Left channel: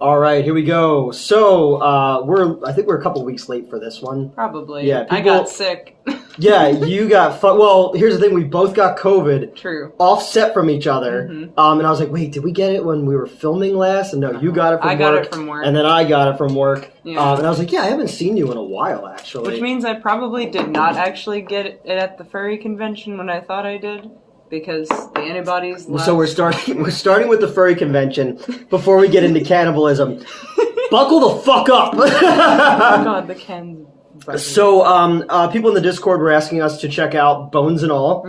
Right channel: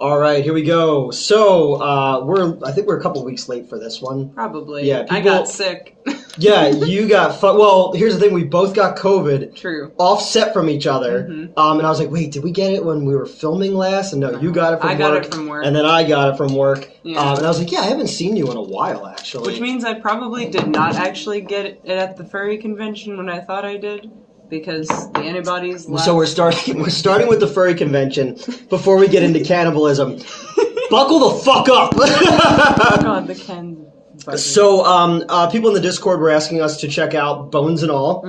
All right, here we go. So, I think we're a couple weeks late for this one. Probably. Yeah, I got sick. Yeah, you got... Well, here's the thing. We both got COVID. True. Offset from each other. Mm-hmm. And I was like, wait, did we get it when we were filming last? And no, you got it from work. I got it from work. And then I got it from work. Yeah. And I was like, yeah, I haven't seen you in a while, actually. Which means I probably did not actually get it at the furry convention when I thought I did. Because the antibodies left. So we're starting with the furry convention before we get into cannibalism. Buckle the fuck up! Oh god, the Ken. So, people in the Discord were asking us to check out Bones and All,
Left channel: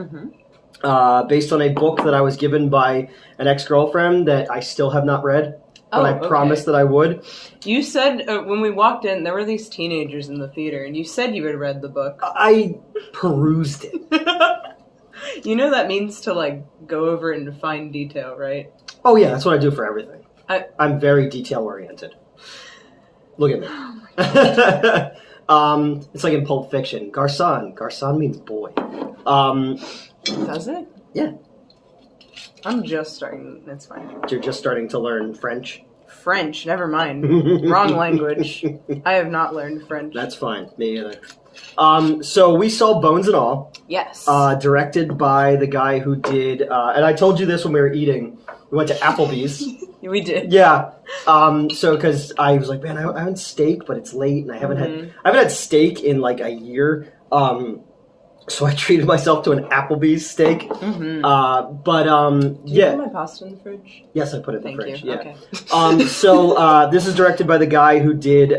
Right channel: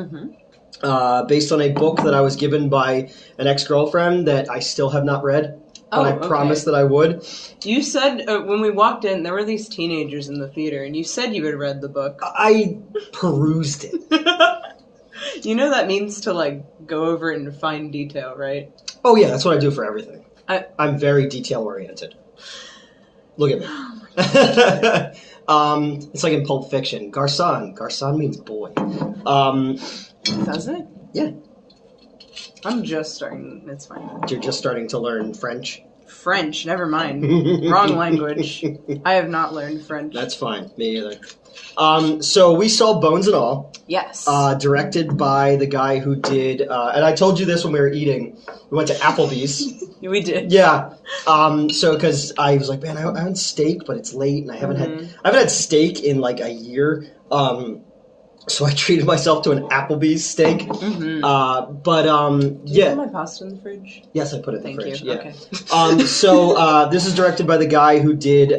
based on a book that I was given by an ex-girlfriend that I still have not read, but I promised that I would. You said, when we walked in, there were these teenagers in the theater, and you said you had read the book. I perused it. You know that means to, like, go over it in fine detail, right? Oh yeah, that's what I do for everything. I'm very detail-oriented. Look at me. Oh it's like in Pulp Fiction. Garçon. Garçon means boy. Does it? Yeah. I'm just starting. That's fine. You're just starting to learn French? French, never mind. Wrong language. I have not learned French. That's fine. Me either. So we saw Bones and All. Yes. Directed by the guy who did, and I told you this when we were eating. We went to Applebee's. We did. Yeah. So because I was like, man, I had steak, but it's late, and I haven't had steak in like a year. So I treated myself to an Applebee's steak. Did you put my pasta in the fridge? Yes, I put it in the Thank fridge. you. Yeah. Okay. So this is directed by the guy who did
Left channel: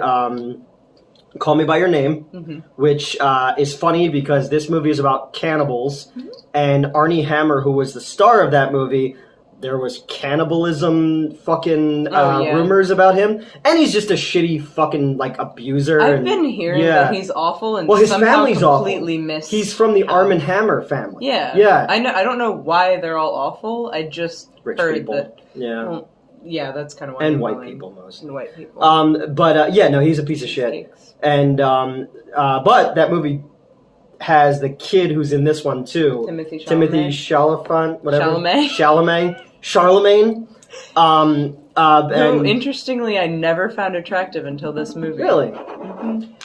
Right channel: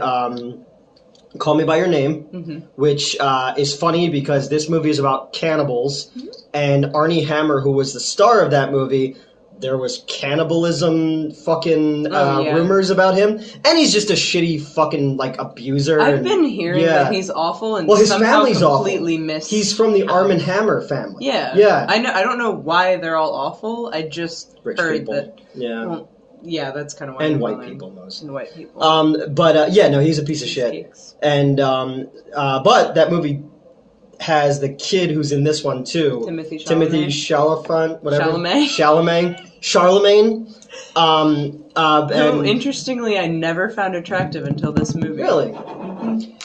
Call Me by Your Name, which is funny because this movie is about cannibals, and Armie Hammer, who was the star of that movie. There was cannibalism fucking rumors about him. And he's just a shitty fucking, like, abuser. I've been hearing that he's awful and his somehow family's completely awful. He's from the Armie Hammer family. Yeah. Yeah. I don't know why they're all awful. I just Rich heard people. that. Yeah. Well, yeah, that's kind of why. And white people, mostly. And white people. He's a piece of shit. And, but that movie has the kid who's in this one, too. Timothy Chalamet. Whatever. Charlemagne. Who, interestingly, I never found attractive until this movie. Really?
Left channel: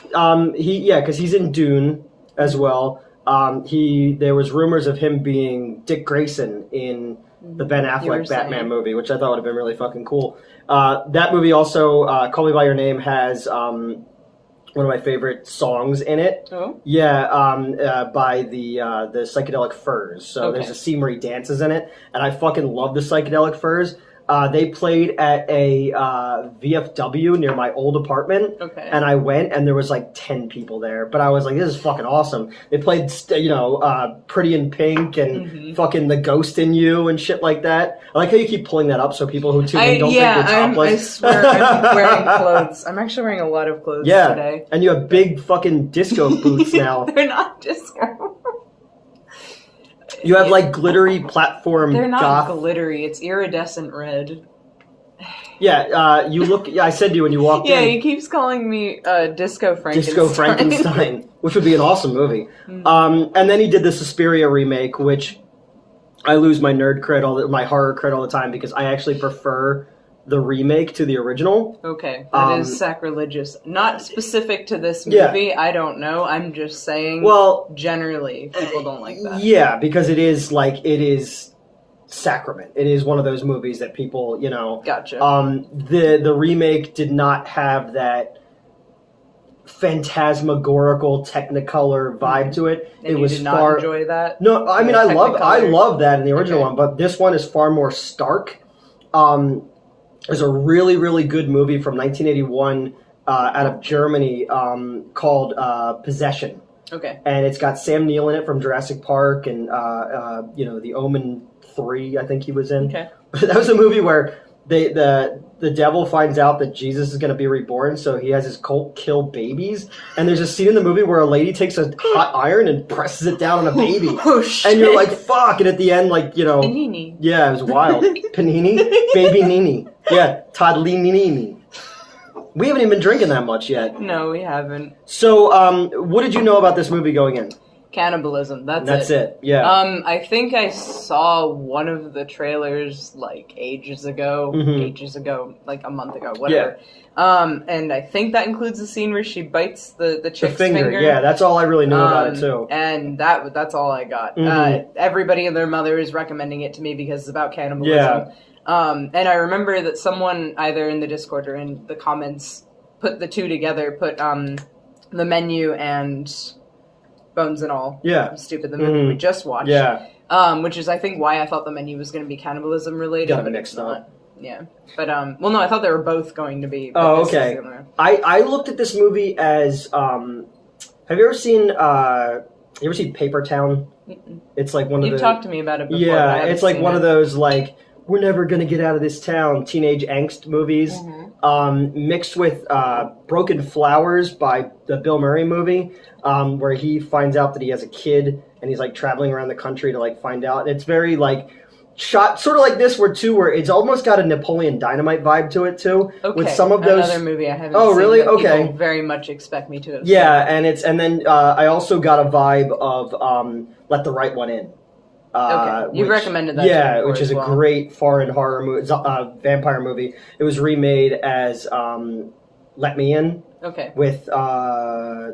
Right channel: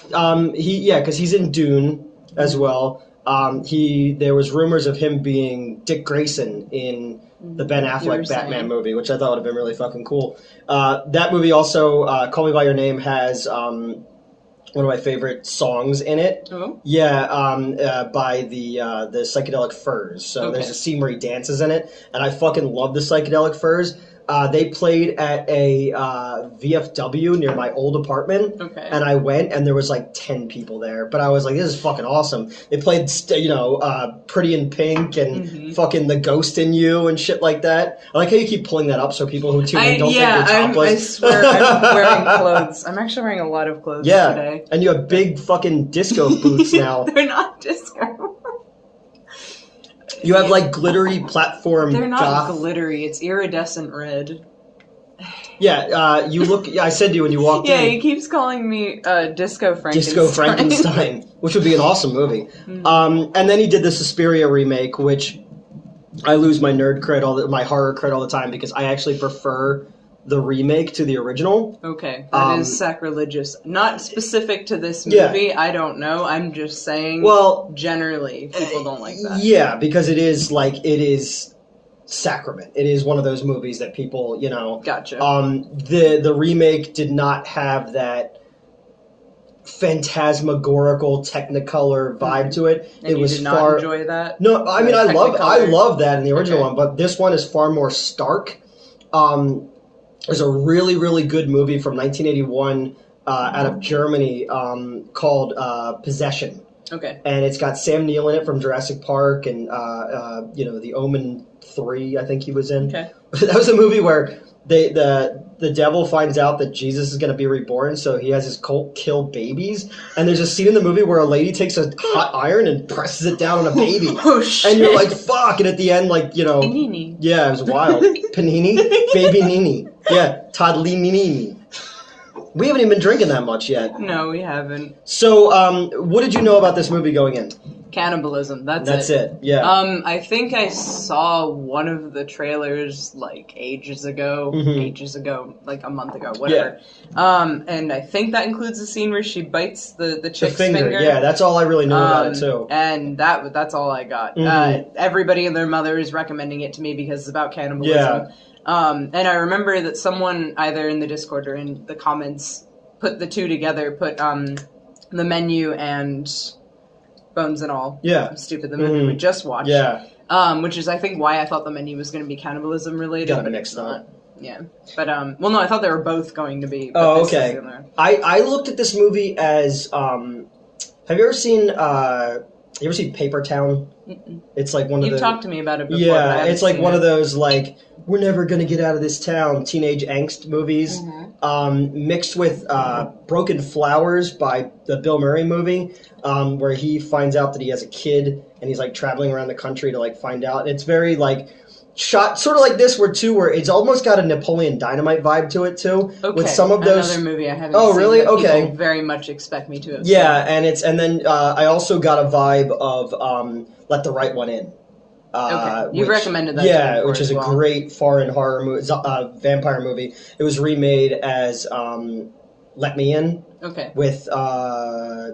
Because he's in Dune as well. There was rumors of him being Dick Grayson in the Ben Affleck Batman movie, which I thought would have been really fucking cool. That movie also, Call Me by Your Name, has one of my favorite songs in it. Oh? Yeah, by the Psychedelic Furs. So there's a scene where he dances in it, and I fucking love the Psychedelic Furs. They played at a VFW near my old apartment, and I went, and there was like 10 people there. But I was like, this is fucking awesome. They played, Pretty in Pink and fucking The Ghost in You and shit like that. I like how you keep pulling that up so people who tune in don't think you're topless. I swear I'm wearing clothes. I'm actually wearing a lot of clothes today. And you have big fucking disco boots now. They're not disco. You have, like, glittery platform They're not goth. glittery. It's iridescent red. Yeah, you look... I said to you when you walked in... Yeah, he keeps calling me Disco Frankenstein. Disco Frankenstein, which would be an awesome movie. And then he did the Suspiria remake, which I lose my nerd cred, my horror cred all the time, because I actually prefer the remake to the original. Okay, that is sacrilegious. Not specific to this movie, I don't know. I'm just saying, generally, people don't like that. Yeah, because it is sacrament. It is one of those movies that people, Gotcha. The remake did not have that phantasmagorical Technicolor vibe to it. And you did not enjoy that? No, I mean, I love that in the original one, but this one is far more stark. There's a really, really good movie from 1981 out of Germany called Possession. Okay. And it's got Sam Neill in it from Jurassic Park and, The Omen 3, I think he was in. Okay. That was a movie where the devil finds out that Jesus is going to be reborn, so he has his cult kill babies. And there's a scene in the movie where a lady takes a hot iron and presses it down on a baby. Oh, shit. And you're like, fuck. And at the end, Panini. Yeah, it was wild. Panini? Baby Nini. Yeah, Toddly Nini. We haven't even been drinking that much yet. No, we haven't. So, what did you know about this movie going in? Cannibalism. That's it. Yeah. I think I saw one of the trailers like ages ago, like a month ago, whatever. Yeah. And I think that includes the scene where she bites the chick's finger. Yeah, that's all I really knew about it too. And that's all I got. Everybody and their mother is recommending it to me because it's about cannibalism. Yeah. And I remember that someone either in the Discord or in the comments put the two together, put the menu and Bones and All. Yeah. I'm stupid. The movie we just watched. Yeah. Which is, I think, why I thought the menu was going to be cannibalism related. But it's not. Yeah. But, well, no, I thought they were both going to be. Oh, okay. I looked at this movie as, have you ever seen Paper Town? Mm-mm. It's like one of You've talked to me about it before. Yeah, it's like one of those, like, we're never going to get out of this town teenage angst movies, mixed with Broken Flowers by the Bill Murray movie, where he finds out that he has a kid and he's like traveling around the country to like find out. And it's very like shot sort of like this where it's almost got a Napoleon Dynamite vibe to it too. Okay. With some of those another movie I haven't seen. Oh, really? Okay. People very much expect me to have seen. And then I also got a vibe of Let the Right One In. Okay, you've recommended that. Yeah, which is a great foreign horror movie, vampire movie. It was remade as Let Me In. Okay. With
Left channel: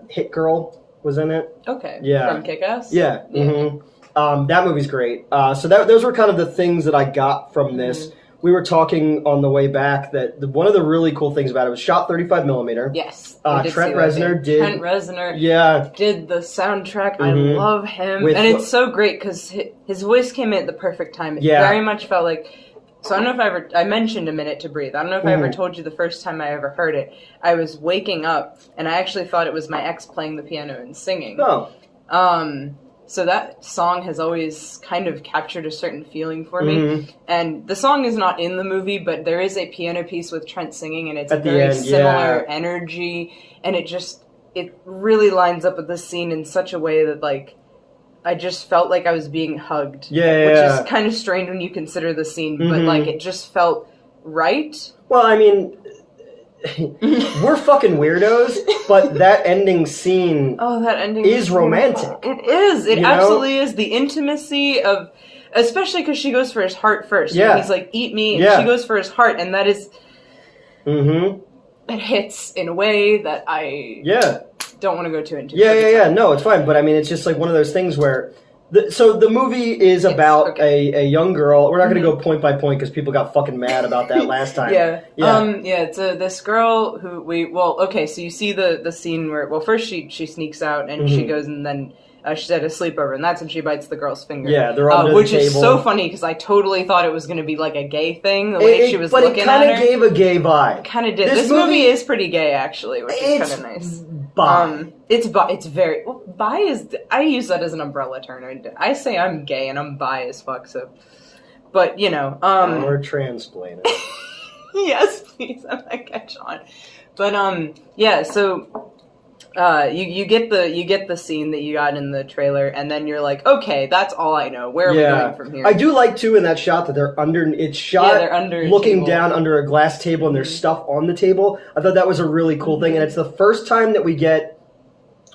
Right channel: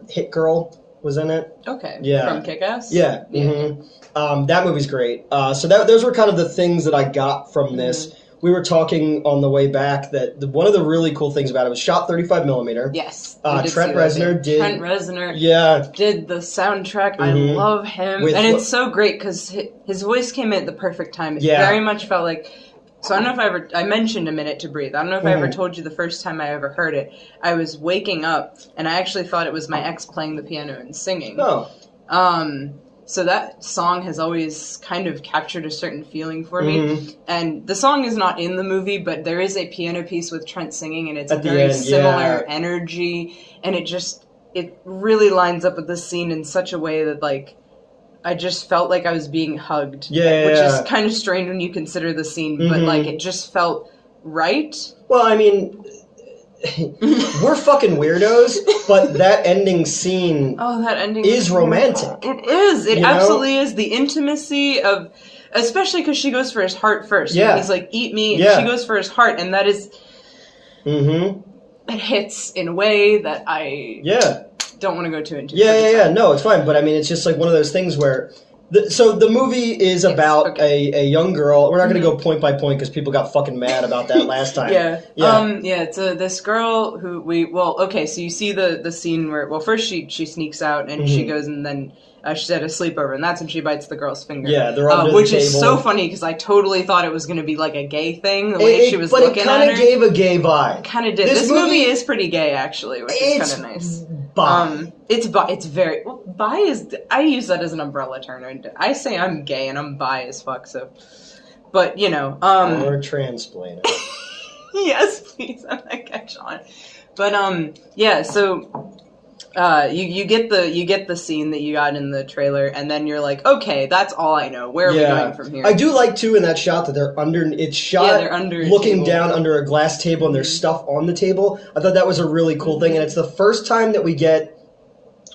Hit Girl was in it. Okay. Yeah. From Kick-Ass. Yeah. Mm-hmm. That movie's great. So those were kind of the things that I got from this. Mm-hmm. We were talking on the way back that one of the really cool things about it was shot 35 millimeter. Yes. Trent Reznor did the soundtrack. Mm-hmm. I love him. And it's so great because his voice came in at the perfect time. It very much felt like... So I don't know if I mentioned A Minute to Breathe. I don't know if I ever told you the first time I ever heard it. I was waking up and I actually thought it was my ex playing the piano and singing. Oh. So that song has always kind of captured a certain feeling for me. And the song is not in the movie, but there is a piano piece with Trent singing, and it's a very similar energy. And it really lines up with the scene in such a way that, like, I just felt like I was being hugged. Which is kind of strange when you consider the scene, but, like, it just felt right. Well, I mean... we're fucking weirdos, but that ending scene is romantic. It is. It absolutely is. The intimacy of... Especially because she goes for his heart first. Yeah. He's like, eat me, and she goes for his heart, and that is... It hits in a way that I don't want to go too into. Yeah. No, it's fine, but I mean, it's just like one of those things where... So the movie is about a young girl. We're not going to go point by point because people got fucking mad about that last time. It's this girl who so you see the scene where, first she sneaks out and she goes and then she's at a sleepover and that's when she bites the girl's finger. Yeah, they're under the table. Which is so funny because I totally thought it was going to be like a gay thing, the way she was looking at her. But it kind of gave a gay vibe. Kind of did. This movie is pretty gay, actually, which is kind of nice. It's very... Well, bi is... I use that as an umbrella term. I say I'm gay and I'm bi as fuck, so... But, you know... Or transplainer. Yes, please. I'm that guy, Sean. But, so... you get the scene that you got in the trailer, and then you're like, okay, that's all I know. Where are we going from here? I do like too in that shot that they're under. It's shot they're under looking down under a glass table, and there's stuff on the table. I thought that was a really cool thing, and it's the first time that we get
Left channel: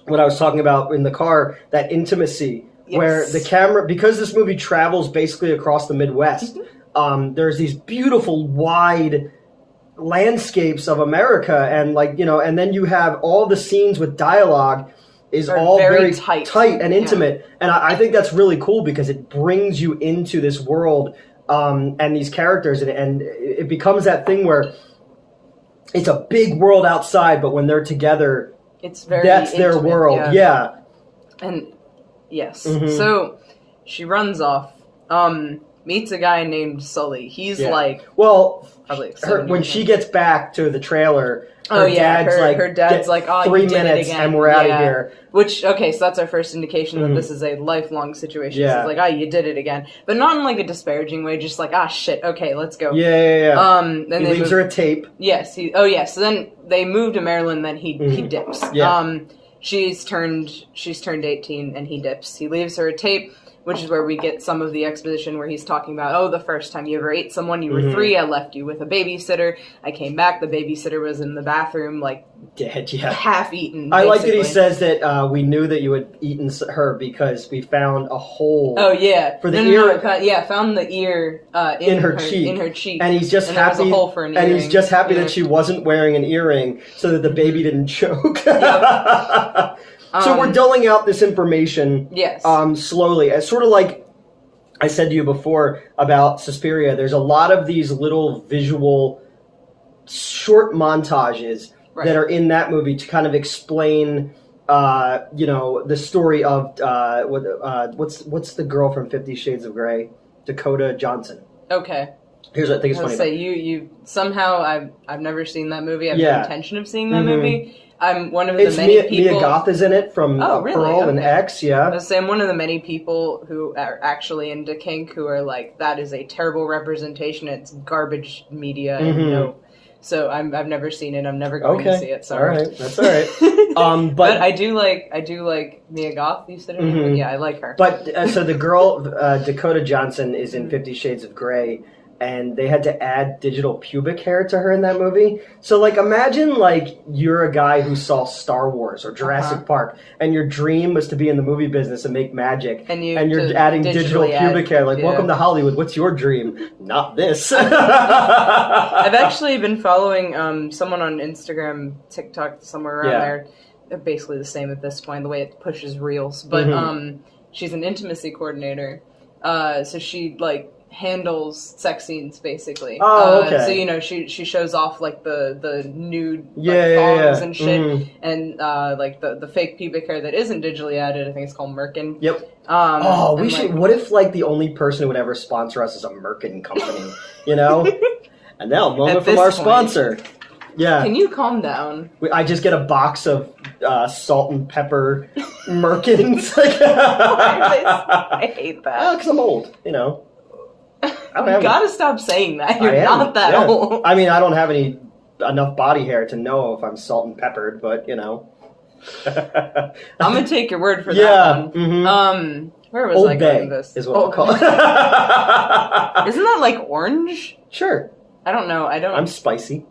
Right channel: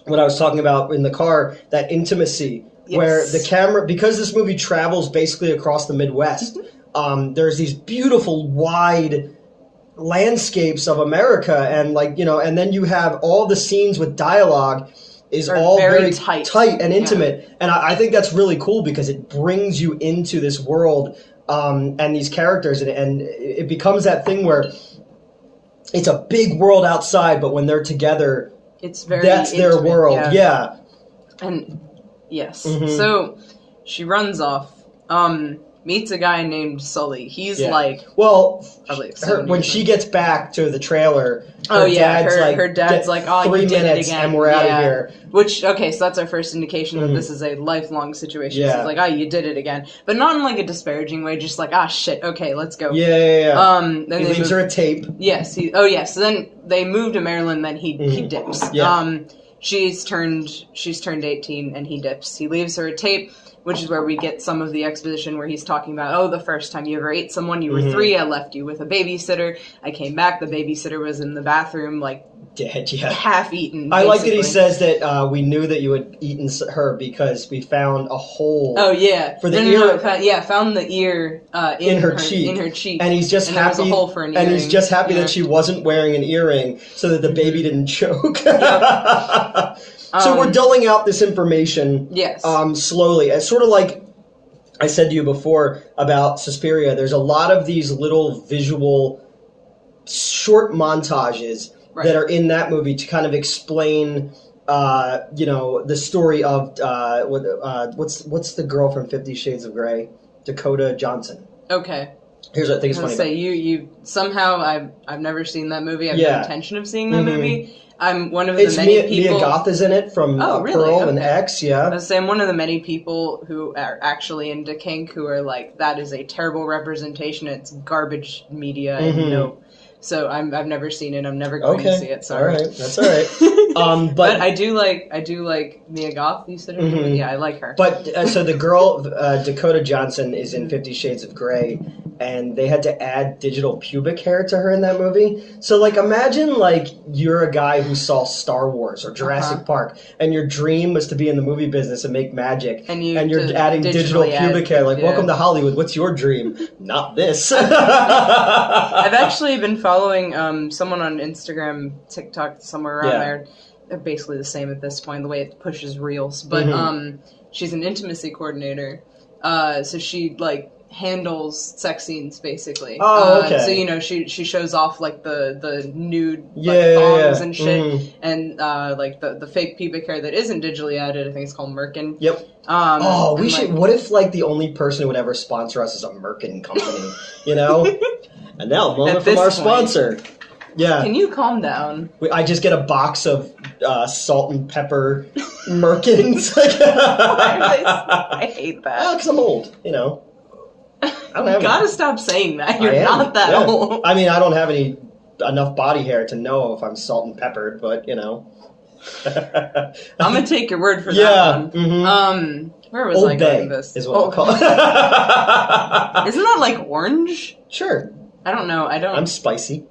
what I was talking about in the car, that intimacy where the camera, because this movie travels basically across the Midwest. There's these beautiful wide landscapes of America, and and then you have all the scenes with dialogue is all very tight and intimate, and I think that's really cool because it brings you into this world and these characters, and it becomes that thing where it's a big world outside, but when they're together, that's intimate, their world. And yes, so she runs off. Meets a guy named Sully. He's when she gets back to the trailer, her dad's like, oh, 3 minutes and we're out of here. Which, so that's our first indication that this is a lifelong situation. Yeah. So it's like, you did it again. But not in like a disparaging way, just like, shit, okay, let's go. Then he leaves her a tape. Yes. So then they move to Maryland, then he dips. Yeah. She's turned 18 and he dips. He leaves her a tape, which is where we get some of the exposition where he's talking about, the first time you ever ate someone, you were 3, I left you with a babysitter, I came back, the babysitter was in the bathroom, like, Dead, yeah. Half-eaten, I like that he basically. says that we knew that you had eaten her because we found a hole. Oh yeah, for the ear. Found the ear in her cheek. In her cheek, and he's just and happy. There was a hole for an and earring. he's just happy that she wasn't wearing an earring, so that the baby didn't choke. So we're doling out this information. Yes. Slowly, as sort of like I said to you before about Suspiria. There's a lot of these little visual short montages. Right. That are in that movie to kind of explain, the story of what's the girl from 50 Shades of Grey, Dakota Johnson. Okay. Here's what I think is funny. Say you somehow I've never seen that movie. I have no intention of seeing that movie. I'm one of the many people. Mia Goth is in it from Pearl and X. Yeah. I was saying I'm one of the many people who are actually into kink who are like, that is a terrible representation. It's garbage media. And no. So I've never seen it. I'm never going to see it. Sorry. All right, that's all right. But I do like Mia Goth. You said her name? Yeah, I like her. But so the girl Dakota Johnson is in 50 Shades of Grey, and they had to add digital pubic hair to her in that movie. So like, imagine like you're a guy who saw Star Wars or Jurassic Park, and your dream was to be in the movie business and make magic, and you're adding digital pubic hair. Like, welcome to Hollywood. What's your dream? Not this. I've actually been following someone on Instagram, TikTok, somewhere around there. They're basically the same at this point, the way it pushes reels. But she's an intimacy coordinator, so she like handles sex scenes basically. Oh, okay. So she shows off like the nude thongs and shit, and like the fake pubic hair that isn't digitally added. I think it's called Merkin. Yep. We should. What if like the only person who would ever sponsor us is a Merkin company? And now, a moment from our sponsor. Yeah. Can you calm down? I just get a box of salt and pepper Merkins. I hate that. Because I'm old, I don't have gotta stop saying that. You're not that old. I mean, I don't have enough body hair to know if I'm salt and peppered, but, I'm gonna take your word for that one. Mm-hmm. Where was I going with this? Is what I'll call it. Isn't that like orange? Sure. I don't know. I'm spicy.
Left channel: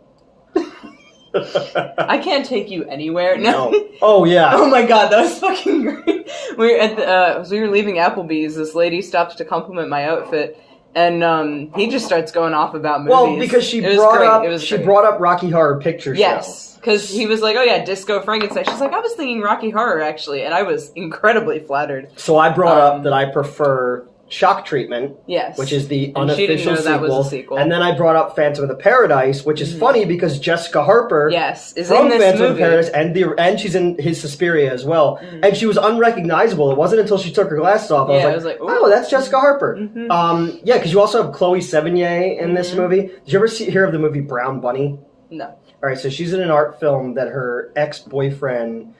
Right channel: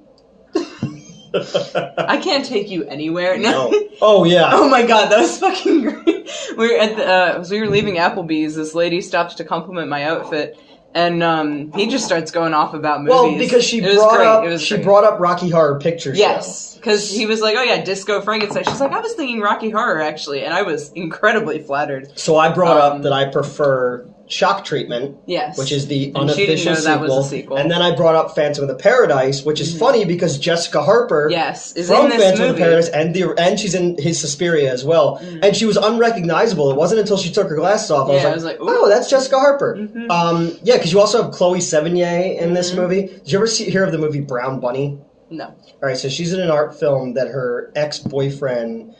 I can't take you anywhere. No. Oh yeah. Oh my god, that was fucking great. We were at as we were leaving Applebee's, this lady stops to compliment my outfit, and he just starts going off about movies. Well, because she brought up Rocky Horror Picture Show. Yes, because he was like, "Oh yeah, Disco Frankenstein." She's like, "I was thinking Rocky Horror actually," and I was incredibly flattered. So I brought up that I prefer Shock Treatment, which is the unofficial sequel. And then I brought up Phantom of the Paradise, which is funny because Jessica Harper is from in this Phantom movie. of the Paradise, and she's in his Suspiria as well. And she was unrecognizable. It wasn't until she took her glasses off I was like, oh, that's Jessica Harper. Because you also have Chloe Sevigny in this movie. Did you ever hear of the movie Brown Bunny? No. All right, so she's in an art film that her ex-boyfriend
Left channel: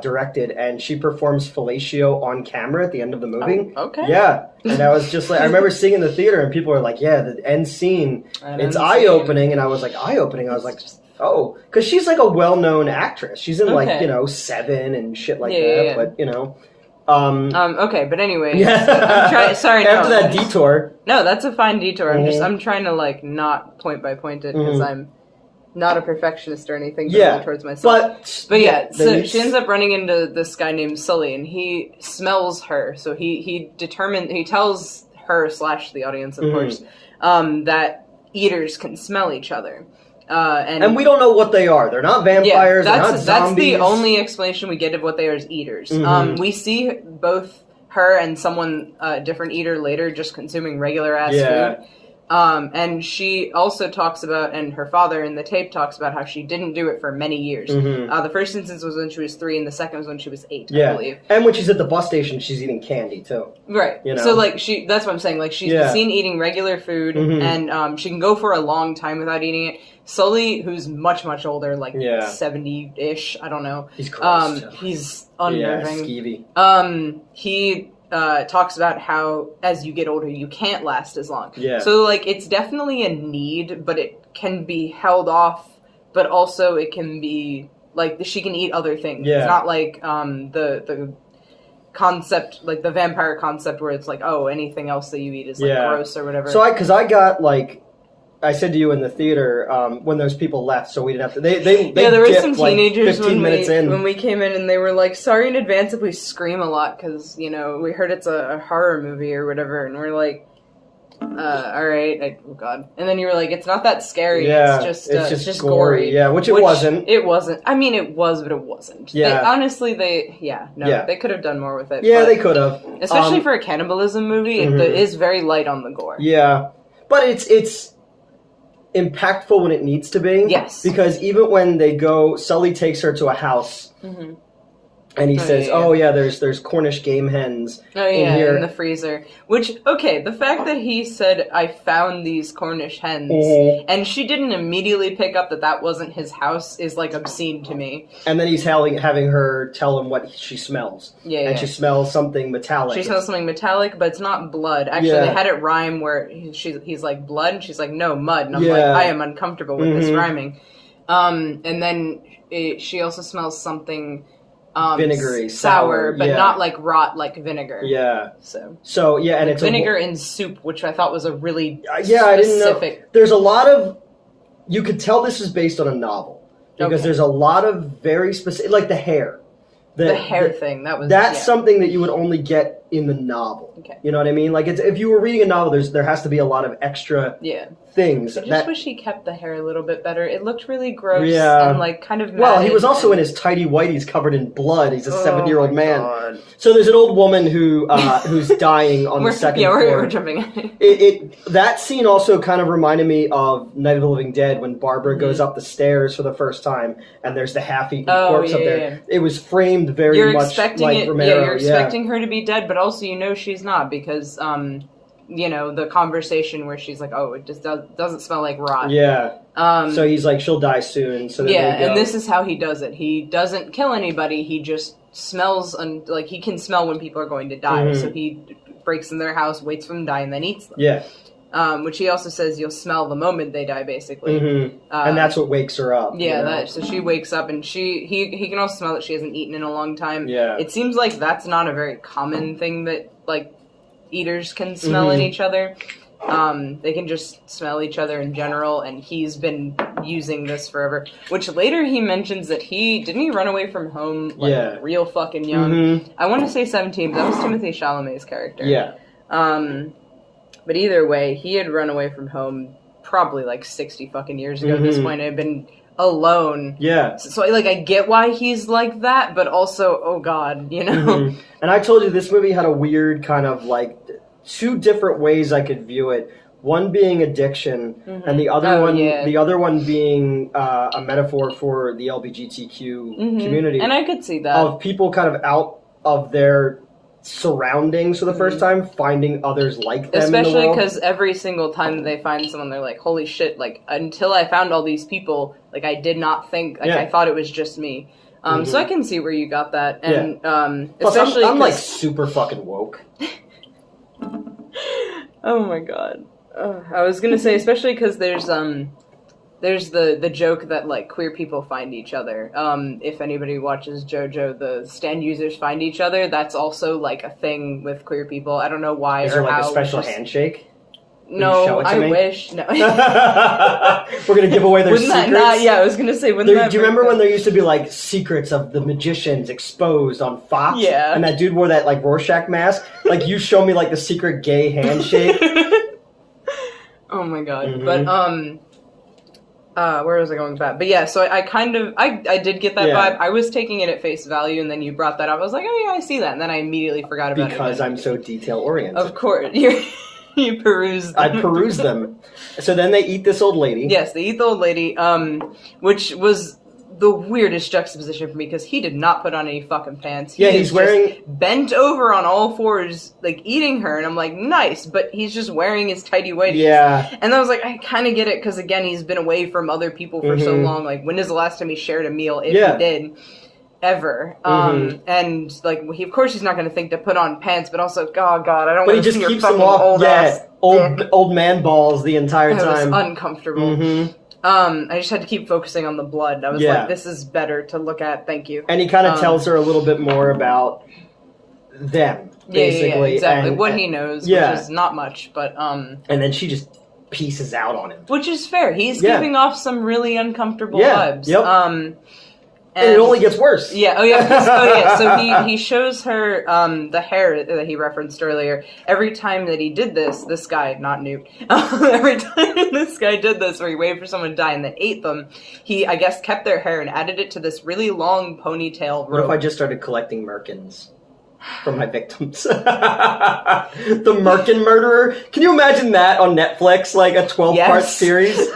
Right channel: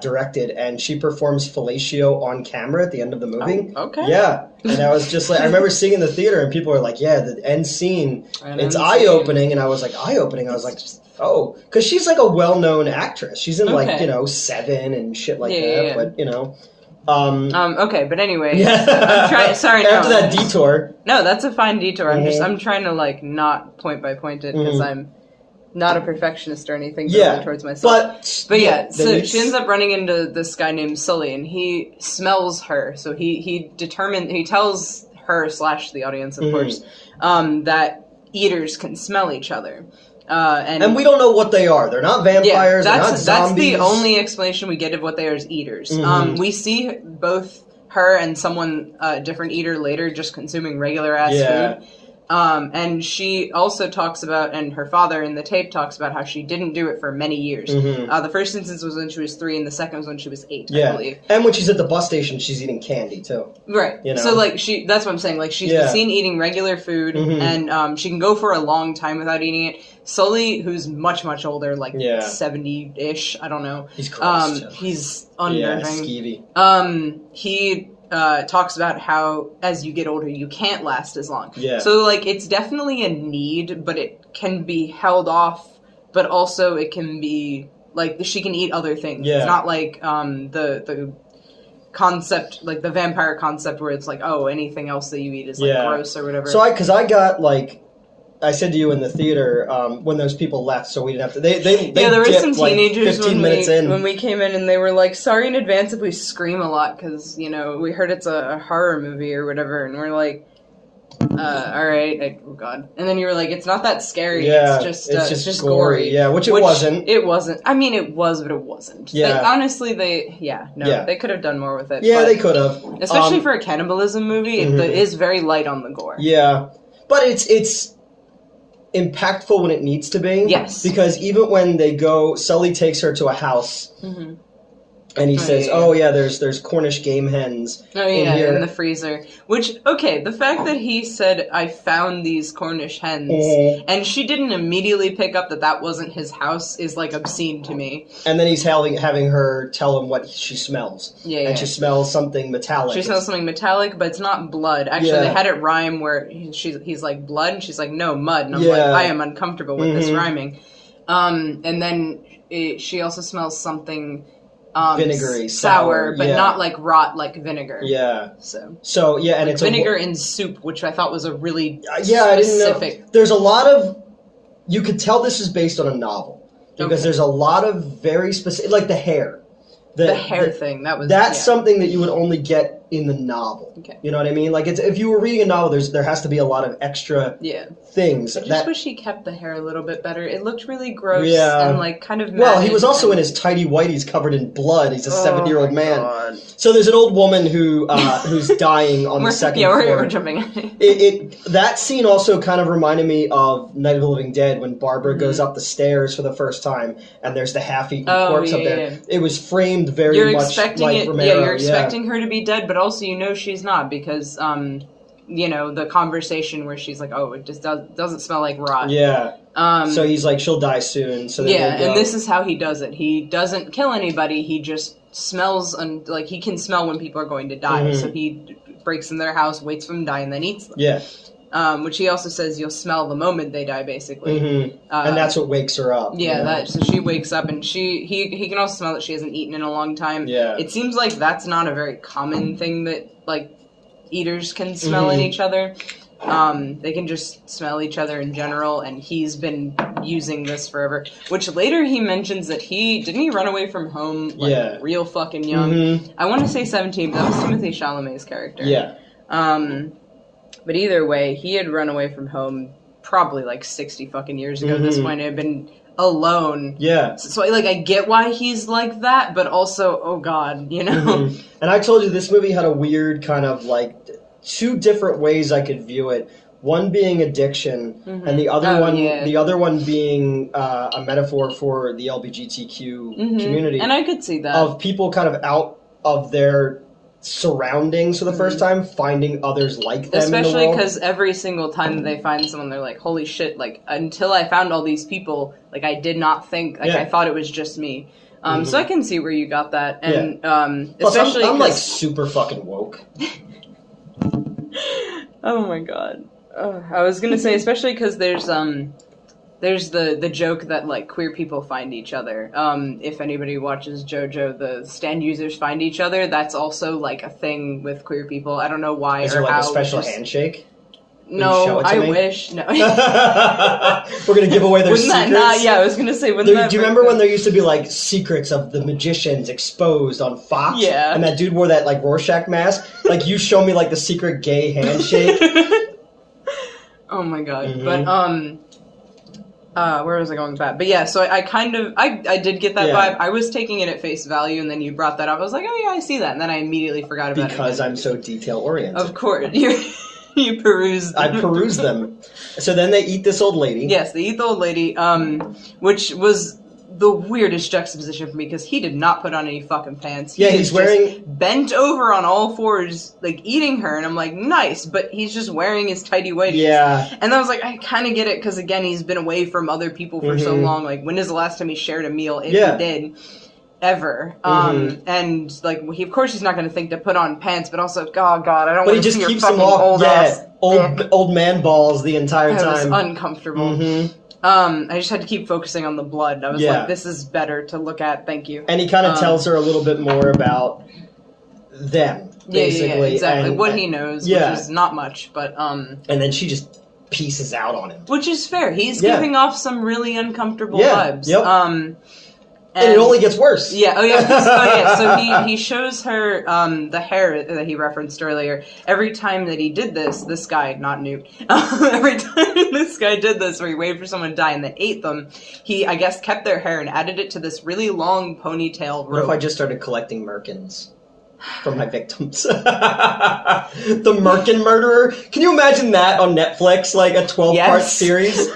directed, and she performs fellatio on camera at the end of the movie. Oh, okay. Yeah. And I was just like, I remember seeing it in the theater, and people were like, yeah, the end scene, it's eye-opening. And I was like, eye-opening? I was like, oh. Because she's like a well-known actress. She's in like, Seven and shit like that. Yeah. But, okay, but anyway. I'm sorry, after that detour. No, that's a fine detour. I'm trying to like not point by point it because I'm not a perfectionist or anything towards myself. But yeah, so she ends up running into this guy named Sully, and he smells her. So he tells her / the audience, of course, that eaters can smell each other. And we don't know what they are. They're not vampires. They're not zombies. That's the only explanation we get of what they are as eaters. We see both her and someone different eater later just consuming regular ass food. And she also talks about, and her father in the tape talks about how she didn't do it for many years. The first instance was when she was 3, and the second was when she was 8, I believe. And when she's at the bus station, she's eating candy, too. Right. So, like, that's what I'm saying. Like, she's seen eating regular food, and she can go for a long time without eating it. Sully, who's much, much older, like 70-ish, I don't know. He's gross, he's unnerving. Skeevy. He talks about how as you get older you can't last as long. So like it's definitely a need, but it can be held off, but also it can be like she can eat other things. It's not like the concept, like the vampire concept where it's like, oh, anything else that you eat is like gross or whatever. So because I got like I said to you in the theater when those people left, so we didn't have to. They there were some like teenagers 15 minutes in. when we came in, and they were like, "Sorry in advance if we scream a lot, because we heard it's a horror movie or whatever," and we're like, "All right, oh god." And then you were like, "It's not that scary. Yeah, it's just gory. Yeah, which it wasn't. It wasn't. I mean, it was, but it wasn't. Yeah. Honestly, they could have done more with it. Yeah, they could have, especially for a cannibalism movie. It is very light on the gore. Yeah, but it's impactful when it needs to be. Yes. Because even when they go, Sully takes her to a house, and he says, there's Cornish game hens in here. In the freezer. Which, okay, the fact that he said, I found these Cornish hens, and she didn't immediately pick up that wasn't his house is, like, obscene to me. And then he's having her tell him what she smells. Yeah, and she smells something metallic. She smells something metallic, but it's not blood. Actually, they had it rhyme where he's like, blood? And she's like, no, mud. And I'm like, I am uncomfortable with this rhyming. And then she also smells something... vinegary, sour, but not like rot like vinegar. Yeah. So yeah, and like it's vinegar in soup, which I thought was a really I didn't know. There's a lot of you could tell this is based on a novel because there's a lot of very specific, like the hair. The hair thing that's something that you would only get in the novel. Okay. You know what I mean? Like if you were reading a novel, there has to be a lot of extra things. I just wish he kept the hair a little bit better. It looked really gross and like kind of. Well, he was also in his tighty whities covered in blood. He's a 7-year-old man. God. So there's an old woman who's dying on the second floor. We're jumping. That scene also kind of reminded me of Night of the Living Dead when Barbara goes up the stairs for the first time and there's the half-eaten corpse up there. Yeah. It was framed very much like Romero. Yeah, you're expecting her to be dead, but also she's not because the conversation where she's like, oh, it just doesn't smell like rot. Yeah. So he's like, she'll die soon. So then and this is how he does it. He doesn't kill anybody. He just smells like he can smell when people are going to die. So he breaks in their house, waits for them to die, and then eats them. Yeah. Which he also says you'll smell the moment they die, basically. And that's what wakes her up. Yeah, so she wakes up, and he can also smell that she hasn't eaten in a long time. Yeah. It seems like that's not a very common thing that, like, eaters can smell in each other. They can just smell each other in general, and he's been using this forever. Which later he mentions that didn't he run away from home, like, real fucking young? I want to say 17, but that was Timothée Chalamet's character. Yeah. But either way, he had run away from home probably like 60 fucking years ago at this point. Had been alone. Yeah. So I get why he's like that, but also, oh god, And I told you this movie had a weird kind of like two different ways I could view it. One being addiction, and the other one being a metaphor for the LGBTQ community. And I could see that. Of people kind of out of their surroundings for the first time, finding others like them. Especially because every single time that they find someone, they're like, holy shit, like, until I found all these people, like, I did not think, like, I thought it was just me. So I can see where you got that. And, plus, especially I'm like, super fucking woke. Oh my god. I was gonna say, especially because there's the joke that, like, queer people find each other. If anybody watches JoJo, the stand users find each other. That's also, like, a thing with queer people. I don't know why. Is there, like, a special handshake? No, I wish. No. We're gonna give away their secrets. I was gonna say. Do you remember when there used to be like secrets of the magicians exposed on Fox? Yeah. And that dude wore that like Rorschach mask. Like you show me like the secret gay handshake. Oh my god! But where was I going with that? But yeah, so I did get that vibe. I was taking it at face value, and then you brought that up. I was like, oh yeah, I see that, and then I immediately forgot about it. Because I'm so detail oriented. Of course. You perused them. I perused them. So then they eat this old lady. Yes, they eat the old lady, which was the weirdest juxtaposition for me, because he did not put on any fucking pants. He's wearing... bent over on all fours, like, eating her, and I'm like, nice, but he's just wearing his tighty whities. Yeah. And I was like, I kind of get it, because, again, he's been away from other people for so long. Like, when is the last time he shared a meal, if he did? Ever. And, like, of course he's not going to think to put on pants, but also, oh god, I don't want to see your fucking old ass. But he just keeps them off, old man balls the entire time. It was uncomfortable. I just had to keep focusing on the blood. I was like, this is better to look at, thank you. And he kind of tells her a little bit more about them, basically. Yeah, exactly. What he knows, which is not much, but... And then she just pieces out on him. Which is fair. He's giving off some really uncomfortable vibes. Yep. And it only gets worse. Yeah. Oh yeah. So he shows her the hair that he referenced earlier. Every time that he did this guy, not Newt. Every time this guy did this, where he waited for someone to die and then ate them, he, I guess, kept their hair and added it to this really long ponytail rope. What if I just started collecting merkins for my victims? The Merkin Murderer. Can you imagine that on Netflix, like a 12-part series?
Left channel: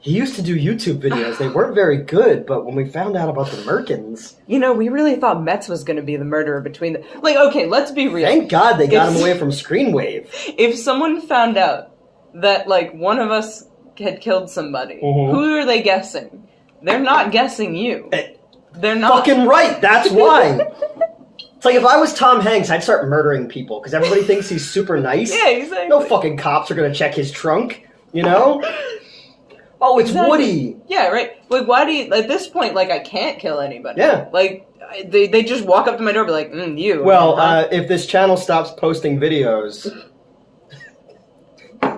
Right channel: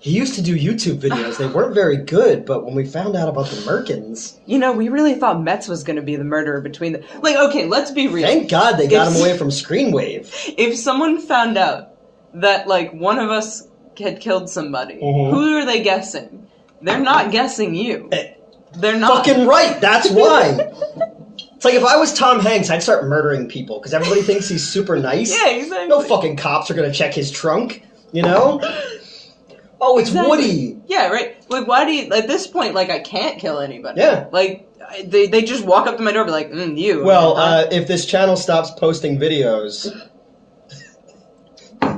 He used to do YouTube videos. They weren't very good, but when we found out about the Merkins... You know, we really thought Metz was going to be the murderer between the... Like, okay, let's be real. Thank God they got him away from Screenwave. If someone found out that, like, one of us had killed somebody, who are they guessing? They're not guessing you. They're not. Fucking right, that's why. It's like if I was Tom Hanks, I'd start murdering people, because everybody thinks he's super nice. Yeah, exactly. No fucking cops are going to check his trunk, you know? Oh, it's Woody. Yeah, right. Like, why do you... At this point, like, I can't kill anybody. Yeah. Like, they just walk up to my door and be like, you. Well, if this channel stops posting videos...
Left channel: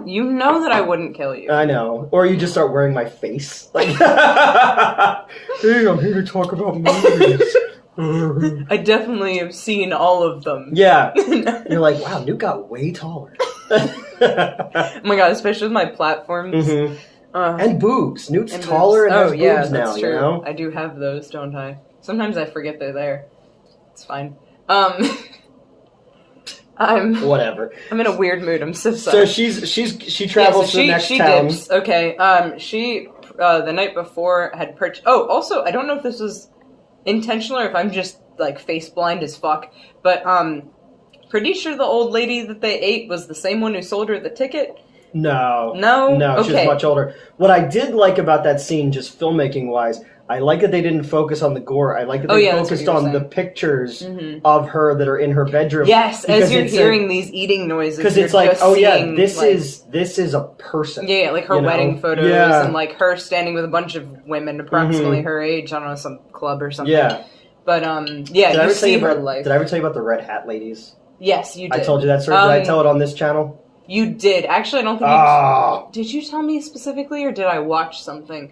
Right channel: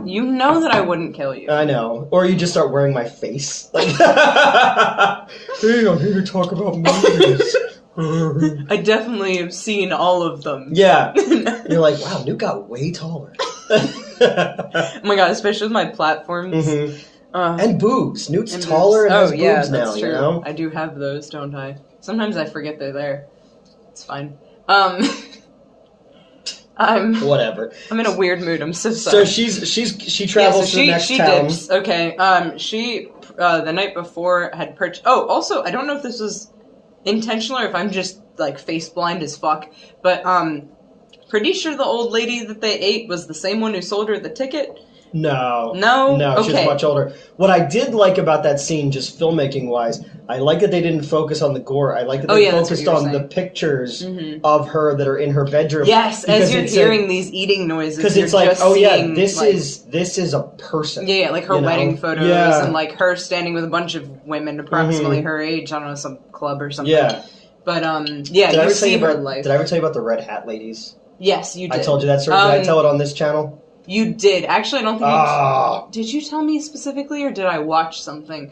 You know that I wouldn't kill you. I know. Or you just start wearing my face. Like, hey, I'm here to talk about movies. I definitely have seen all of them. Yeah. You're like, wow, Newt got way taller. Oh my god, especially with my platforms. And boobs. Newt's taller and has boobs now, that's true. You know? I do have those, don't I? Sometimes I forget they're there. It's fine. Whatever. I'm in a weird mood. I'm so sorry. So she travels to the next town. Dips. Okay. She the night before had purchased. Oh, also, I don't know if this was intentional or if I'm just like face blind as fuck, but pretty sure the old lady that they ate was the same one who sold her the ticket. No. Okay. She's much older. What I did like about that scene, just filmmaking-wise, I like that they didn't focus on the gore. I like that they focused on the pictures of her that are in her bedroom. Yes, as you're hearing these eating noises. Because it's like, this is a person. Yeah, like her wedding photos and like her standing with a bunch of women approximately her age. I don't know, some club or something. Yeah. But, you see her life. Did I ever tell you about the Red Hat ladies? Yes, you did. I told you that story. Did I tell it on this channel? You did. Actually, I don't think you... Did you tell me specifically, or did I watch something?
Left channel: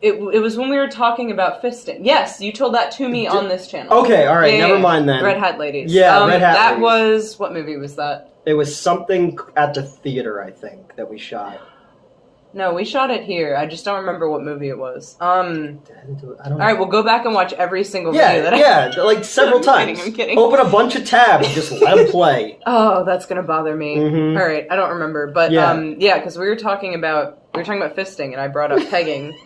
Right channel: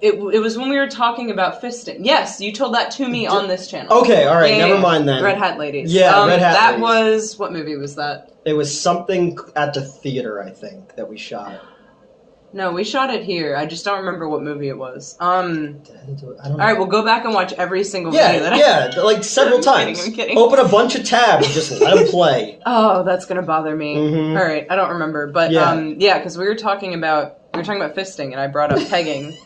It was when we were talking about fisting. Yes, you told that to me on this channel. Okay, alright, never mind then. Red Hat Ladies. Yeah, Red Hat That Ladies. was... What movie was that? It was something at the theater, I think, that we shot. No, we shot it here. I just don't remember what movie it was. Alright, we'll go back and watch every single video that Yeah, like several times. I'm kidding. Open a bunch of tabs, just let them play. Oh, that's gonna bother me. Alright, I don't remember. But, because we were talking about fisting, and I brought up pegging.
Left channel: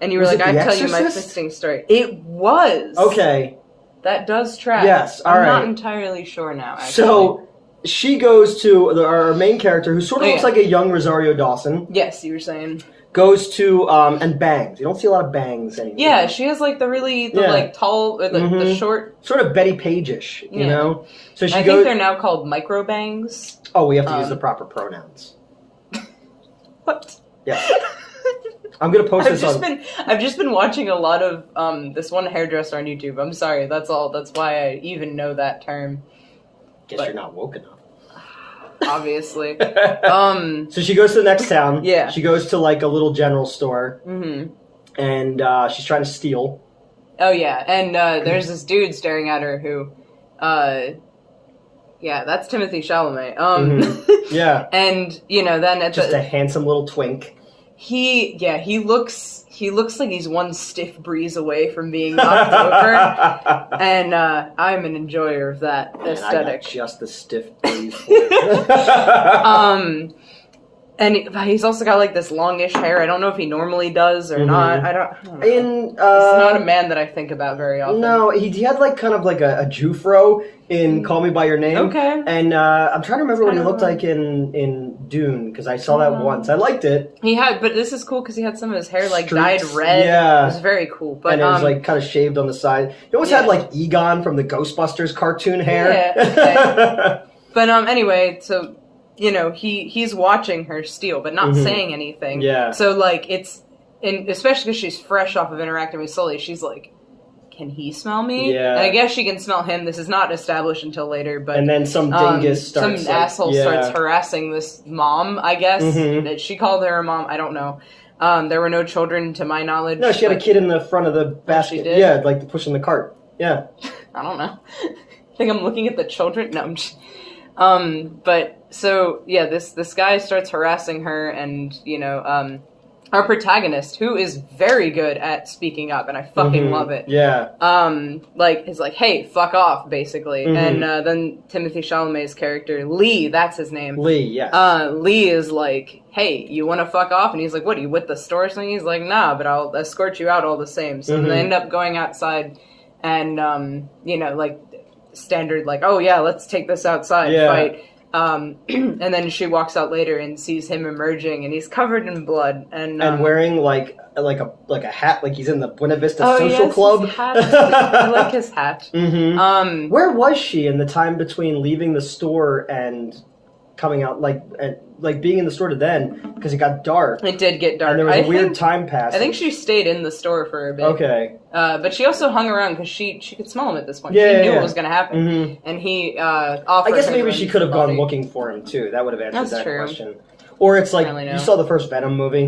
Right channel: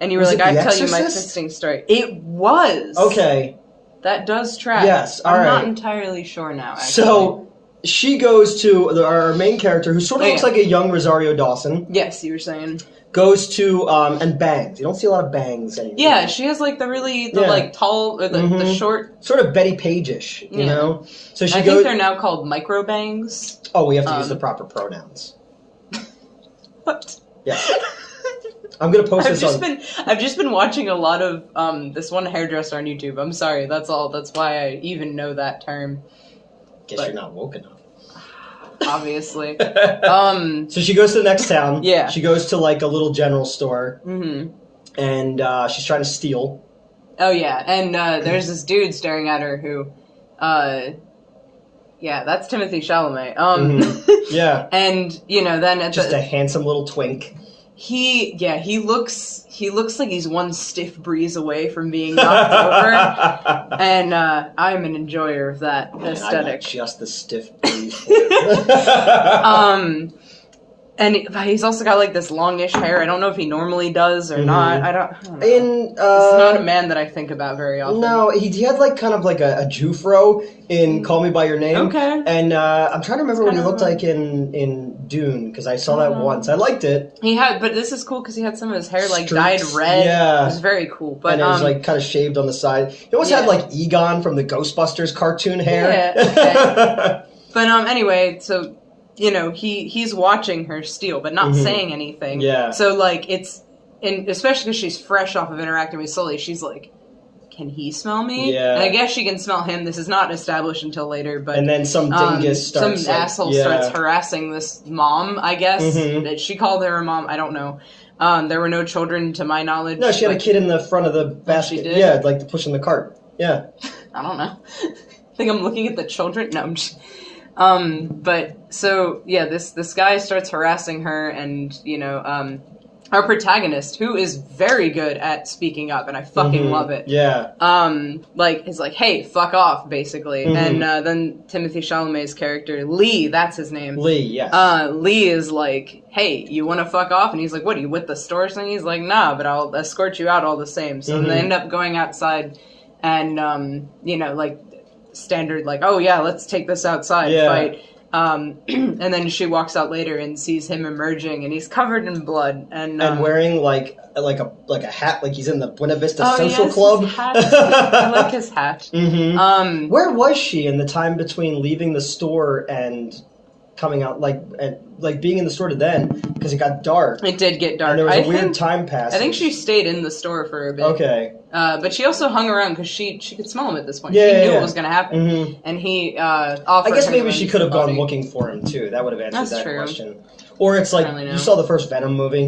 And you were like, I'll tell you my fisting story. It was! Okay. That does track. Yes, I'm not entirely sure now, actually. So... She goes to our main character, who sort of looks like a young Rosario Dawson. Yes, you were saying. Goes to, and bangs. You don't see a lot of bangs anymore. Yeah, she has, like, like, tall, or the short... Sort of Betty Page-ish, you know? So I think they're now called micro bangs. Oh, we have to use the proper pronouns. What? Yeah. I'm gonna post this on... I've just been watching a lot of, this one hairdresser on YouTube. I'm sorry, that's all. That's why I even know that term. Guess you're not woke enough. Obviously. So she goes to the next town. Yeah. She goes to like a little general store. And she's trying to steal. Oh yeah, and there's this dude staring at her who, that's Timothy Chalamet. Yeah. And then at just a handsome little twink. He looks like he's one stiff breeze away from being knocked over, and I'm an enjoyer of that aesthetic. I got just the stiff breeze. And he's also got like this longish hair. I don't know if he normally does or not. I don't know. It's not a man that I think think very often. No, he had like kind of like a Jufro in Call Me By Your Name. Okay. And I'm trying to remember what he looked like in Dune, because I saw that once. I liked it. He had, but this is cool because he had some of his hair like dyed red. Yeah. It was very cool. But and it was like kind of shaved on the side. He almost had like Egon from the Ghostbusters cartoon hair. Yeah. But anyway, so he's watching her steal, but not saying anything. Yeah. So like especially because she's fresh off of interacting with Sully, she's like, can he smell me? Yeah. And I guess she can smell him. This is not established until later, but... And then some dingus starts... Some asshole starts harassing this mom, I guess. She called her a mom, I don't know. There were no children, to my knowledge. No, she had a kid in the front of the basket. She did? Yeah, like pushing the cart. Yeah. I don't know. I think I'm looking at the children. No, I'm just... but, so, yeah, this guy starts harassing her, and, you know, our protagonist, who is very good at speaking up, and I fucking love it. Yeah. Is like, hey, fuck off, basically. And then Timothée Chalamet's character, Lee, that's his name. Lee, yes. Lee is like, hey, you want to fuck off? And he's like, what, are you with the store or something? He's like, nah, but I'll escort you out all the same. So they end up going outside and, you know, like, standard, like, oh yeah, let's take this outside, fight. And then she walks out later and sees him emerging, and he's covered in blood and wearing like a hat, like he's in the Buena Vista Social Club. His hat. I like his hat. Where was she in the time between leaving the store and coming out, like being in the store to then, because it got dark. It did get dark. And there was a weird time passage. I think she stayed in the store for a bit. Okay. But she also hung around because she could smell him at this point. She knew what was going to happen. And he offered I guess maybe she could have body. gone looking for him, too. That would have answered that true. question. Or it's like, you saw the first Venom movie,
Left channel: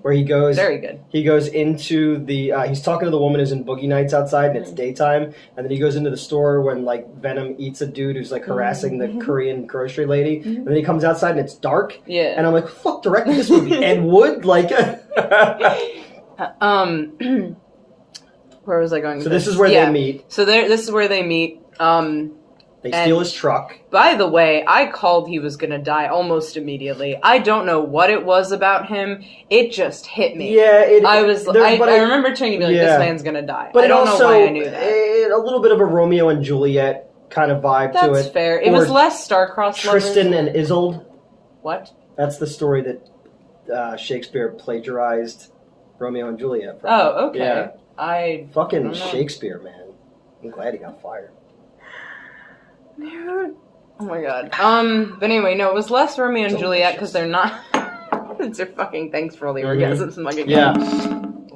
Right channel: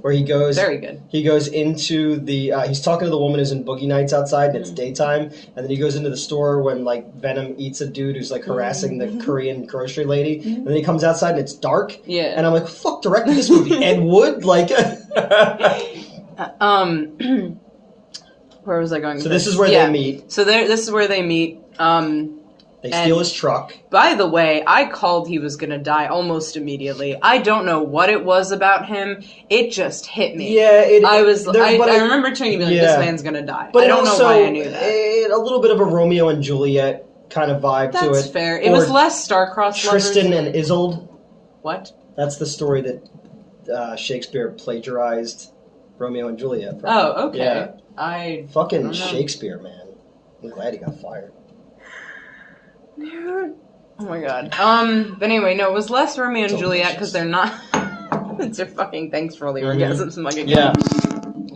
where he goes... Very good. He goes into the... he's talking to the woman who's in Boogie Nights outside, and it's daytime, and then he goes into the store when, like, Venom eats a dude who's, like, harassing the Korean grocery lady, and then he comes outside and it's dark, and I'm like, fuck, directed this movie? Ed Wood? Like... Where was I going with So this is where they meet. So this is where they meet. They steal his truck. By the way, I called he was gonna die almost immediately. I don't know what it was about him. It just hit me. Yeah, I remember telling you, like, this man's gonna die. But I don't also, know why I knew that. A little bit of a Romeo and Juliet kind of vibe to it. That's fair. It was less star-crossed Tristan and Isolde. What? That's the story that Shakespeare plagiarized Romeo and Juliet from. Oh, okay. Yeah. Fucking Shakespeare, man. I'm glad he got fired. Dude. Oh my god. But anyway, no, it was less Romeo and Juliet because they're not. It's your fucking thanks for all the orgasms. I'm like, yeah.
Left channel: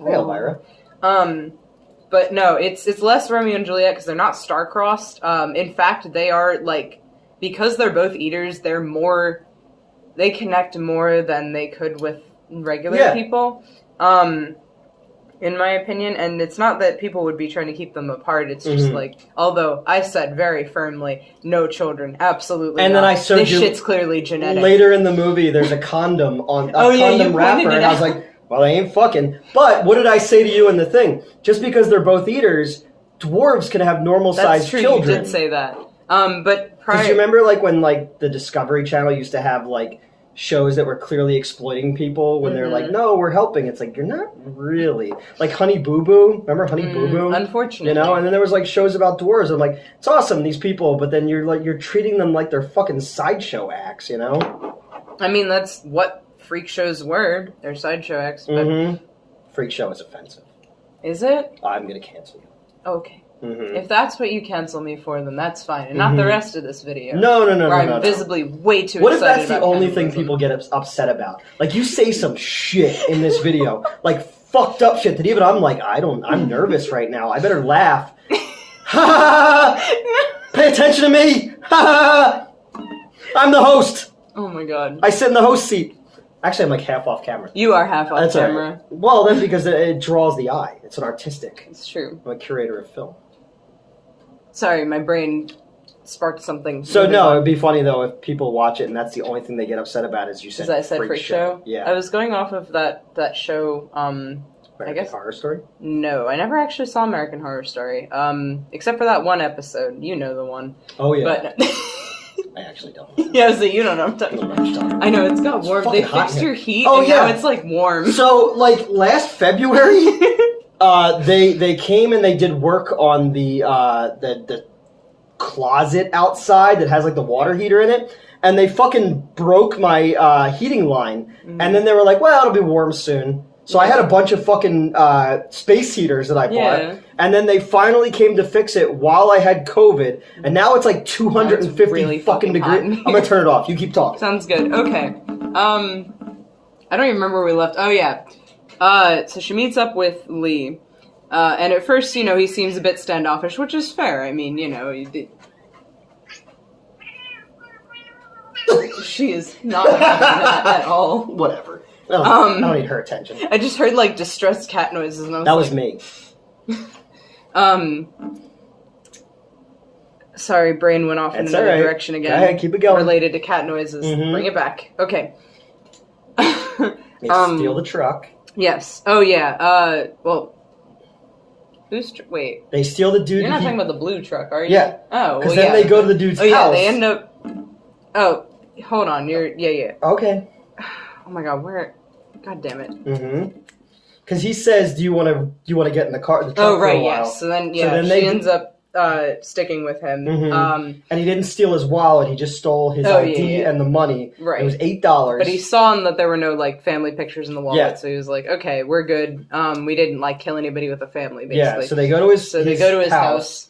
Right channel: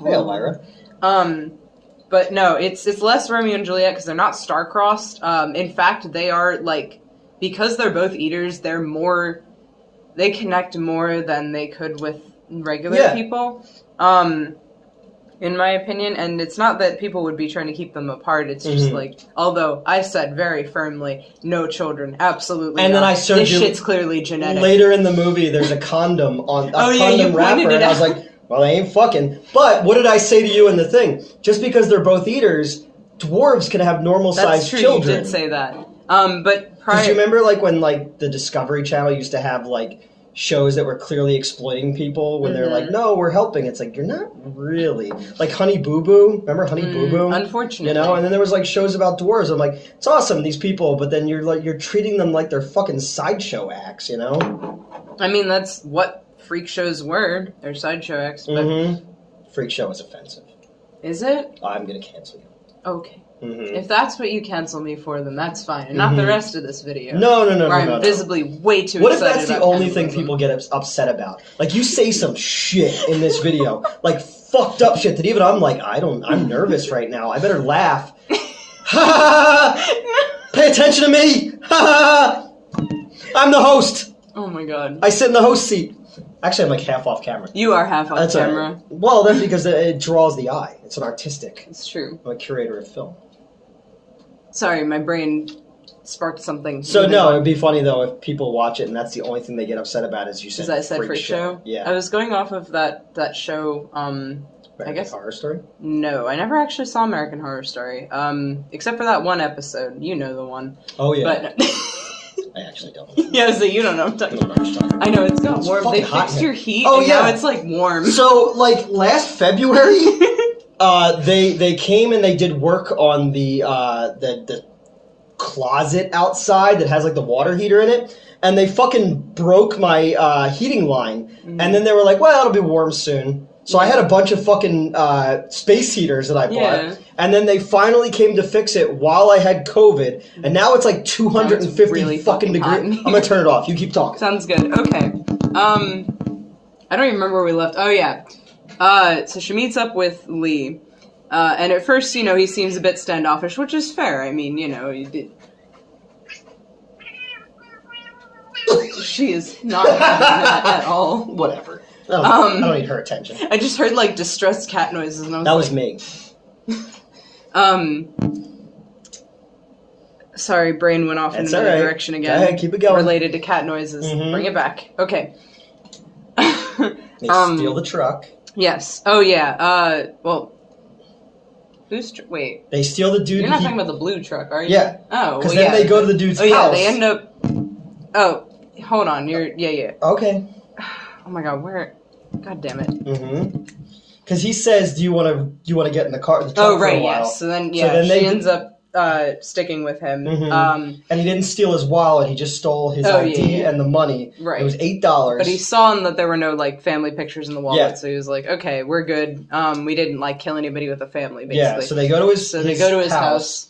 Hey, Elvira. But no, it's less Romeo and Juliet because they're not star-crossed. In fact, they are, like, because they're both eaters, they connect more than they could with regular people. In my opinion, and it's not that people would be trying to keep them apart, it's just like, although I said very firmly, no children, absolutely and not. Then I showed this shit's clearly genetic. Later in the movie, there's a condom on condom wrapper, and I was like, well, they ain't fucking. But what did I say to you in the thing? Just because they're both eaters, dwarves can have normal-sized children. You did say that. But because you remember, like, when, like, the Discovery Channel used to have, like, shows that were clearly exploiting people when they're like, no, we're helping. It's like, you're not really. Like Honey Boo Boo. Remember Honey Boo Boo? Unfortunately. You know? And then there was like shows about dwarves. I'm like, it's awesome, these people, but then you're treating them like they're fucking sideshow acts, you know? I mean, that's what freak shows were. They're sideshow acts. But... Freak show is offensive. Is it? I'm going to cancel you. Okay. If that's what you cancel me for, then that's fine. And not the rest of this video. No. Where I'm visibly way too What excited if that's the only thing people get upset about? Like, you say some shit in this video. Like, fucked up shit that even I'm like, I'm nervous right now. I better laugh. Pay attention to me! I'm the host! Oh my god. I sit in the host seat. Actually, I'm like half off camera. You are half off camera. Right. Well, that's because it draws the eye. It's an artistic. It's true. I'm a curator of film. Sorry, my brain sparked something. So no, it'd be funny though if people watch it and that's the only thing they get upset about is you said. I said freak show. Yeah. I was going off of that show. American Horror Story? No, I never actually saw American Horror Story. Except for that one episode. You know the one. Oh yeah. But I actually don't. Yeah, so you don't know what I'm talking about. I know, it's got warm. They fixed your heat, and now it's like warm. So, like, last February, they came and they did work on the closet outside that has, like, the water heater in it, and they fucking broke my heating line, and then they were like, well, it'll be warm soon. So I had a bunch of fucking space heaters that I bought, and then they finally came to fix it while I had COVID, and now it's like 250 really fucking degrees. I'm gonna turn it off. You keep talking. Sounds good. Okay. I don't even remember where we left. Oh yeah. So she meets up with Lee, And at first, he seems a bit standoffish, which is fair. I mean, she is not having that at all. Whatever. I don't need her attention. I just heard, distressed cat noises, and I was That was me. Sorry, brain went off in another direction again. Go ahead, keep it going. Related to cat noises. Mm-hmm. Bring it back. Okay. They steal the truck. Yes. Oh, yeah. Well... Wait. They steal the dude. You're not talking about the blue truck, are you? Yeah. Oh, because then they go to the dude's house. Yeah, they end up... Oh, hold on. Yeah. Okay. Oh my god, where... God damn it. Mm-hmm. Because he says, do you want to get in the truck for a while? Yes. So then, she ends up sticking with him. Mm-hmm. And he didn't steal his wallet. He just stole his ID and the money. Right. It was $8. But he saw that there were no, family pictures in the wallet, so he was like, okay, we're good. We didn't, kill anybody with a family, basically. Yeah, so they go to his house.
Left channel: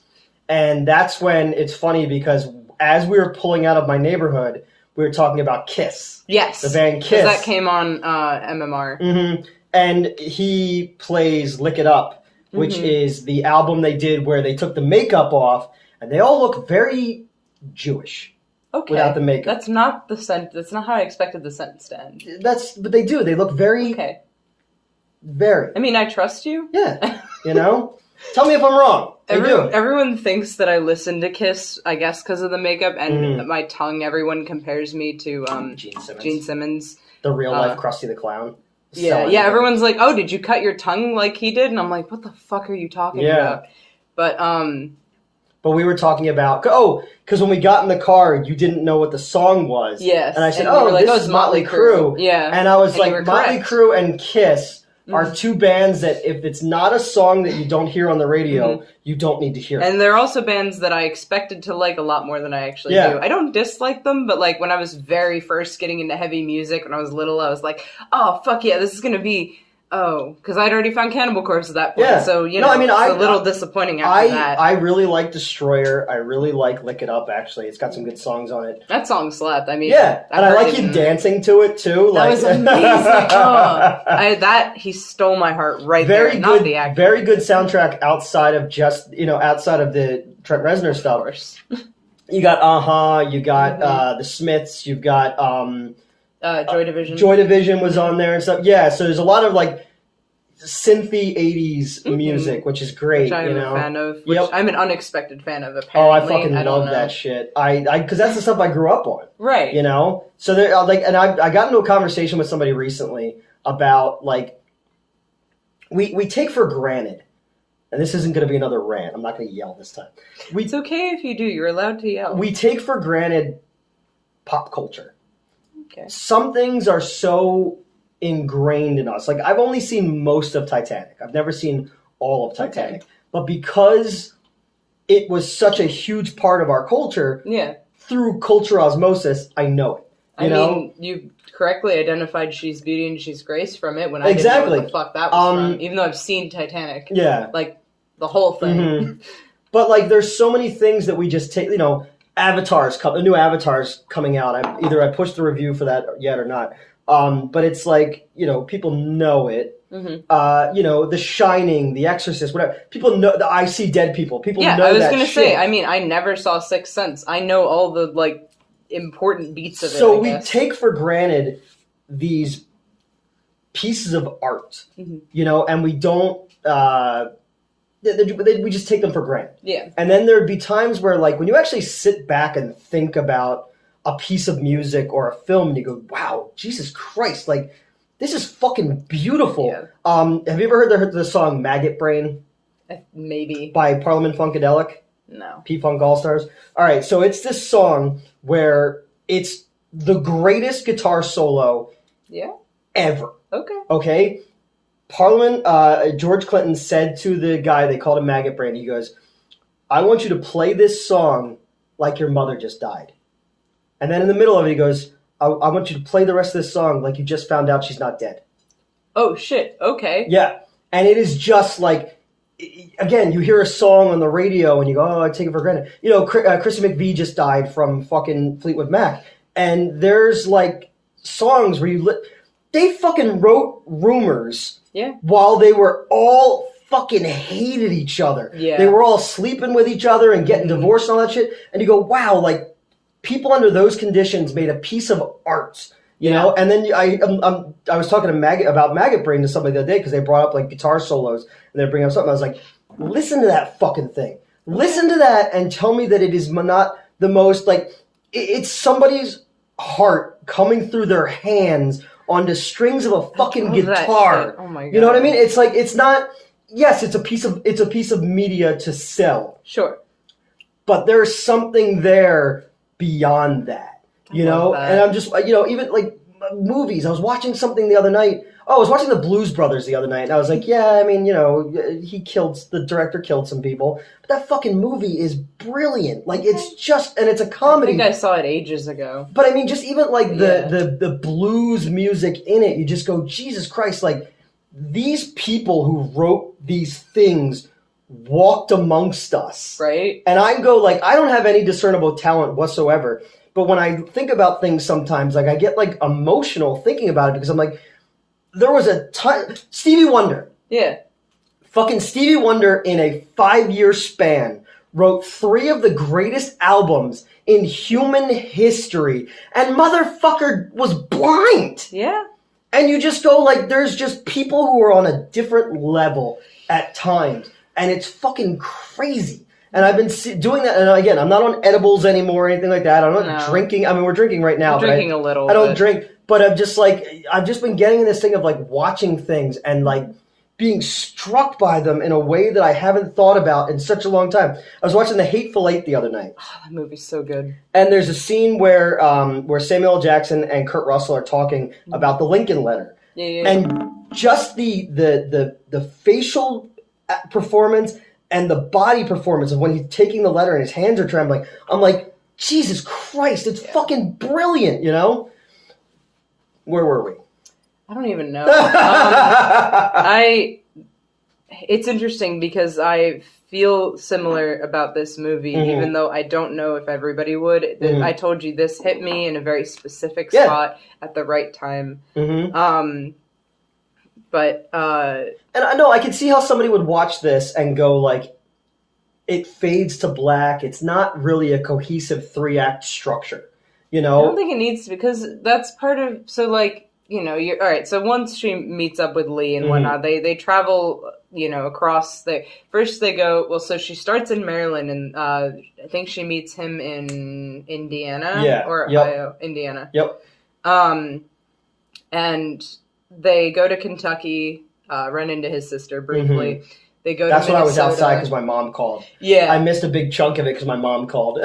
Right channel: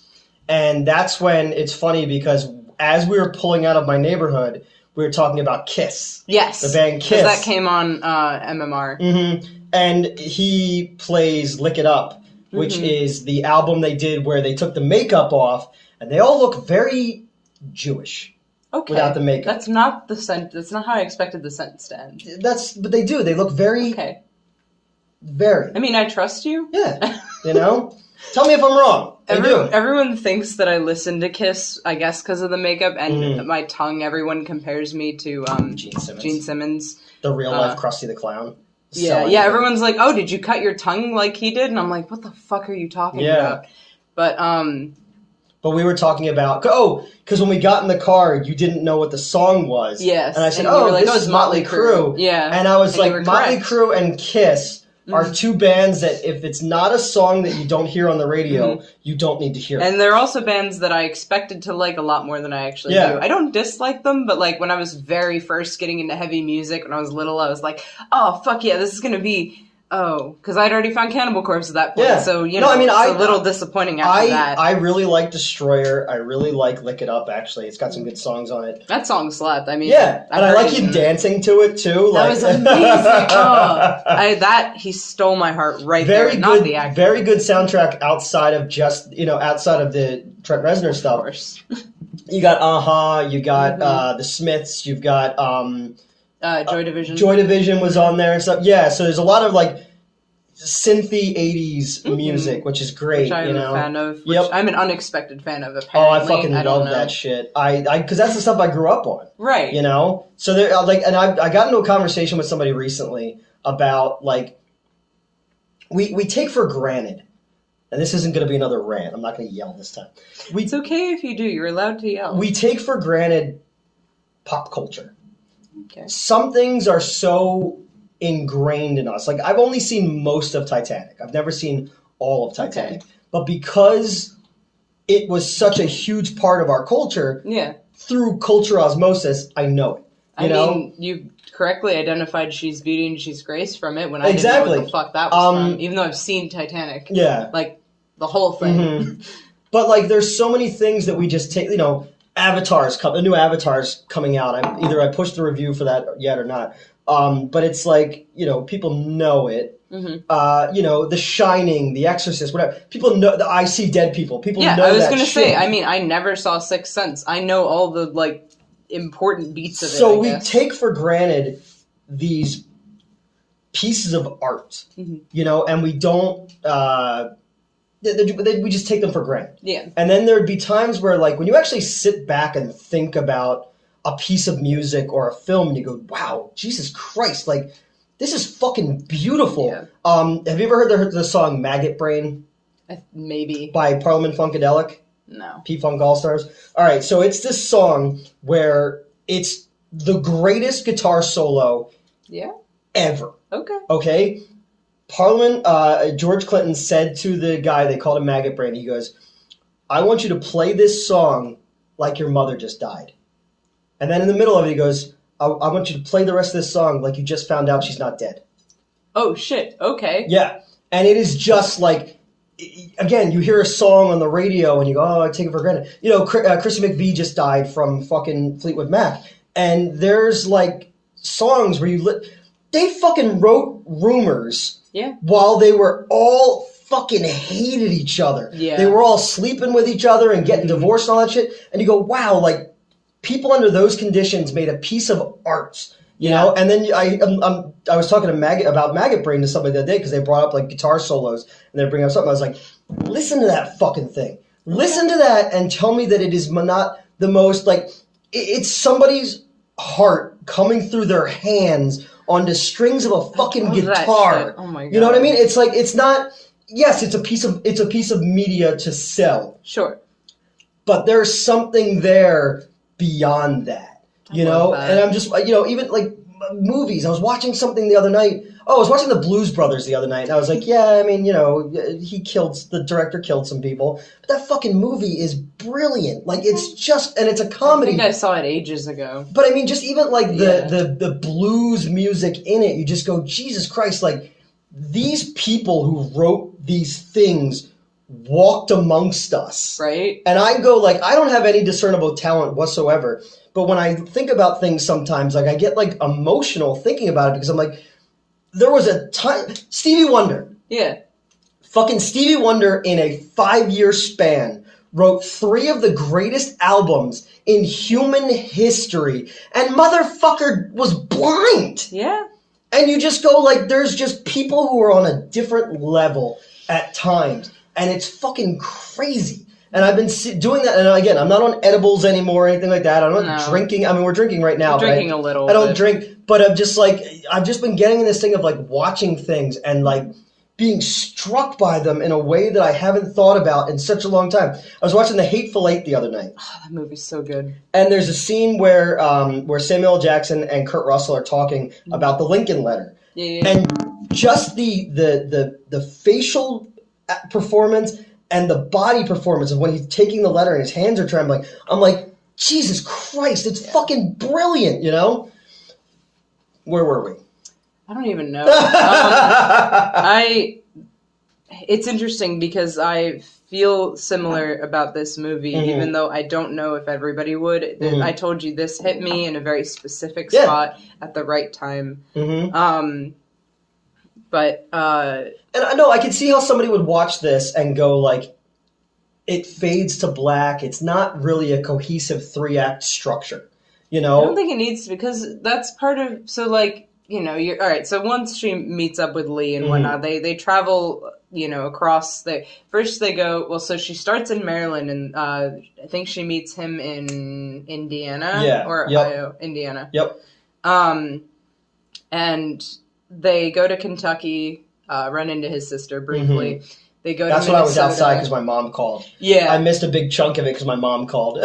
And that's when it's funny, because as we were pulling out of my neighborhood, we were talking about Kiss. Yes. The band Kiss. That came on MMR. Mm-hmm. And he plays Lick It Up, which is the album they did where they took the makeup off, and they all look very Jewish. Okay. Without the makeup. That's not that's not how I expected the sentence to end. But they do. They look very... Okay. Very. I mean, I trust you. Yeah. Tell me if I'm wrong. Everyone thinks that I listen to Kiss, I guess, because of the makeup, and my tongue, everyone compares me to Gene Simmons. The real-life Krusty the Clown. Yeah, everyone's like, oh, did you cut your tongue like he did? And I'm like, what the fuck are you talking about? But we were talking about... Oh, because when we got in the car, you didn't know what the song was. Yes. And I said, this is Motley Crue. Yeah. And I was like, Motley Crue and Kiss are two bands that if it's not a song that you don't hear on the radio, you don't need to hear it. And they're also bands that I expected to like a lot more than I actually do. I don't dislike them, but when I was very first getting into heavy music, when I was little, I was like, oh, fuck yeah, this is going to be... Oh, because I'd already found Cannibal Corpse at that point, so, it's a little disappointing after that. I really like Destroyer. I really like Lick It Up, actually. It's got some good songs on it. That song slapped. I mean... Yeah, and I like him dancing to it, too. That was amazing. He stole my heart right there, not the actor. Very good soundtrack outside of just, outside of the Trent Reznor stuff. Of course. You got you got the Smiths, you've got... Joy Division. Joy Division was on there and stuff. Yeah, so there's a lot of synthy 80s music, which is great. Which I'm a fan of. Which I'm an unexpected fan of, apparently. Oh, I fucking love that shit. Because that's the stuff I grew up on. Right. So there, and I got into a conversation with somebody recently about, we take for granted, and this isn't going to be another rant. I'm not going to yell this time. It's okay if you do. You're allowed to yell. We take for granted pop culture. Okay. Some things are so ingrained in us. I've only seen most of Titanic. I've never seen all of Titanic. Okay. But because it was such a huge part of our culture, through culture osmosis, I know it. I mean, you correctly identified She's Beauty and She's Grace from it when I didn't know what the fuck that was from, even though I've seen Titanic. Yeah. The whole thing. Mm-hmm. But, there's so many things that we just take, a new Avatar's coming out. I pushed the review for that yet or not. But it's people know it. Mm-hmm. The Shining, The Exorcist, whatever. People know I See Dead People. People know that shit. Yeah, I was going to say, I never saw Sixth Sense. I know all the, important beats of it, So we take for granted these pieces of art, and we don't... we just take them for granted. Yeah. And then there'd be times where, when you actually sit back and think about a piece of music or a film, and you go, wow, Jesus Christ, this is fucking beautiful. Yeah. Have you ever heard the song Maggot Brain? Maybe. By Parliament Funkadelic? No. P-Funk All-Stars? All right, so it's this song where it's the greatest guitar solo ever. Okay? Parliament, George Clinton said to the guy, they called him Maggot Brain, he goes, I want you to play this song like your mother just died. And then in the middle of it, he goes, I want you to play the rest of this song like you just found out she's not dead. Oh, shit. Okay. Yeah. And it is just again, you hear a song on the radio and you go, oh, I take it for granted. Chrissy McVie just died from fucking Fleetwood Mac. And there's, songs where they fucking wrote Rumors while they were all fucking hated each other. Yeah. They were all sleeping with each other and getting divorced and all that shit. And you go, wow, like, people under those conditions made a piece of art, you know? And then I was talking to Maggot about Maggot Brain to somebody the other day because they brought up, like, guitar solos, and they bring up something. I was like, listen to that fucking thing. Listen to that and tell me that it is not the most, like, it's somebody's heart coming through their hands onto strings of a fucking guitar. Oh my God. You know what I mean? It's like, it's not, yes, it's a piece of media to sell. Sure. But there's something there beyond that, you know? And I'm just, you know, even like movies. I was watching something the other night. Oh, I was watching the Blues Brothers the other night, and I was like, yeah, I mean, you know, the director killed some people, but that fucking movie is brilliant. Like, it's just, and it's a comedy. I think I saw it ages ago. But I mean, just even like the blues music in it, you just go, Jesus Christ, like, these people who wrote these things walked amongst us. Right. And I go, like, I don't have any discernible talent whatsoever, but when I think about things sometimes, like, I get, like, emotional thinking about it because I'm like, there was a time, Stevie Wonder. Yeah. Fucking Stevie Wonder in a 5-year span wrote 3 of the greatest albums in human history, and motherfucker was blind. Yeah. And you just go, like, there's just people who are on a different level at times, and it's fucking crazy. And I've been doing that, and again, I'm not on edibles anymore or anything like that. I'm not drinking. I mean, we're drinking right now. Drinking a little. I don't drink, but I'm just like, I've just been getting in this thing of like watching things and like being struck by them in a way that I haven't thought about in such a long time. I was watching The Hateful Eight the other night. Oh, that movie's so good. And there's a scene where Samuel L. Jackson and Kurt Russell are talking about the Lincoln Letter. Yeah. And just the facial performance and the body performance of when he's taking the letter and his hands are trembling, I'm like, Jesus Christ, it's fucking brilliant, you know? Where were we? I don't even know. It's interesting because I feel similar about this movie, even though I don't know if everybody would. I told you this hit me in a very specific spot at the right time. But and I know I can see how somebody would watch this and go like, it fades to black. It's not really a cohesive 3-act structure, you know. I don't think it needs to, because that's part of. So like, you know, you're all right. So once she meets up with Lee and whatnot, they travel, you know, across the. First they go. Well, so she starts in Maryland, and I think she meets him in Indiana or Ohio, Indiana. Yep. And they go to Kentucky, run into his sister briefly. They go That's to when Minnesota. I was outside because my mom called. Yeah. I missed a big chunk of it because my mom called.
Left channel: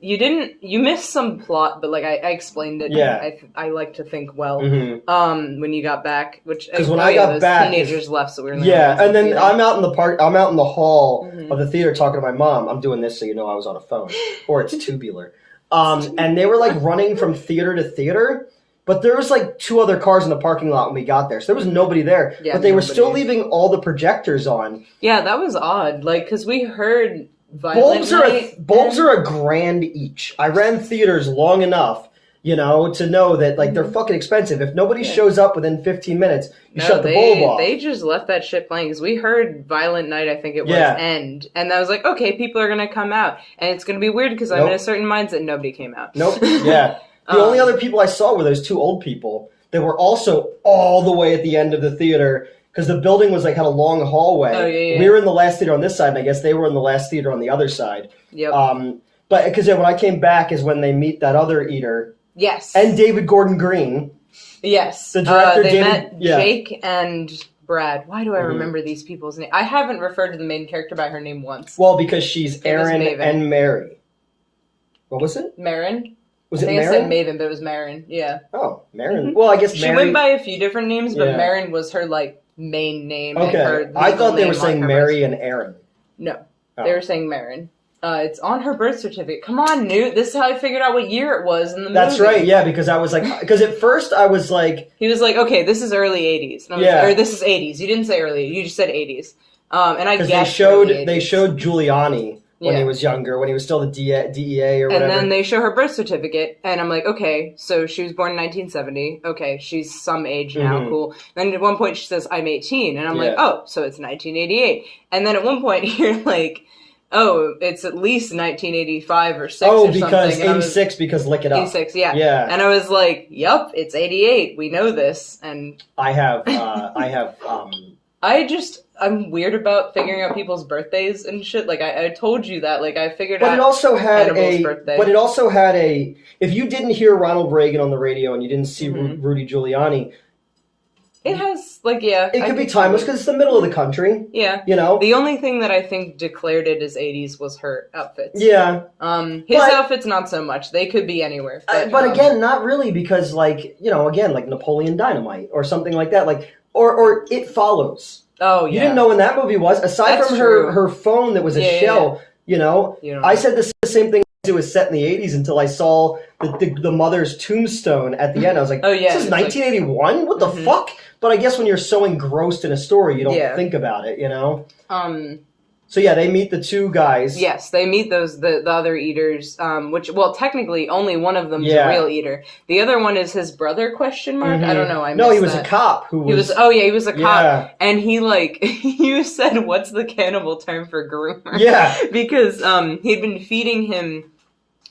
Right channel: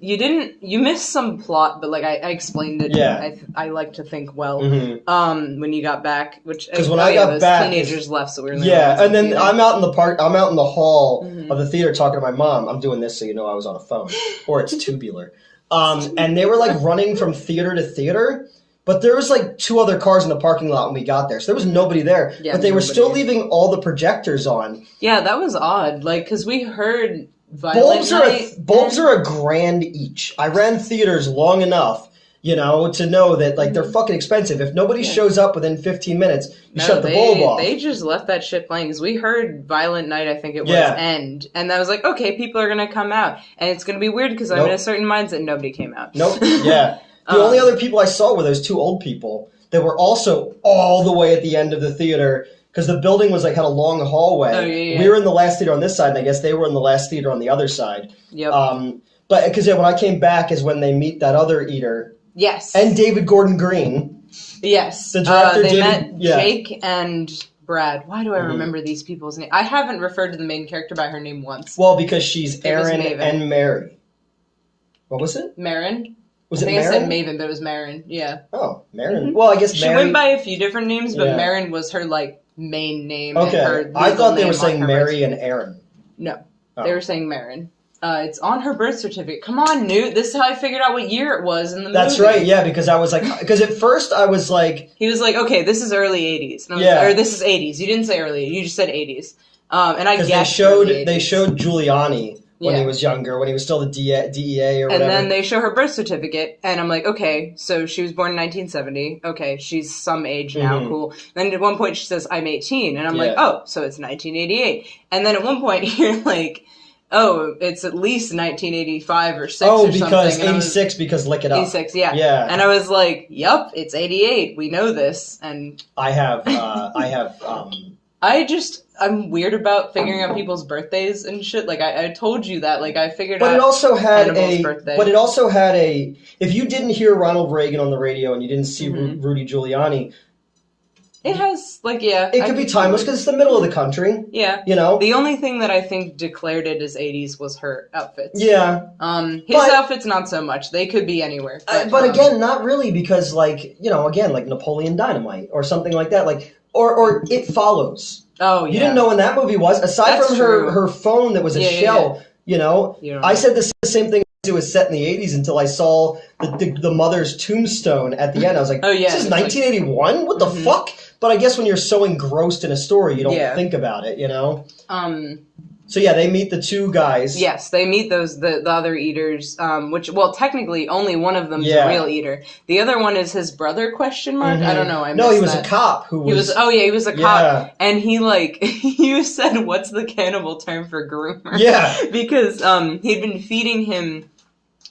You missed some plot, but like I explained it. Yeah. I like to think well. When you got back, which because when I got back, teenagers left, so we were and then I'm out in the park. I'm out in the hall of the theater talking to my mom. I'm doing this so you know I was on a phone, or it's tubular. And they were like running from theater to theater. But there was like 2 other cars in the parking lot when we got there. So there was nobody there. Yeah, but they were still leaving all the projectors on. Yeah, that was odd. Like, because we heard Bulbs are $1,000 each. I ran theaters long enough, you know, to know that like they're fucking expensive. If nobody shows up within 15 minutes, shut the bulb off. They just left that shit playing because we heard Violent Night, I think it was, end. And I was like, okay, people are going to come out. And it's going to be weird because I'm in a certain mindset. Nobody came out. Nope. Yeah. The only other people I saw were those 2 old people that were also all the way at the end of the theater because the building was like had a long hallway. Oh, yeah. We were in the last theater on this side, and I guess they were in the last theater on the other side. Yep. But because when I came back is when they meet that other eater. Yes. And David Gordon Green. Yes. The director they met Jake and Brad. Why do I remember these people's names? I haven't referred to the main character by her name once. Well, because she's Aaron and Mary. What was it? Marin. Was it I Marin? I said Maven, but it was Marin. Yeah. Oh, Marin. Well, I guess she went by a few different names, but Marin was her like main name. Okay. I thought they were saying Mary and Aaron. No, they were saying Marin. It's on her birth certificate. Come on, Newt. This is how I figured out what year it was in the movie. That's right, yeah, because I was like, because at first I was like... He was like, okay, this is early 80s. And I was like, or this is 80s. You didn't say early, you just said 80s. And I guessed they showed Giuliani when he was younger, when he was still the DEA or whatever. And then they show her birth certificate, and I'm like, okay, so she was born in 1970. Okay, she's some age now, cool. Then at one point she says, I'm 18, and I'm like, oh, so it's 1988. And then at one point you're like, oh, it's at least 1985 or 6 or something. Oh, because 86, because look it up. 86, yeah. Yeah. And I was like, yup, it's 88. We know this. And I'm weird about figuring out people's birthdays and shit. Like, I told you that. Like, I figured out Hannibal's birthday. But it also had a... If you didn't hear Ronald Reagan on the radio and you didn't see Rudy Giuliani... It has, like, yeah. It could be timeless because it's the middle of the country. Yeah. You know? The only thing that I think declared it as 80s was her outfits. Yeah. His outfits, not so much. They could be anywhere. But again, not really because, like, you know, again, like Napoleon Dynamite or something like that. Like, or It Follows. Oh, yeah. You didn't know when that movie was. Aside from her phone that was a shell, you know? I said the same thing. It was set in the 80s until I saw the mother's tombstone at the end. I was like, oh, yeah, this is 1981? What the fuck? But I guess when you're so engrossed in a story, you don't think about it, you know? So yeah, they meet the two guys. Yes, they meet the other eaters, which, well, technically only one of them is a real eater. The other one is his brother, question mark? I don't know, No, he was a cop who was... he was a cop. And he, like, you said, what's the cannibal term for groomer? Yeah. Because he'd been feeding him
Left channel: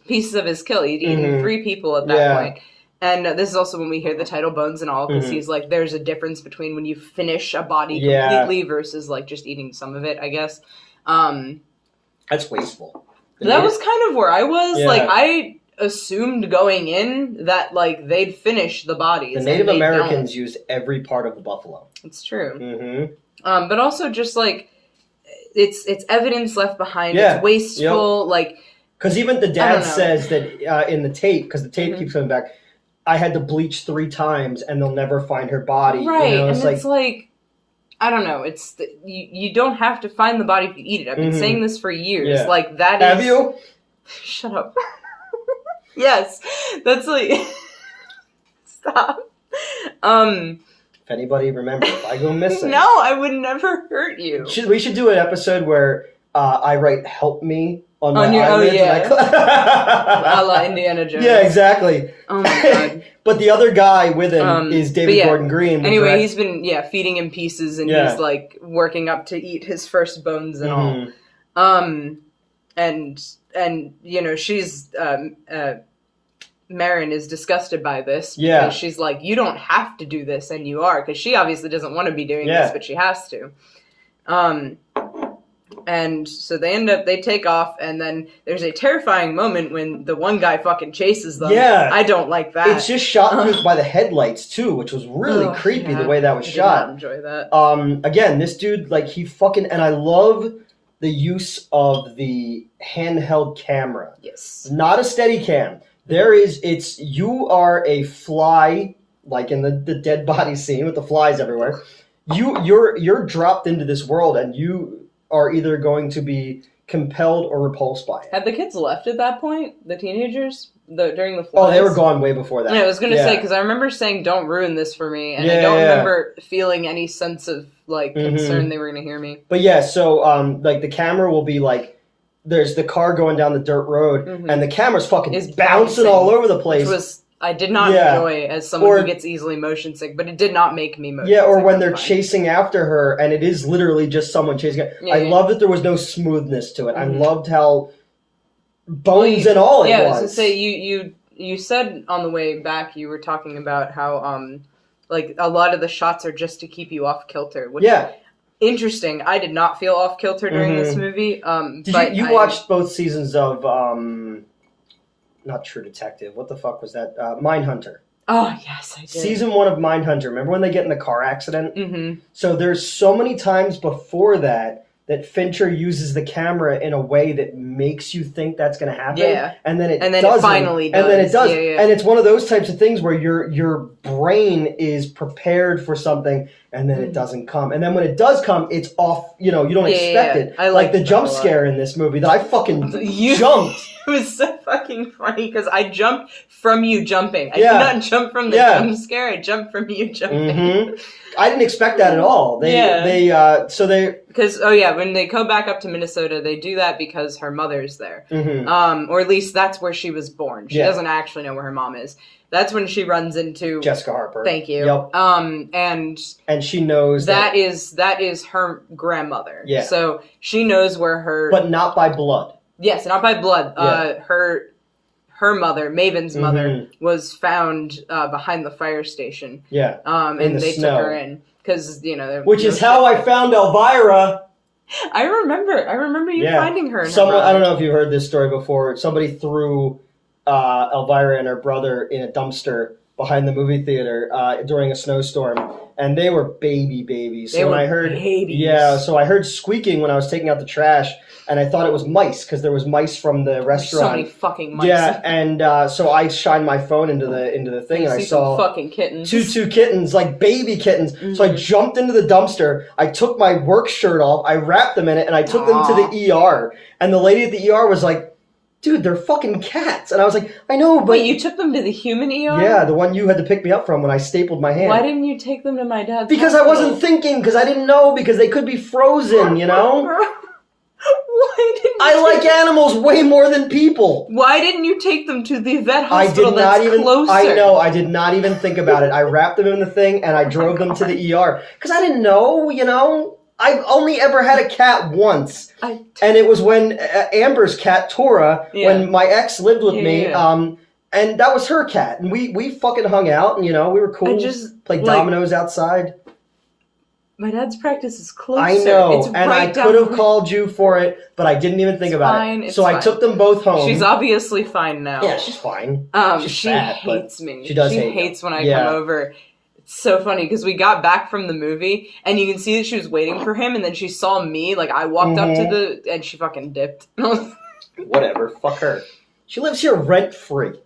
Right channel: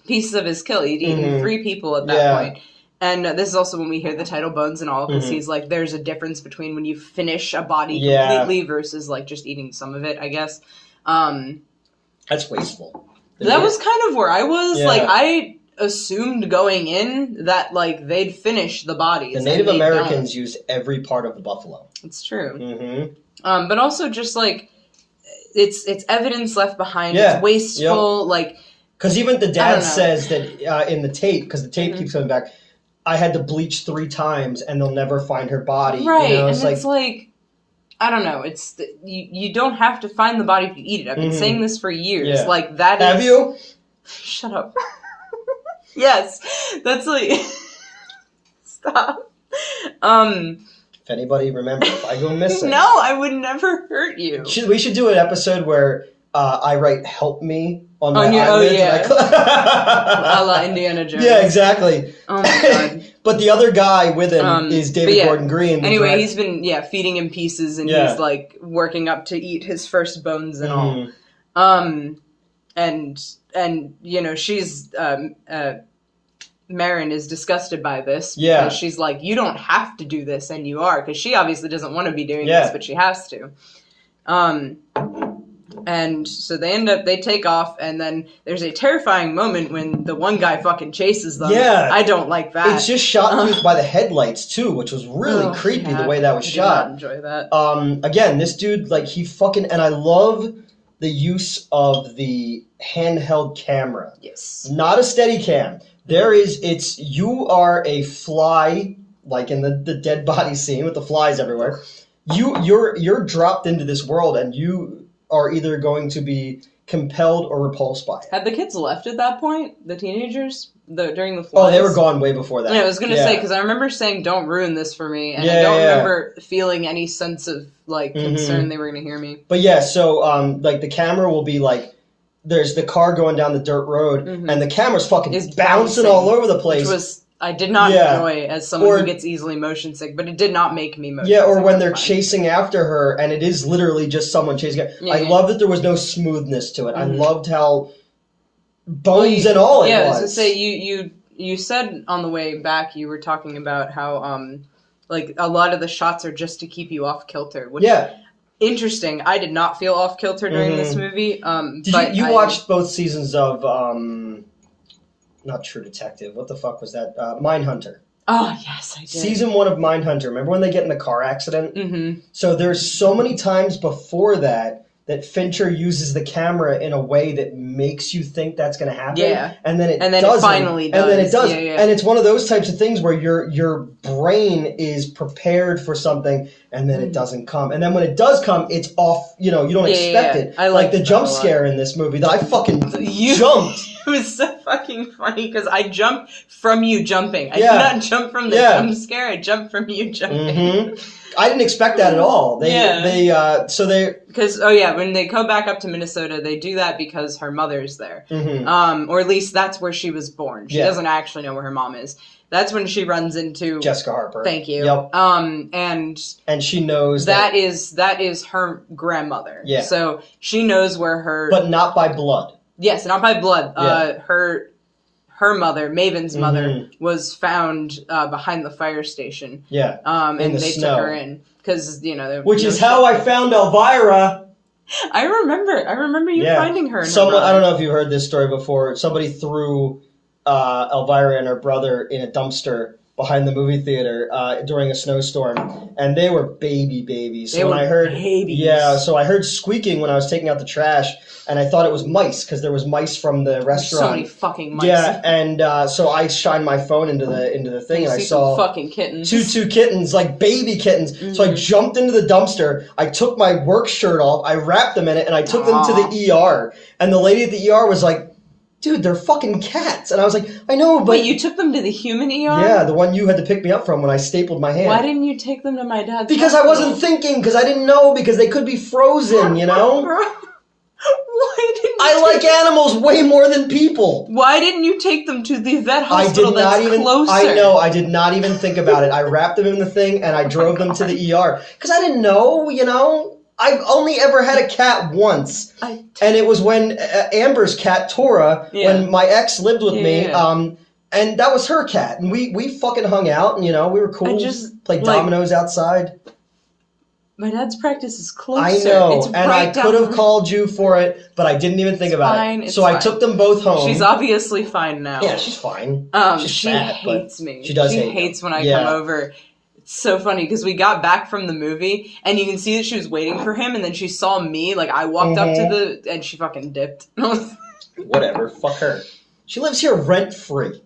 pieces of his kill. He'd eaten 3 people at that point. And this is also when we hear the title Bones and All, because he's like, there's a difference between when you finish a body completely versus, like, just eating some of it, I guess. That's wasteful. That was kind of where I was. Yeah. Like, I assumed going in that, like, they'd finish the bodies. The Native Americans use every part of the buffalo. It's true. But also just, like, it's evidence left behind. It's wasteful, like... Because even the dad says that in the tape, because the tape keeps coming back, I had to bleach 3 times and they'll never find her body. Right, you know? It's like, I don't know, you don't have to find the body to eat it. I've been saying this for years. Like, that Have you? Shut up. Yes, that's like... Stop. If anybody remembers, if I go missing... No, I would never hurt you. We should do an episode where I write "help me" on my eyelids. A la Indiana Jones. Yeah, exactly. Oh my god. But the other guy with him is David Gordon Green. Anyway, he's been feeding him pieces, and he's like working up to eat his first bones and all. And you know, she's Marin is disgusted by this because she's like, you don't have to do this, and you are, because she obviously doesn't want to be doing this, but she has to. And so they take off, and then there's a terrifying moment when the one guy fucking chases them. Yeah. I don't like that. It's just shot by the headlights, too, which was really creepy the way that was shot. I did not enjoy that. Again, this dude, like, he fucking... And I love the use of the handheld camera. Yes. Not a steady cam. You are a fly, like in the dead body scene with the flies everywhere. You're dropped into this world, and you are either going to be compelled or repulsed by it. Had the kids left at that point? The teenagers? During the flies? Oh, they were gone way before that. Yeah, I was going to say, because I remember saying, don't ruin this for me, and I don't remember feeling any sense of, like, concern they were going to hear me. But yeah, so, like, the camera will be, like, there's the car going down the dirt road, and the camera's fucking bouncing all over the place. Which was... I did not enjoy as someone who gets easily motion sick, but it did not make me motion sick. Yeah, or when they're chasing after her, and it is literally just someone chasing her. I love that there was no smoothness to it. I loved how bones and all it was. Yeah, I was going to say, you said on the way back, you were talking about how, like, a lot of the shots are just to keep you off kilter. Which, interesting. I did not feel off kilter during this movie. Did you watched both seasons of... not True Detective. What the fuck was that? Mindhunter. Oh, yes, I did. Season 1 of Mindhunter. Remember when they get in the car accident? So there's so many times before that Fincher uses the camera in a way that makes you think that's going to happen. Yeah. And then it finally does. And then it does. Yeah. And it's one of those types of things where you're brain is prepared for something and then it doesn't come. And then when it does come, it's off, you don't expect it. I like the jump scare in this movie that I fucking jumped. It was so fucking funny because I jumped from you jumping. I did not jump from the jump scare, I jumped from you jumping. Mm-hmm. I didn't expect that at all. Because when they go back up to Minnesota, they do that because her mother's there, or at least that's where she was born. She doesn't actually know where her mom is. That's when she runs into Jessica Harper. Thank you. Yep. And she knows that is her grandmother. Yeah. So she knows where her, but not by blood. Yes, not by blood. Yeah. Her mother, Maven's mother, was found behind the fire station. Yeah. And they took her in because which is how I found Elvira. I remember you finding her. I don't know if you heard this story before. Somebody threw Elvira and her brother in a dumpster behind the movie theater during a snowstorm, and they were babies. So I heard squeaking when I was taking out the trash, and I thought it was mice because there was mice from the restaurant. So many fucking mice. Yeah, and so I shined my phone into the thing, and I saw fucking kittens. Two kittens, like baby kittens. Mm-hmm. So I jumped into the dumpster. I took my work shirt off. I wrapped them in it, and I took them to the ER. And the lady at the ER was like, "Dude, they're fucking cats." And I was like, "I know, but..." Wait, you took them to the human ER? Yeah, the one you had to pick me up from when I stapled my hand. Why didn't you take them to my dad's Because hospital? I wasn't thinking, because I didn't know, because they could be frozen, Bro, why didn't I like animals way more than people. Why didn't you take them to the vet hospital closer? I know, I did not even think about it. I wrapped them in the thing and I drove them to the ER. Because I didn't know, I've only ever had a cat once. And it was when Amber's cat, Tora, when my ex lived with me, and that was her cat. And we fucking hung out and, we were cool. Played dominoes outside. My dad's practice is closer. I know, it's and right I could have called you for it, but I didn't even think about it. So I took them both home. She's obviously fine now. Yeah, she's fine. She hates me. She does hate hates when I come over. It's so funny because we got back from the movie and you can see that she was waiting for him, and then she saw me. Like I walked up to and she fucking dipped. Whatever, fuck her. She lives here rent free.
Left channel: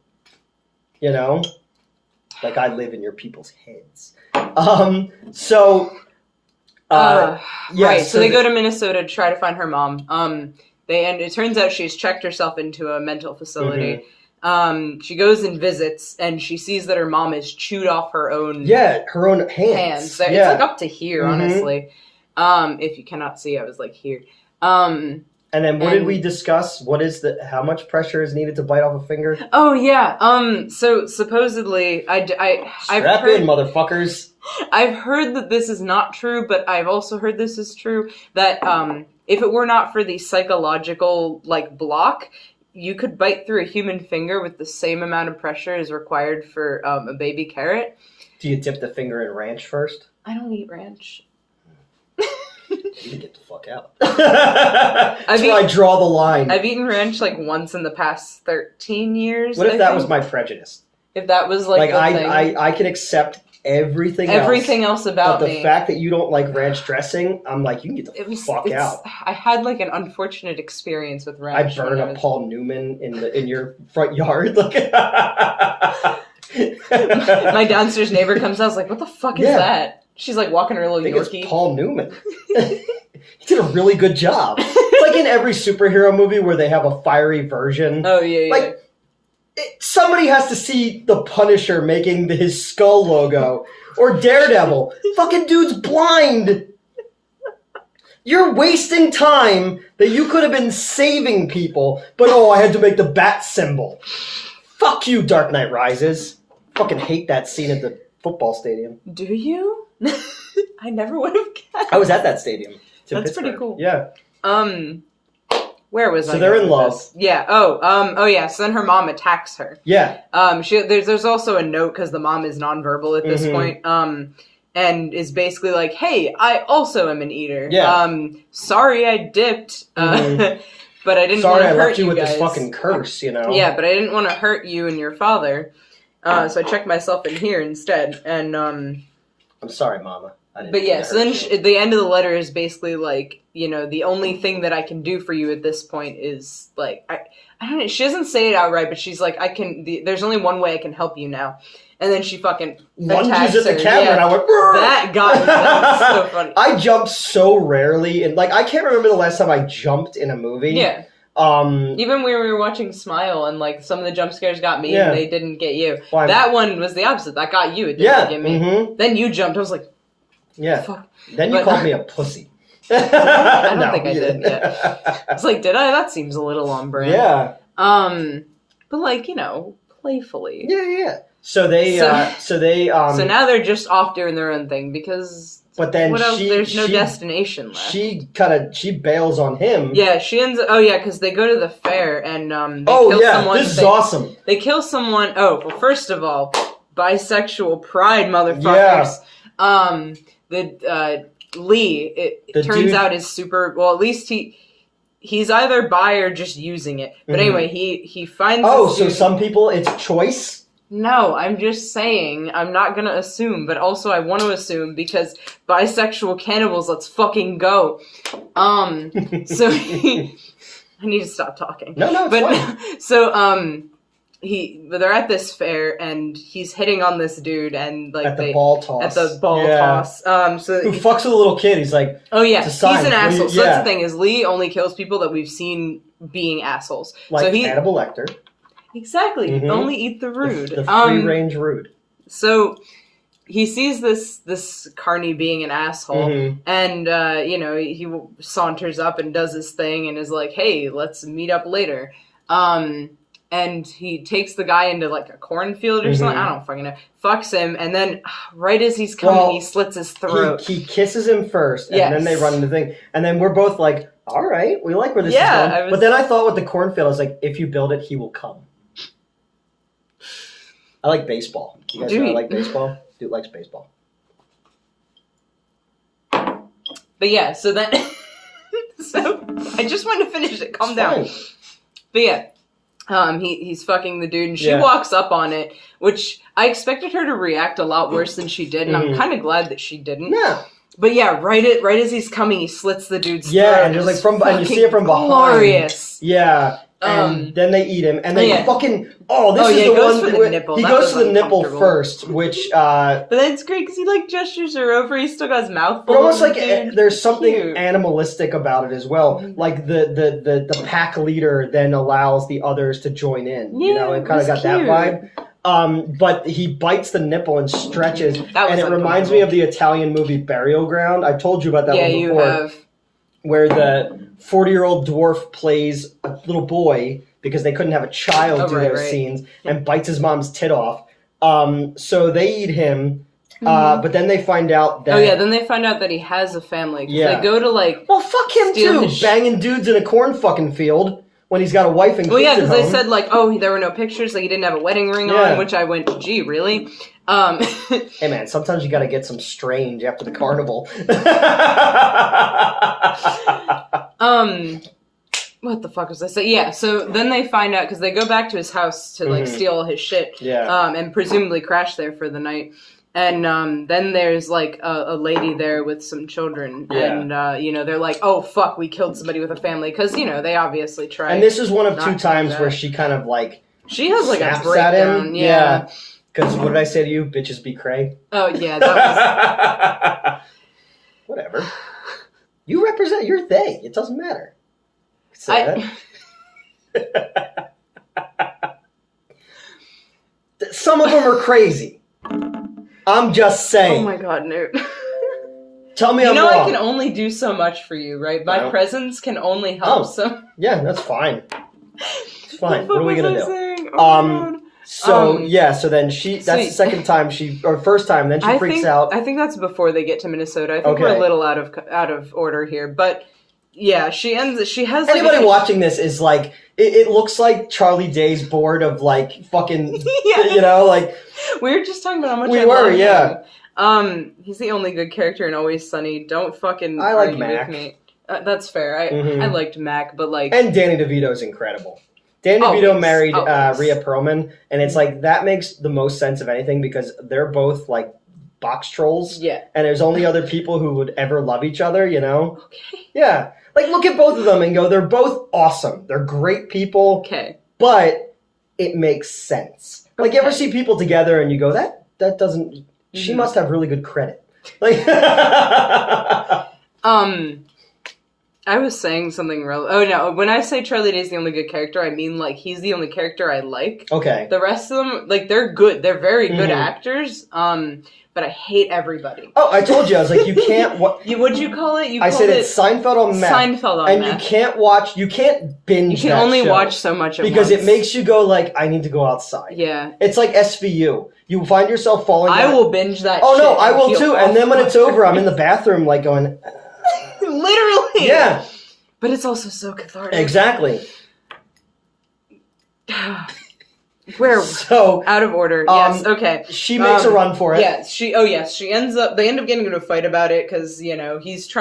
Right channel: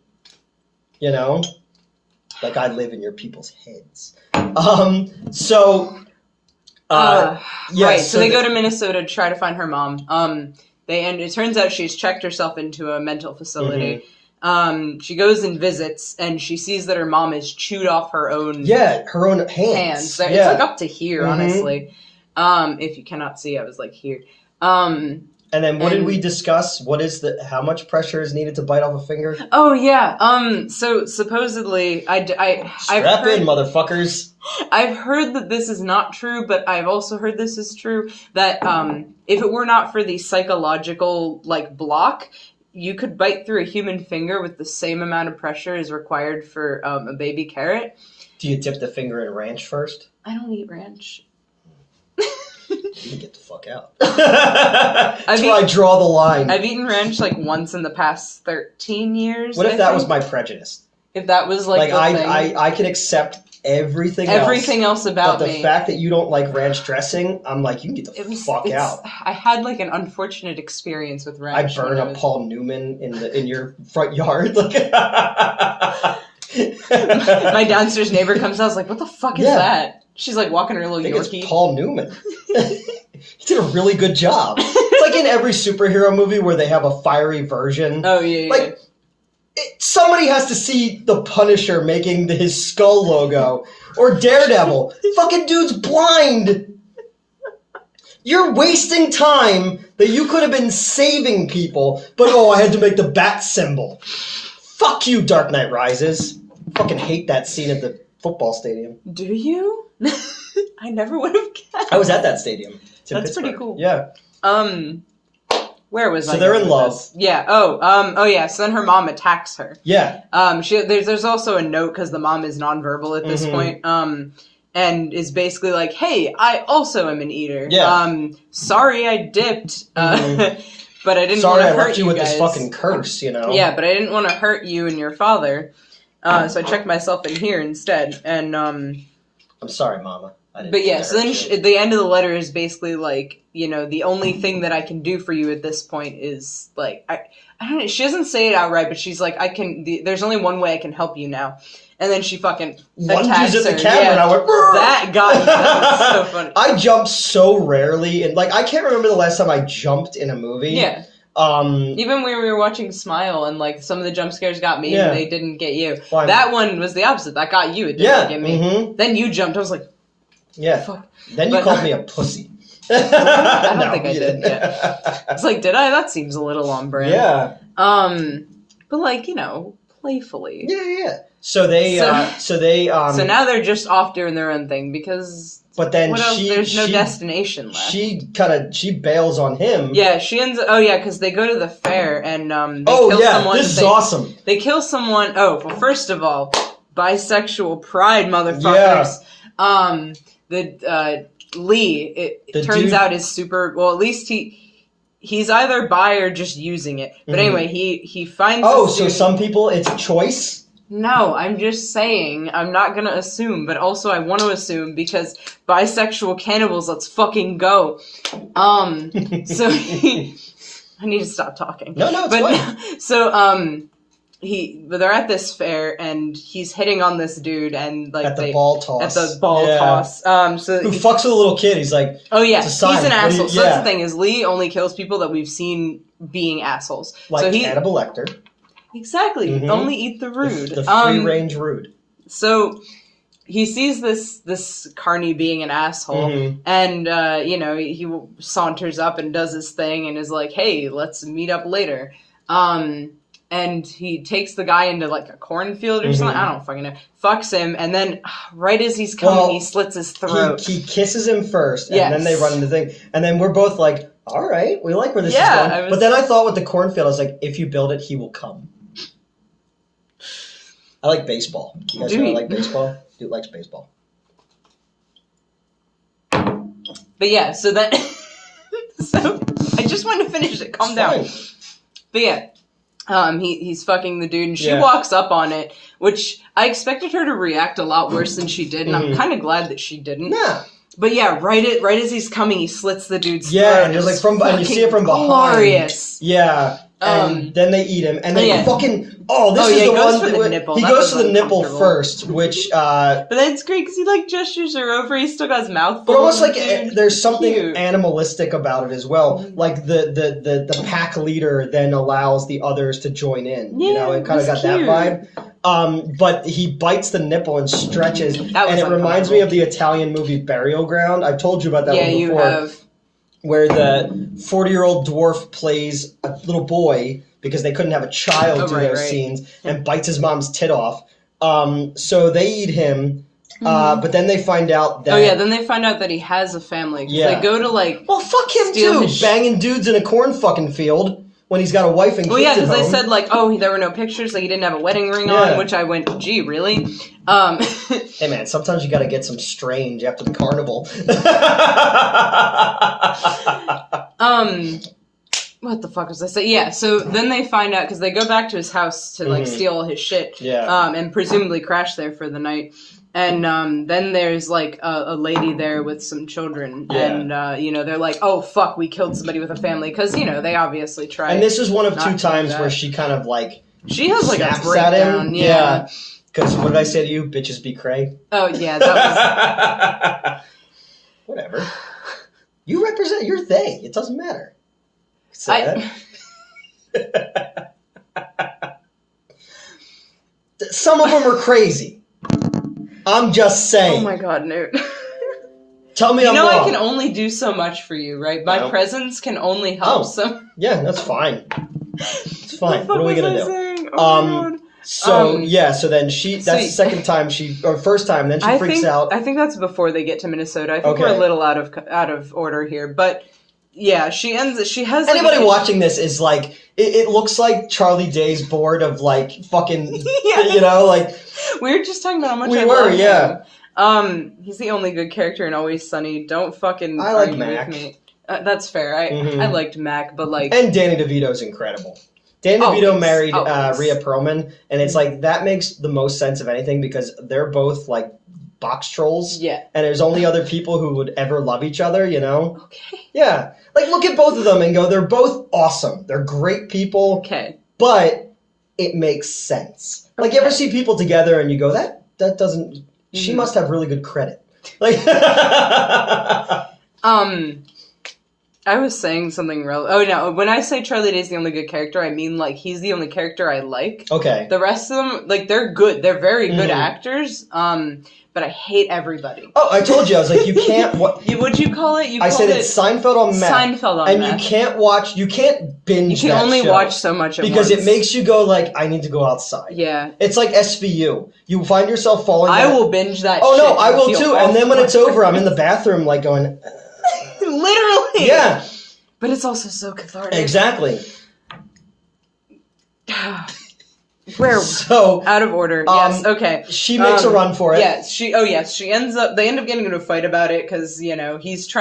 Like I live in your people's heads. Right. So they go to Minnesota to try to find her mom. It turns out she's checked herself into a mental facility. She goes and visits, and she sees that her mom has chewed off her own. Yeah, her own hands. So it's like up to here, honestly. If you cannot see, I was like here. And then what did we discuss? How much pressure is needed to bite off a finger? Oh yeah. So supposedly, Strap in, motherfuckers. I've heard that this is not true, but I've also heard this is true, that if it were not for the psychological block, you could bite through a human finger with the same amount of pressure as required for a baby carrot. Do you dip the finger in ranch first? I don't eat ranch. You can get the fuck out. That's where I draw the line. I've eaten ranch once in the past 13 years. What if that was my prejudice? If that was I can accept everything else about me. But the fact that you don't like ranch dressing, I'm like, you can get the fuck out. I had an unfortunate experience with ranch. I burned a Paul Newman in your front yard. My downstairs neighbor comes out, I was like, what the fuck is that? She's walking her little Yorkie. It's Paul Newman. He did a really good job. It's like in every superhero movie where they have a fiery version. Oh, yeah. Somebody has to see the Punisher making his skull logo. Or Daredevil. Fucking dude's blind. You're wasting time that you could have been saving people, but I had to make the bat symbol. Fuck you, Dark Knight Rises. Fucking hate that scene at the football stadium. Do you? I never would have guessed. I was at that stadium. That's Pittsburgh. Pretty cool. Yeah. Where was I? So they're in love. This? Yeah. Oh yeah. So then her mom attacks her. Yeah. There's also a note because the mom is nonverbal at this point. And is basically like, hey, I also am an eater. Yeah. Sorry I dipped. But I didn't want to hurt you Sorry I left you with guys. this fucking curse, Yeah, but I didn't want to hurt you and your father. So I checked myself in here instead. And I'm sorry, Mama. But yeah, so then the end of the letter is basically the only thing that I can do for you at this point is I don't know. She doesn't say it outright, but she's like, there's only one way I can help you now. And then she fucking lunges at the camera, and I went, that got me. That was so funny. I jump so rarely, and like I can't remember the last time I jumped in a movie. Yeah. Even when we were watching Smile, and like some of the jump scares got me, and they didn't get you. Why? That one was the opposite. That got you. It didn't get me. Mm-hmm. Then you jumped. I was like, fuck. Then you called me a pussy. I don't think I did. Yeah. It's like, did I? That seems a little on brand. Yeah. But like, you know, playfully. Yeah. So now they're just off doing their own thing because. But then there's no destination left. She bails on him. Yeah, she ends. Oh yeah, because they go to the fair and someone. This is awesome. They kill someone. Oh well, first of all, bisexual pride, motherfuckers. Yeah. Lee. It turns out is super. Well, at least he's either bi or just using it. But anyway, he finds. Oh, so some people it's a choice. No, I'm just saying, I'm not gonna assume, but also I want to assume because bisexual cannibals, let's fucking go. So I need to stop talking. No, it's fine. So, they're at this fair and he's hitting on this dude and like at the ball toss. So who fucks with a little kid? He's like, oh yeah, he's an asshole. So that's the thing is Lee only kills people that we've seen being assholes. Like Hannibal Lecter. Exactly. Mm-hmm. Only eat the rude. The free-range rude. So he sees this carny being an asshole, and he saunters up and does his thing and is like, "Hey, let's meet up later." And he takes the guy into like a cornfield or something. I don't fucking know. Fucks him, and then right as he's coming, he slits his throat. He kisses him first, and then they run into the thing, and then we're both like, "All right, we like where this is going." But then I thought with the cornfield, I was like, "If you build it, he will come." I like baseball. You guys know I like baseball? Dude likes baseball. But yeah, so then... so, I just wanted to finish it. Calm down. But yeah, he's fucking the dude, and she walks up on it, which I expected her to react a lot worse than she did, and I'm kind of glad that she didn't. Yeah. But yeah, right as he's coming, he slits the dude's throat. Yeah, and it's like and you see it from behind. Glorious. Yeah. And then they eat him, and then fucking this is the one. He goes for the nipple first, which. But then it's great because he like gestures her over. He's still got his mouth. But almost like there's something animalistic about it as well. Like the pack leader then allows the others to join in. Yeah, it kind of got that vibe. But he bites the nipple and stretches, and it reminds me of the Italian movie Burial Ground. I've told you about that one before. Yeah, you have. Where the 40-year-old dwarf plays a little boy because they couldn't have a child do those scenes and bites his mom's tit off. So they eat him, but then they find out that... Oh yeah, then they find out that he has a family. Yeah. They go to like... Well, fuck him too! Banging dudes in a corn fucking field when he's got a wife and kids. Well, yeah, because they said like, there were no pictures, like he didn't have a wedding ring on, which I went, gee, really? Hey man, sometimes you gotta get some strange after the carnival. What the fuck was I saying? Yeah, so then they find out, because they go back to his house to like steal his shit. Yeah. And presumably crash there for the night. And then there's like a lady there with some children, and they're like, "Oh fuck, we killed somebody with a family," because they obviously tried. And this is one of two times where she kind of like she has like a breakdown. Yeah. Because what did I say to you? Bitches be cray. Oh yeah, that was. Whatever. You represent. You're they. It doesn't matter. Some of them are crazy. I'm just saying. Oh my god, Newt. Tell me I'm wrong. I can only do so much for you, right? My presence can only help. So yeah, that's fine. It's fine. What are we gonna do? Oh, so then that's the second time first time. Then she freaks out. I think that's before they get to Minnesota. I think we're a little out of order here, but yeah, she has. Anybody watching this is like, it looks like Charlie Day's board of like fucking, like. We were just talking about how much him. He's the only good character in Always Sunny. Don't fucking argue with me. That's fair. I liked Mac, but like. And Danny DeVito's incredible. Danny DeVito married Rhea Perlman, and it's like that makes the most sense of anything because they're both like box trolls. Yeah. And there's only other people who would ever love each other, Okay. Yeah. Like look at both of them and go, they're both awesome. They're great people. Okay. But it makes sense. Like, you ever see people together and you go, that doesn't... She must have really good credit. Like... I was saying something when I say Charlie Day's the only good character, I mean, like, he's the only character I like. Okay. The rest of them, like, they're good. They're very good actors, but I hate everybody. Oh, I told you. I was like, you can't... What'd you call it? I said it's Seinfeld on meth. Seinfeld on meth. And you can't binge You can only watch so much at because once. it makes you go, like, I need to go outside. Yeah. It's like SVU. You find yourself falling... I will binge that Oh, shit. no, I will too. And then when it's over, I'm in the bathroom, like, going... Literally! Yeah. But it's also so cathartic. Exactly. We're so out of order. Yes, okay. She makes a run for it. Yes, she ends up, they end up getting into a fight about it because, you know, he's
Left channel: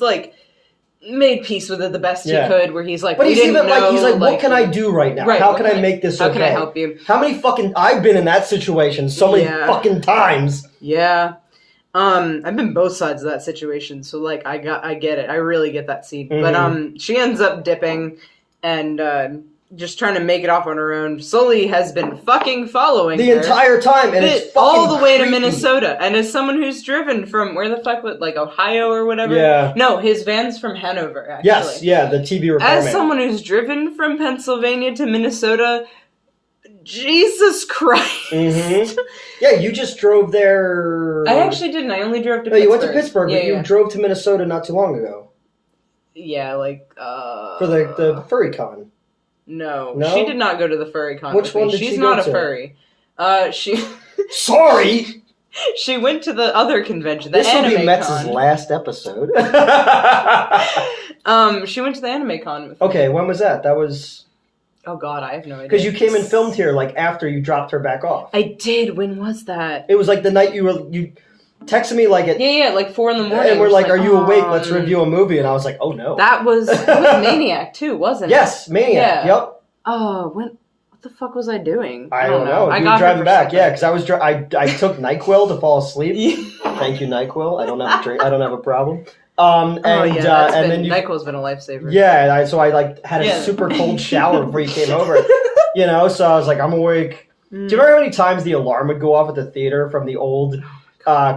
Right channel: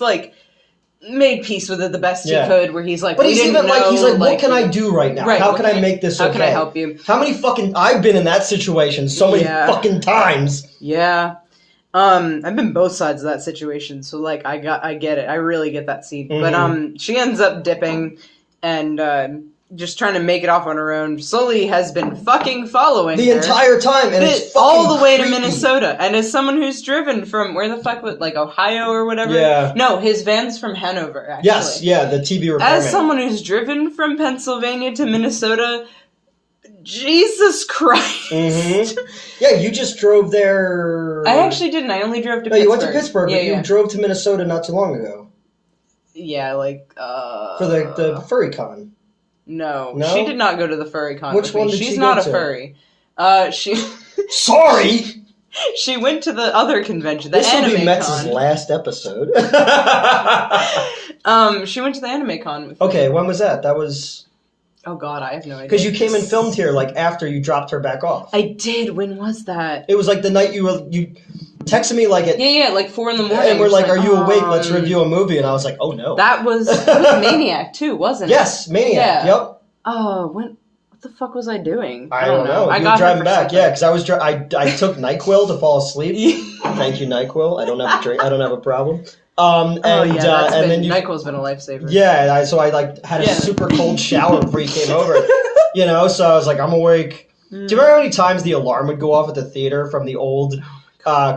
like, made peace with it the best he could, where he's like, but he's even like, what can I do right now? Right, how can I make this okay? How can I help you? How many I've been in that situation so many fucking times. Yeah. I've been both sides of that situation, so, like, I get it. I really get that scene. But, she ends up dipping and, just trying to make it off on her own. Sully has been fucking following the entire time, and it's all the way creepy. to Minnesota. And as someone who's driven from where the fuck, like, Ohio or whatever. Yeah. No, his van's from Hanover. Actually. Yes, yeah, the TV repairman. As someone who's driven from Pennsylvania to Minnesota, Jesus Christ. Mm-hmm. Yeah, you just drove there. I actually didn't. I only drove to Pittsburgh. Pittsburgh. You went to Pittsburgh, but you drove to Minnesota not too long ago. Yeah, like, for the furry con. No, she did not go to the furry con. Which one did She's she not go a furry. She. Sorry. She went to the other convention, the this anime con. This will be Metz's last episode. She went to the anime con with me. Okay, when was that? That was... Oh god, I have no idea. Because you came and filmed here, like, after you dropped her back off. I did. When was that? It was like the night you texted me like at... Yeah, like 4 in the morning. And we're like, are you awake? Let's review a movie. And I was like, oh no. That was Maniac too, wasn't it? Yes, Maniac, yep. Oh, what the fuck was I doing? I don't know. You were driving back, yeah, because I took NyQuil to fall asleep. Thank you, NyQuil. I don't have a problem. And then NyQuil's been a lifesaver. Yeah, so I like had a super cold shower before you came over. You know, so I was like, I'm awake. Do you remember how many times the alarm would go off at the theater from the old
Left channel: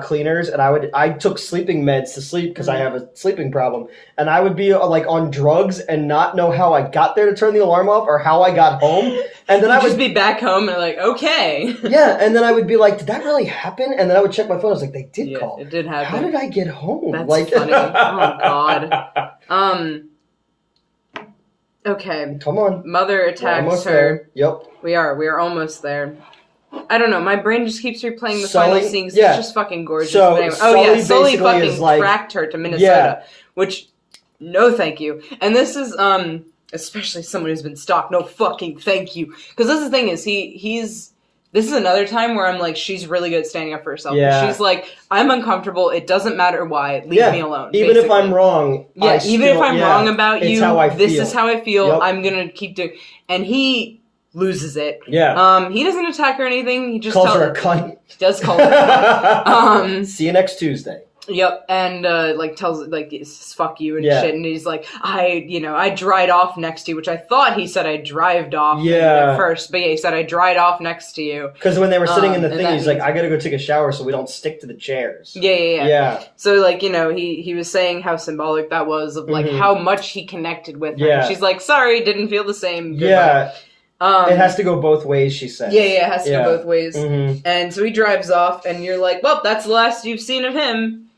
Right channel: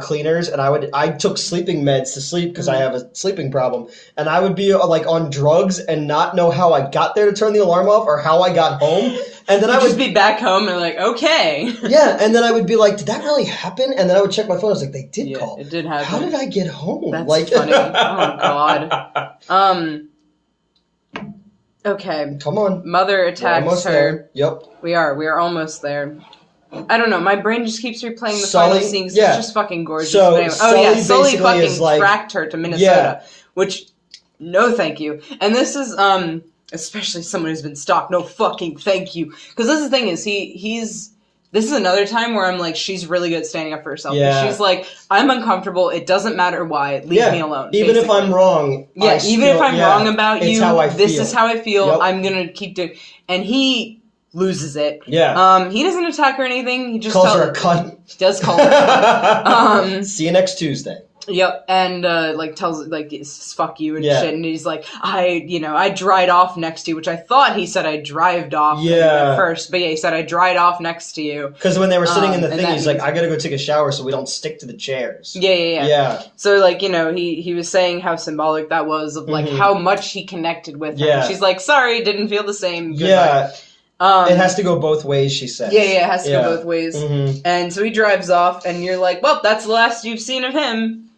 cleaners? And I took sleeping meds to sleep because I have a sleeping problem, and I would be like on drugs and not know how I got there to turn the alarm off or how I got home. And then I would just be back home and like, okay. Yeah, and then I would be like, did that really happen? And then I would check my phone. I was like, they did call. It did happen. How did I get home? That's funny. Oh god. Okay. Come on. Mother attacks her. There. Yep. We are almost there. I don't know. My brain just keeps replaying the Sully, final scenes. It's just fucking gorgeous. So, anyway. Sully fucking like, tracked her to Minnesota, which, no thank you. And this is, especially someone who's been stalked, no fucking thank you. Because this is the thing is, this is another time where I'm like, she's really good at standing up for herself. Yeah. She's like, I'm uncomfortable. It doesn't matter why. Leave me alone. Even if I'm wrong. Yeah, even if I'm wrong about you, this is how I feel. Yep. I'm going to keep doing. And he loses it. Yeah. He doesn't attack her or anything. He just calls her a cunt. He does call her a cunt. See you next Tuesday. Yep, and like tells like fuck you and shit, and he's like, I dried off next to you, which I thought he said I drived off at first, but he said I dried off next to you. Because when they were sitting in the thing, he's like, I gotta go take a shower so we don't stick to the chairs. Yeah. So like, he was saying how symbolic that was of like how much he connected with her. And she's like, sorry, didn't feel the same. Yeah. It has to go both ways, she says. Yeah, it has to go both ways. And so he drives off, and you're like, well, that's the last you've seen of him.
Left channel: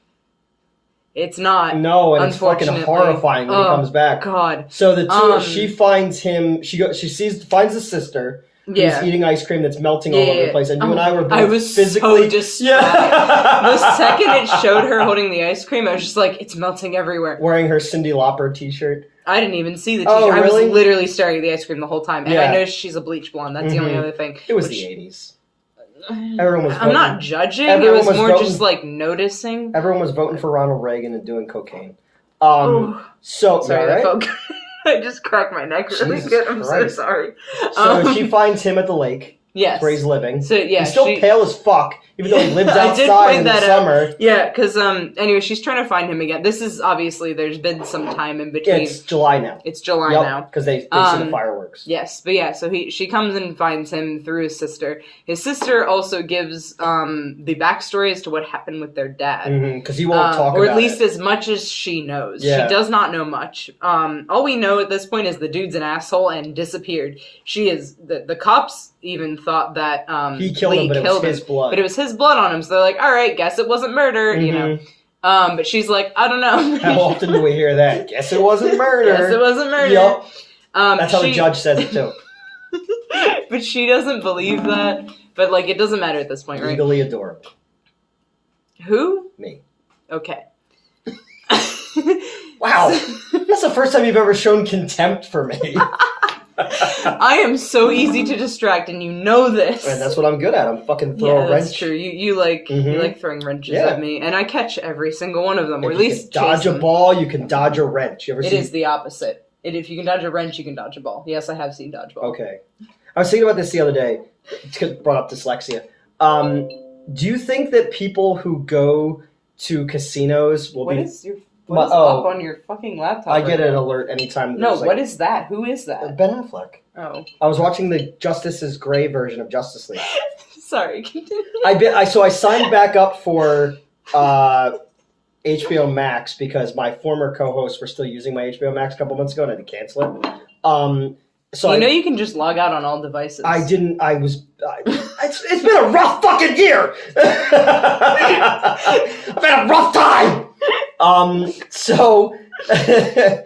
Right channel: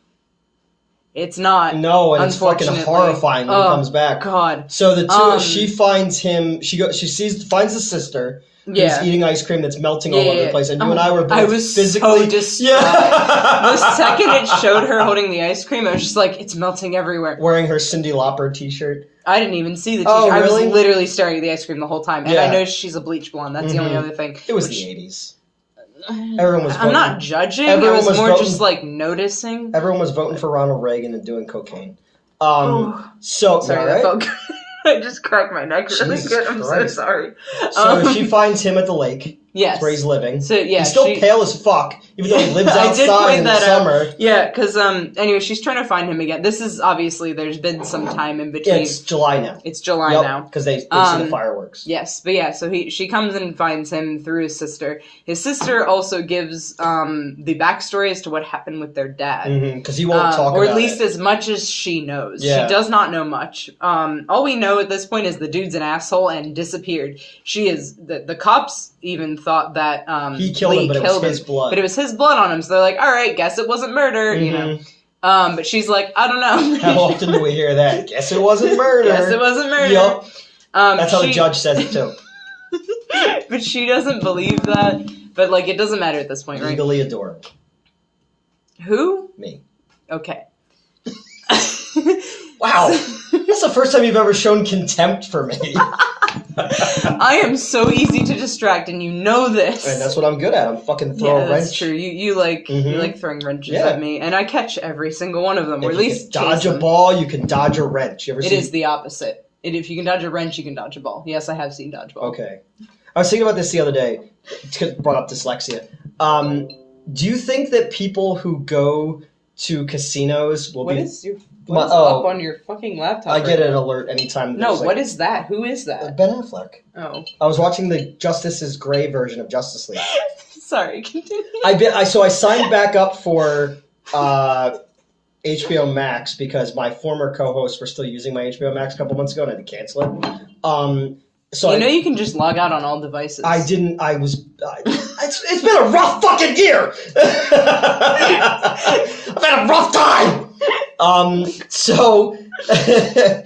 It's not. No, and it's fucking horrifying when he comes back. God. So the two, she finds him. Finds the sister. Who's eating ice cream that's melting all over the place, and you and I were both physically so distraught. The second it showed her holding the ice cream, I was just like, it's melting everywhere. Wearing her Cyndi Lauper t-shirt. I didn't even see the t-shirt. Oh, really? I was literally staring at the ice cream the whole time, and I noticed she's a bleach blonde. That's the only other thing. It was the 80s. Everyone was voting. I'm not judging. I was more just like noticing. Everyone was voting for Ronald Reagan and doing cocaine. Sorry, I just cracked my neck really good. I'm so sorry. So she finds him at the lake, Yes. That's where he's living. So, yeah. He's still pale as fuck, even though he lives outside in the summer. Yeah, because, anyway, she's trying to find him again. This is, obviously, there's been some time in between. Yeah, it's July now. It's July now. Because they see the fireworks. Yes, but yeah, so she comes and finds him through his sister. His sister also gives the backstory as to what happened with their dad. Because he won't talk about it. Or at least as much as she knows. Yeah. She does not know much. All we know at this point is the dude's an asshole and disappeared. She is... The cops even thought that he killed him, but it was his blood. But it was his blood on him, so they're like, alright, guess it wasn't murder, you know. But she's like, I don't know. How often do we hear that? Guess it wasn't murder. Guess it wasn't murder. Yep. That's how the judge says it, too. But she doesn't believe that. But, like, it doesn't matter at this point, right? Legally adorable. Who? Me. Okay. Wow. That's the first time you've ever shown contempt for me. I am so easy to distract, and you know this. And that's what I'm good at. I'm fucking throwing a wrench. That's true. You like throwing wrenches at me, and I catch every single one of them. Or at least dodge a ball, you can dodge a wrench. You ever It is the opposite. If you can dodge a wrench, you can dodge a ball. Yes, I have seen dodgeball. Okay. I was thinking about this the other day. It brought up dyslexia. Do you think that people who go to casinos will What be... is up on your fucking laptop? I get an alert anytime. No, what is that? Who is that? Ben Affleck. Oh. I was watching the Justice is Gray version of Justice League. Sorry, continue. So I signed back up for HBO Max because my former co-hosts were still using my HBO Max a couple months ago and I had to cancel it. So you can just log out on all devices. I didn't. It's been a rough fucking year. I've had a rough time. So I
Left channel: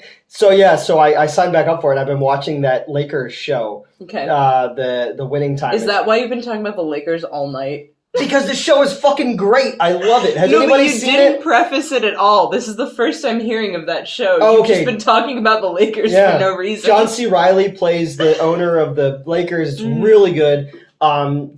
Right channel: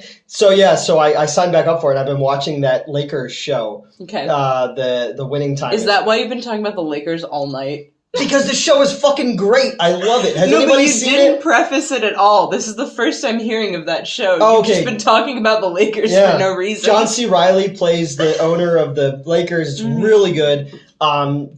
signed back up for it. I've been watching that Lakers show. Okay. The winning time. Is that why you've been talking about the Lakers all night? Because the show is fucking great. I love it. Has anybody seen it? You didn't preface it at all. This is the first time hearing of that show. Oh, You've just been talking about the Lakers for no reason. John C. Reilly plays the owner of the Lakers. It's really good.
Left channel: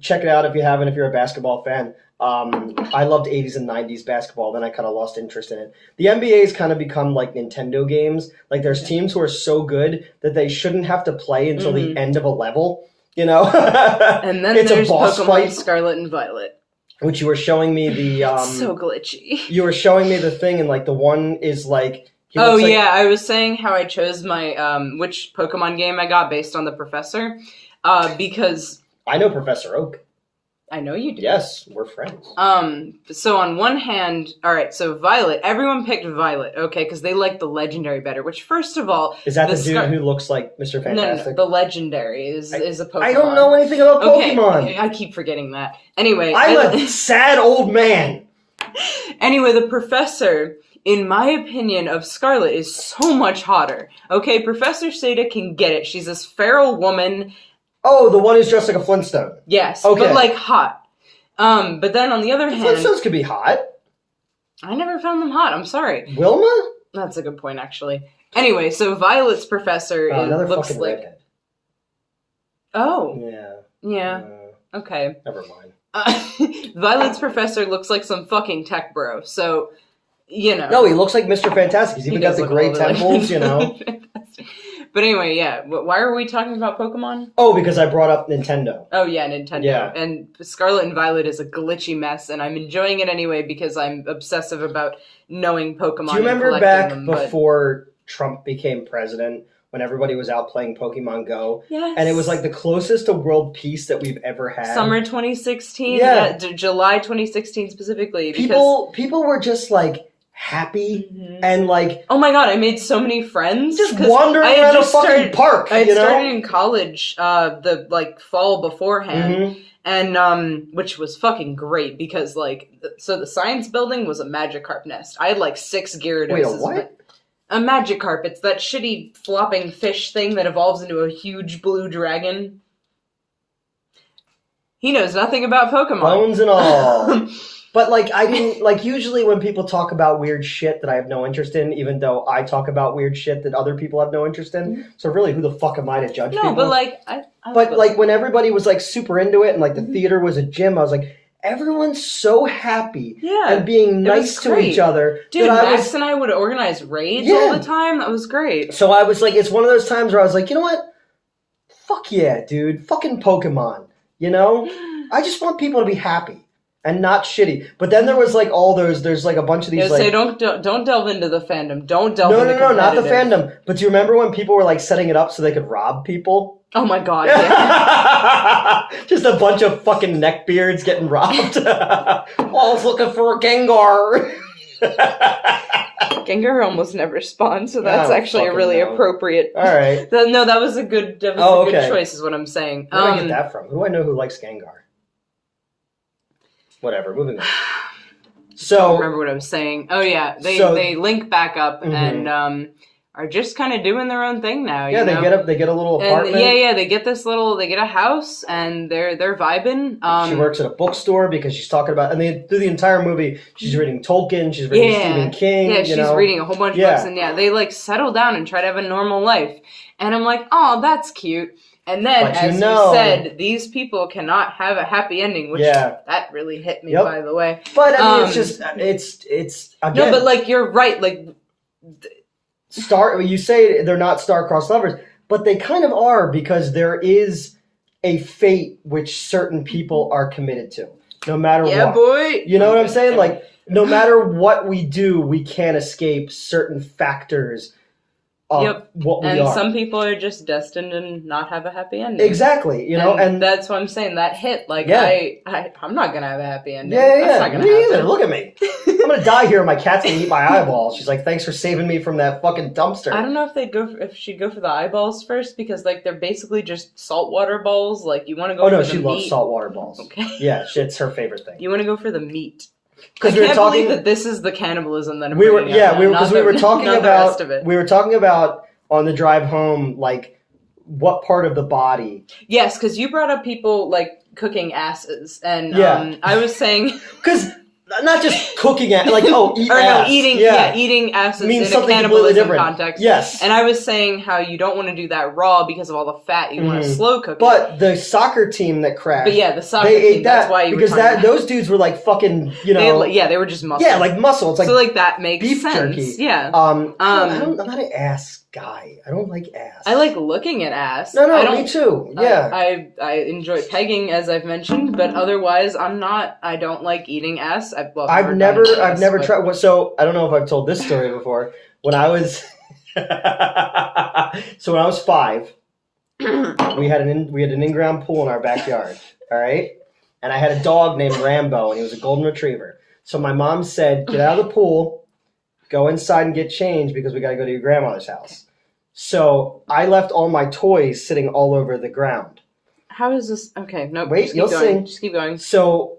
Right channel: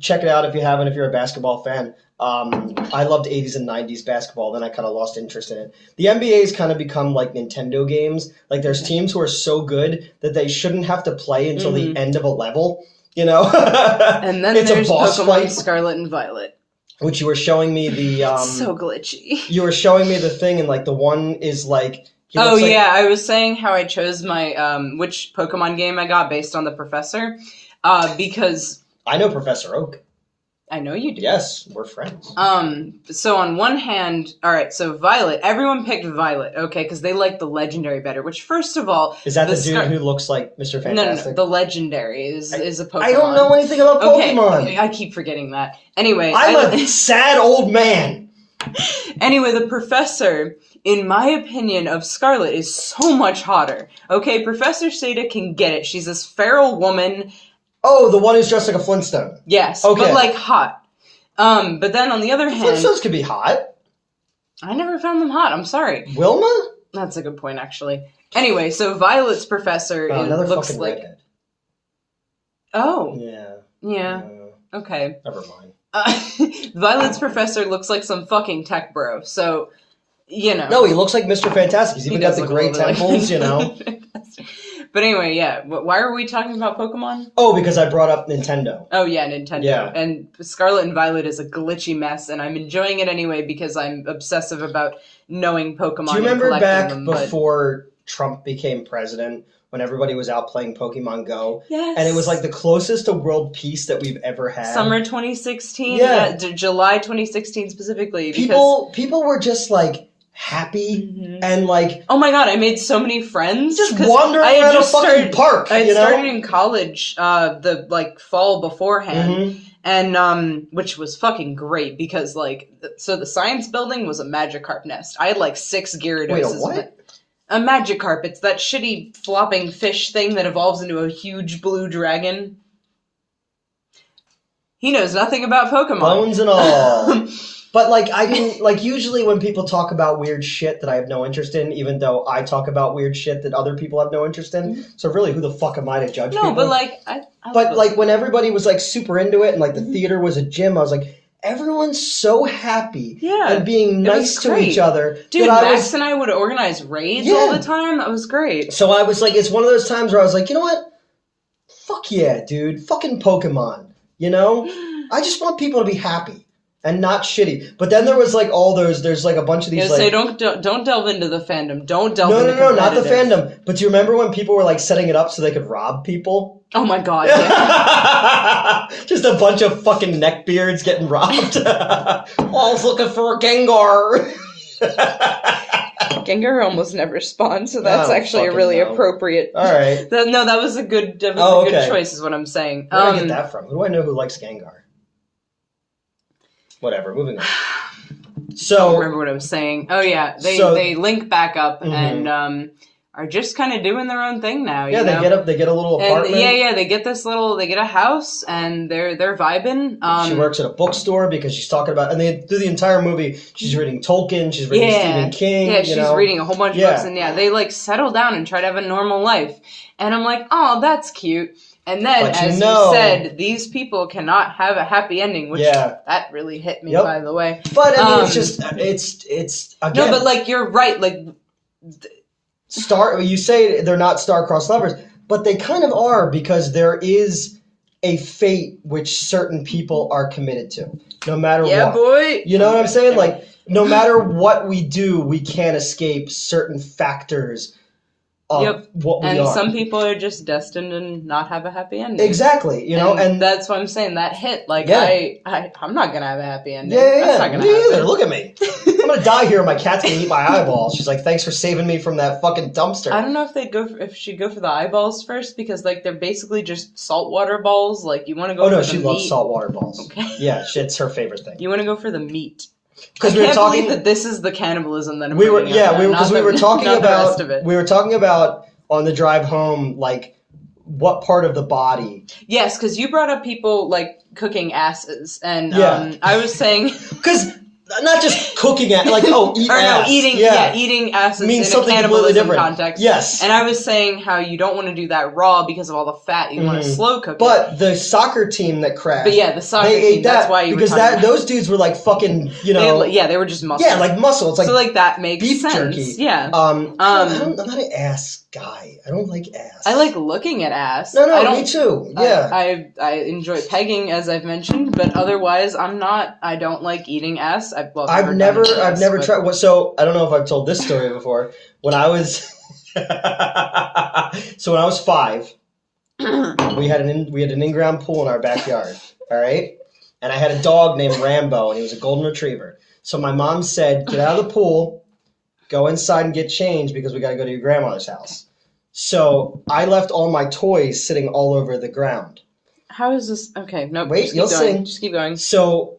Check it out if you haven't, if you're a basketball fan. I loved 80s and 90s basketball, then I kind of lost interest in it. The NBA's kind of become like Nintendo games. Like there's teams who are so good that they shouldn't have to play until the end of a level. You know? And then it's there's a boss Pokemon fight. Scarlet and Violet. Which you were showing me the... It's so glitchy. You were showing me the thing, and like the one is like... I was saying how I chose my... which Pokemon game I got based on the professor. Because... I know Professor Oak. I know you do. Yes, we're friends. So on one hand, alright, so Violet, everyone picked Violet, okay, because they like the Legendary better, which first of all... Is that the dude who looks like Mr. Fantastic? No, the Legendary is a Pokemon. I don't know anything about Pokemon. Okay, I keep forgetting that. Anyway... I'm a sad old man. Anyway, the professor, in my opinion, of Scarlet is so much hotter. Okay, Professor Seda can get it. She's this feral woman... Oh, the one who's dressed like a Flintstone. Yes, okay. But like hot. But then on the other hand... Flintstones could be hot. I never found them hot, I'm sorry. Wilma? That's a good point, actually. Anyway, so Violet's professor looks like... redhead. Oh. Yeah. Okay. Never mind. Violet's professor looks like some fucking tech bro, so, you know. No, he looks like Mr. Fantastic. He's even got the gray temples, you know. But anyway, yeah. Why are we talking about Pokemon? Oh, because I brought up Nintendo. Oh, yeah, Nintendo. Yeah. And Scarlet and Violet is a glitchy mess, and I'm enjoying it anyway because I'm obsessive about knowing Pokemon. Do you remember back before Trump became president, when everybody was out playing Pokemon Go? Yes. And it was like the closest to world peace that we've ever had. Summer 2016? Yeah. July 2016 specifically. People were just like... happy and like, oh my god, I made so many friends just wandering around a fucking park. I had started in college the like fall beforehand, and which was fucking great because like so the science building was a Magikarp nest. I had like 6 Gyarados. Wait, a what? A Magikarp. It's that shitty flopping fish thing that evolves into a huge blue dragon. He knows nothing about Pokemon. Bones and all. But, like, I didn't, like, usually when people talk about weird shit that I have no interest in, even though I talk about weird shit that other people have no interest in, so really, who the fuck am I to judge people? No, but, like, But, like, when everybody was, like, super into it, and, like, the theater was a gym, I was like, everyone's so happy and being nice to each other. Dude, Max and I would organize raids all the time. That was great. So I was like, it's one of those times where I was like, you know what? Fuck yeah, dude. Fucking Pokemon. You know? I just want people to be happy and not shitty. But then there was like all those. There's like a bunch of these. Yeah, like, so don't delve into the fandom. Don't delve. No, not the fandom. But do you remember when people were like setting it up so they could rob people? Oh my god! Yeah. Just a bunch of fucking neckbeards getting robbed. I was looking for a Gengar. Gengar almost never spawns, so that's actually a really appropriate. All right. No, that was a good. That was a good choice, is what I'm saying. Where did I get that from? Who do I know who likes Gengar? Whatever. Moving on. So I don't remember what I'm saying. Oh yeah, they link back up and are just kind of doing their own thing now. Yeah, they get a little apartment. Yeah, they get a house and they're vibing. She works at a bookstore because she's talking about, and through the entire movie she's reading Tolkien, she's reading Stephen King. Yeah, she's reading a whole bunch of books, and they like settle down and try to have a normal life. And I'm like, oh, that's cute. And then, as you said, these people cannot have a happy ending, which that really hit me, by the way. But I mean, it's just it's again. No, but like you're right, like. You say they're not star-crossed lovers, but they kind of are, because there is a fate which certain people are committed to, no matter what. Yeah, boy. You know what I'm saying? Like, no matter what we do, we can't escape certain factors of what we are. And some people are just destined to not have a happy ending. Exactly, you know, and that's what I'm saying. That hit, like, I'm not gonna have a happy ending. That's not gonna me happen. Either. Look at me. I'm gonna die here, and my cat's gonna eat my eyeballs. She's like, "Thanks for saving me from that fucking dumpster." I don't know if she'd go for the eyeballs first, because like they're basically just saltwater balls. Like, you want to go. Oh no, for she loves saltwater balls. Okay. Yeah, it's her favorite thing. You want to go for the meat. Because I can't believe that this is the cannibalism that we were talking about on the drive home, like, what part of the body? Yes, because you brought up people, like, cooking asses, and I was saying... Because not just cooking ass, like, eat ass. No, eating asses means in something a cannibalism completely different. Context. Yes. And I was saying how you don't want to do that raw because of all the fat. You want to slow cook it. But the soccer team that crashed... But yeah, the soccer team, that's why you because those dudes were like fucking, you know... They were just muscle. Yeah, like muscle. It's like... So, like, that makes beef sense. Jerky. Yeah. I'm not an ass guy. I don't like ass. I like looking at ass. No, me too. Yeah. I enjoy pegging, as I've mentioned, but otherwise I don't like eating ass. I've never tried. So I don't know if I've told this story before. When I was 5, we had an in-ground pool in our backyard. All right, and I had a dog named Rambo, and he was a golden retriever. So my mom said, "Get out of the pool, go inside and get changed because we got to go to your grandmother's house." So I left all my toys sitting all over the ground. How is this? Okay, no. Wait, you'll see. Just keep going. So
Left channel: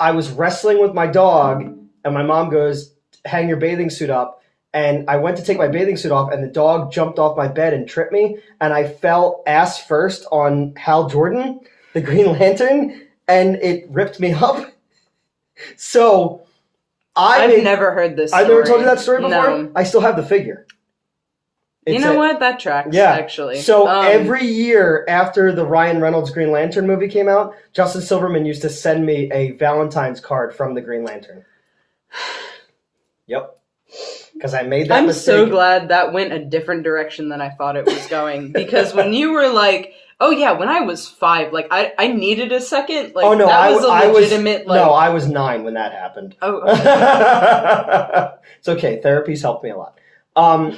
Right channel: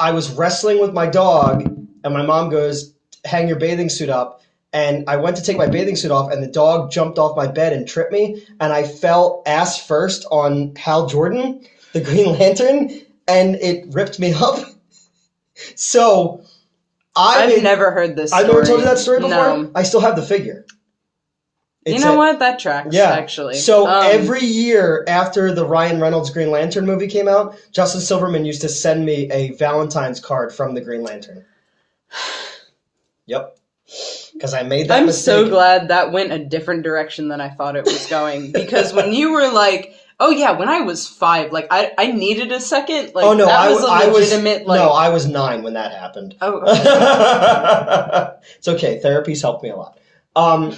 I was wrestling with my dog, and my mom goes, "Hang your bathing suit up." And I went to take my bathing suit off, and the dog jumped off my bed and tripped me, and I fell ass first on Hal Jordan, the Green Lantern, and it ripped me up. So I've never heard this story. I've never told you that story before? No. I still have the figure. What? That tracks, actually. So every year after the Ryan Reynolds Green Lantern movie came out, Justin Silverman used to send me a Valentine's card from the Green Lantern. Yep. Because I made that mistake. I'm so glad that went a different direction than I thought it was going. Because when you were like, oh yeah, when I was 5, like, I needed a second. Like, oh no, that was a legitimate, no, I was 9 when that happened. Oh, okay. It's okay. Therapy's helped me a lot.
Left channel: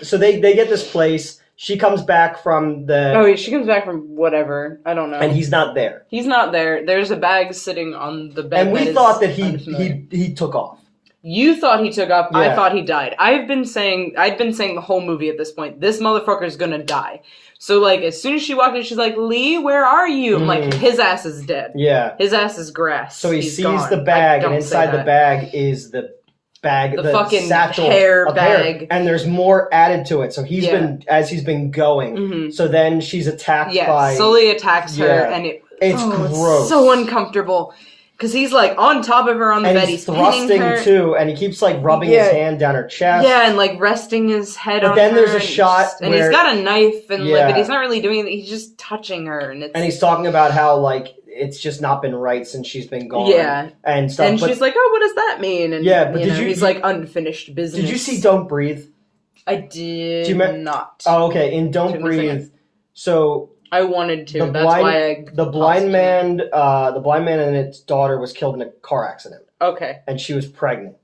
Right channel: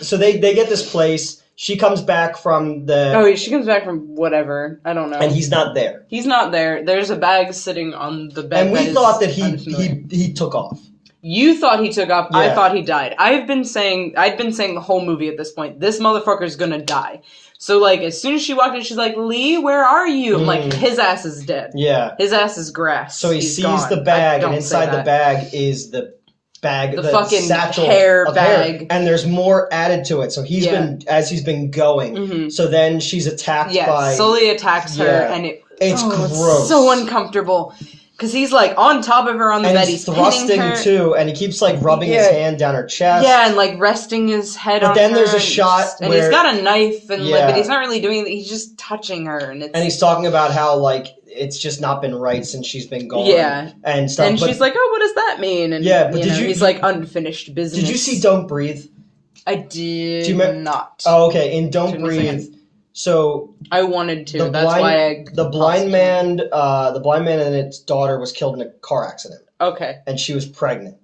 So they get this place. She comes back from the... Oh, she comes back from whatever. I don't know. And he's not there. He's not there. There's a bag sitting on the bed. And we thought that he took off. You thought he took off. Yeah. I thought he died. I'd been saying the whole movie at this point, this motherfucker's gonna die. So, like, as soon as she walked in, she's like, Lee, where are you? I'm like, his ass is dead. Yeah. His ass is grass. So he sees the bag, and inside the bag is the bag, the fucking satchel hair bag. And there's more added to it. So he's been going. So then she's attacked by... Sully attacks her, and it's gross. It's so uncomfortable. Because he's, like, on top of her on the bed. He's thrusting, too, and he keeps, like, rubbing his hand down her chest. Yeah, and, like, resting his head on her. But then there's a shot and he's got a knife, and but he's not really doing anything. He's just touching her. And he's talking about how, like, it's just not been right since she's been gone. Yeah. And stuff. And she's like, oh, what does that mean? And, but he's like, unfinished business. Did you see Don't Breathe? I did not. Oh, okay. In Don't Breathe... So I wanted to. That's why I the blind man and its daughter was killed in a car accident. Okay. And she was pregnant.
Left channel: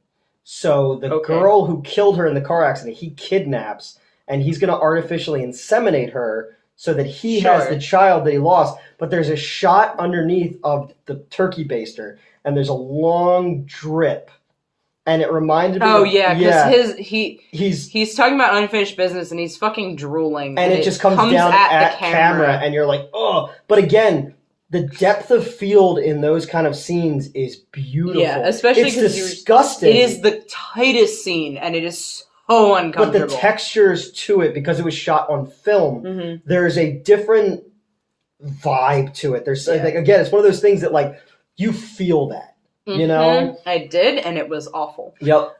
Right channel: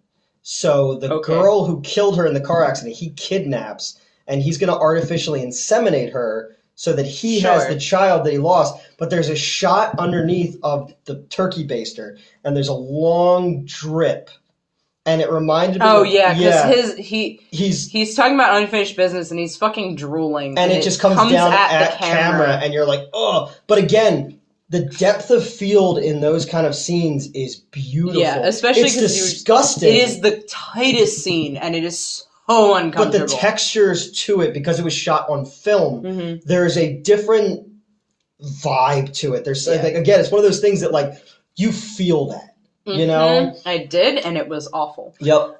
So the girl who killed her in the car accident, he kidnaps, and he's going to artificially inseminate her so that he has the child that he lost. But there's a shot underneath of the turkey baster, and there's a long drip. And it reminded me. Oh yeah, because he's talking about unfinished business, and he's fucking drooling, and it just comes down at the camera, and you're like, oh. But again, the depth of field in those kind of scenes is beautiful. Yeah, especially because it's disgusting. It is the tightest scene, and it is so uncomfortable. But the textures to it, because it was shot on film, there's a different vibe to it. There's like, again, it's one of those things that like you feel that. You know? I did, and it was awful. Yep.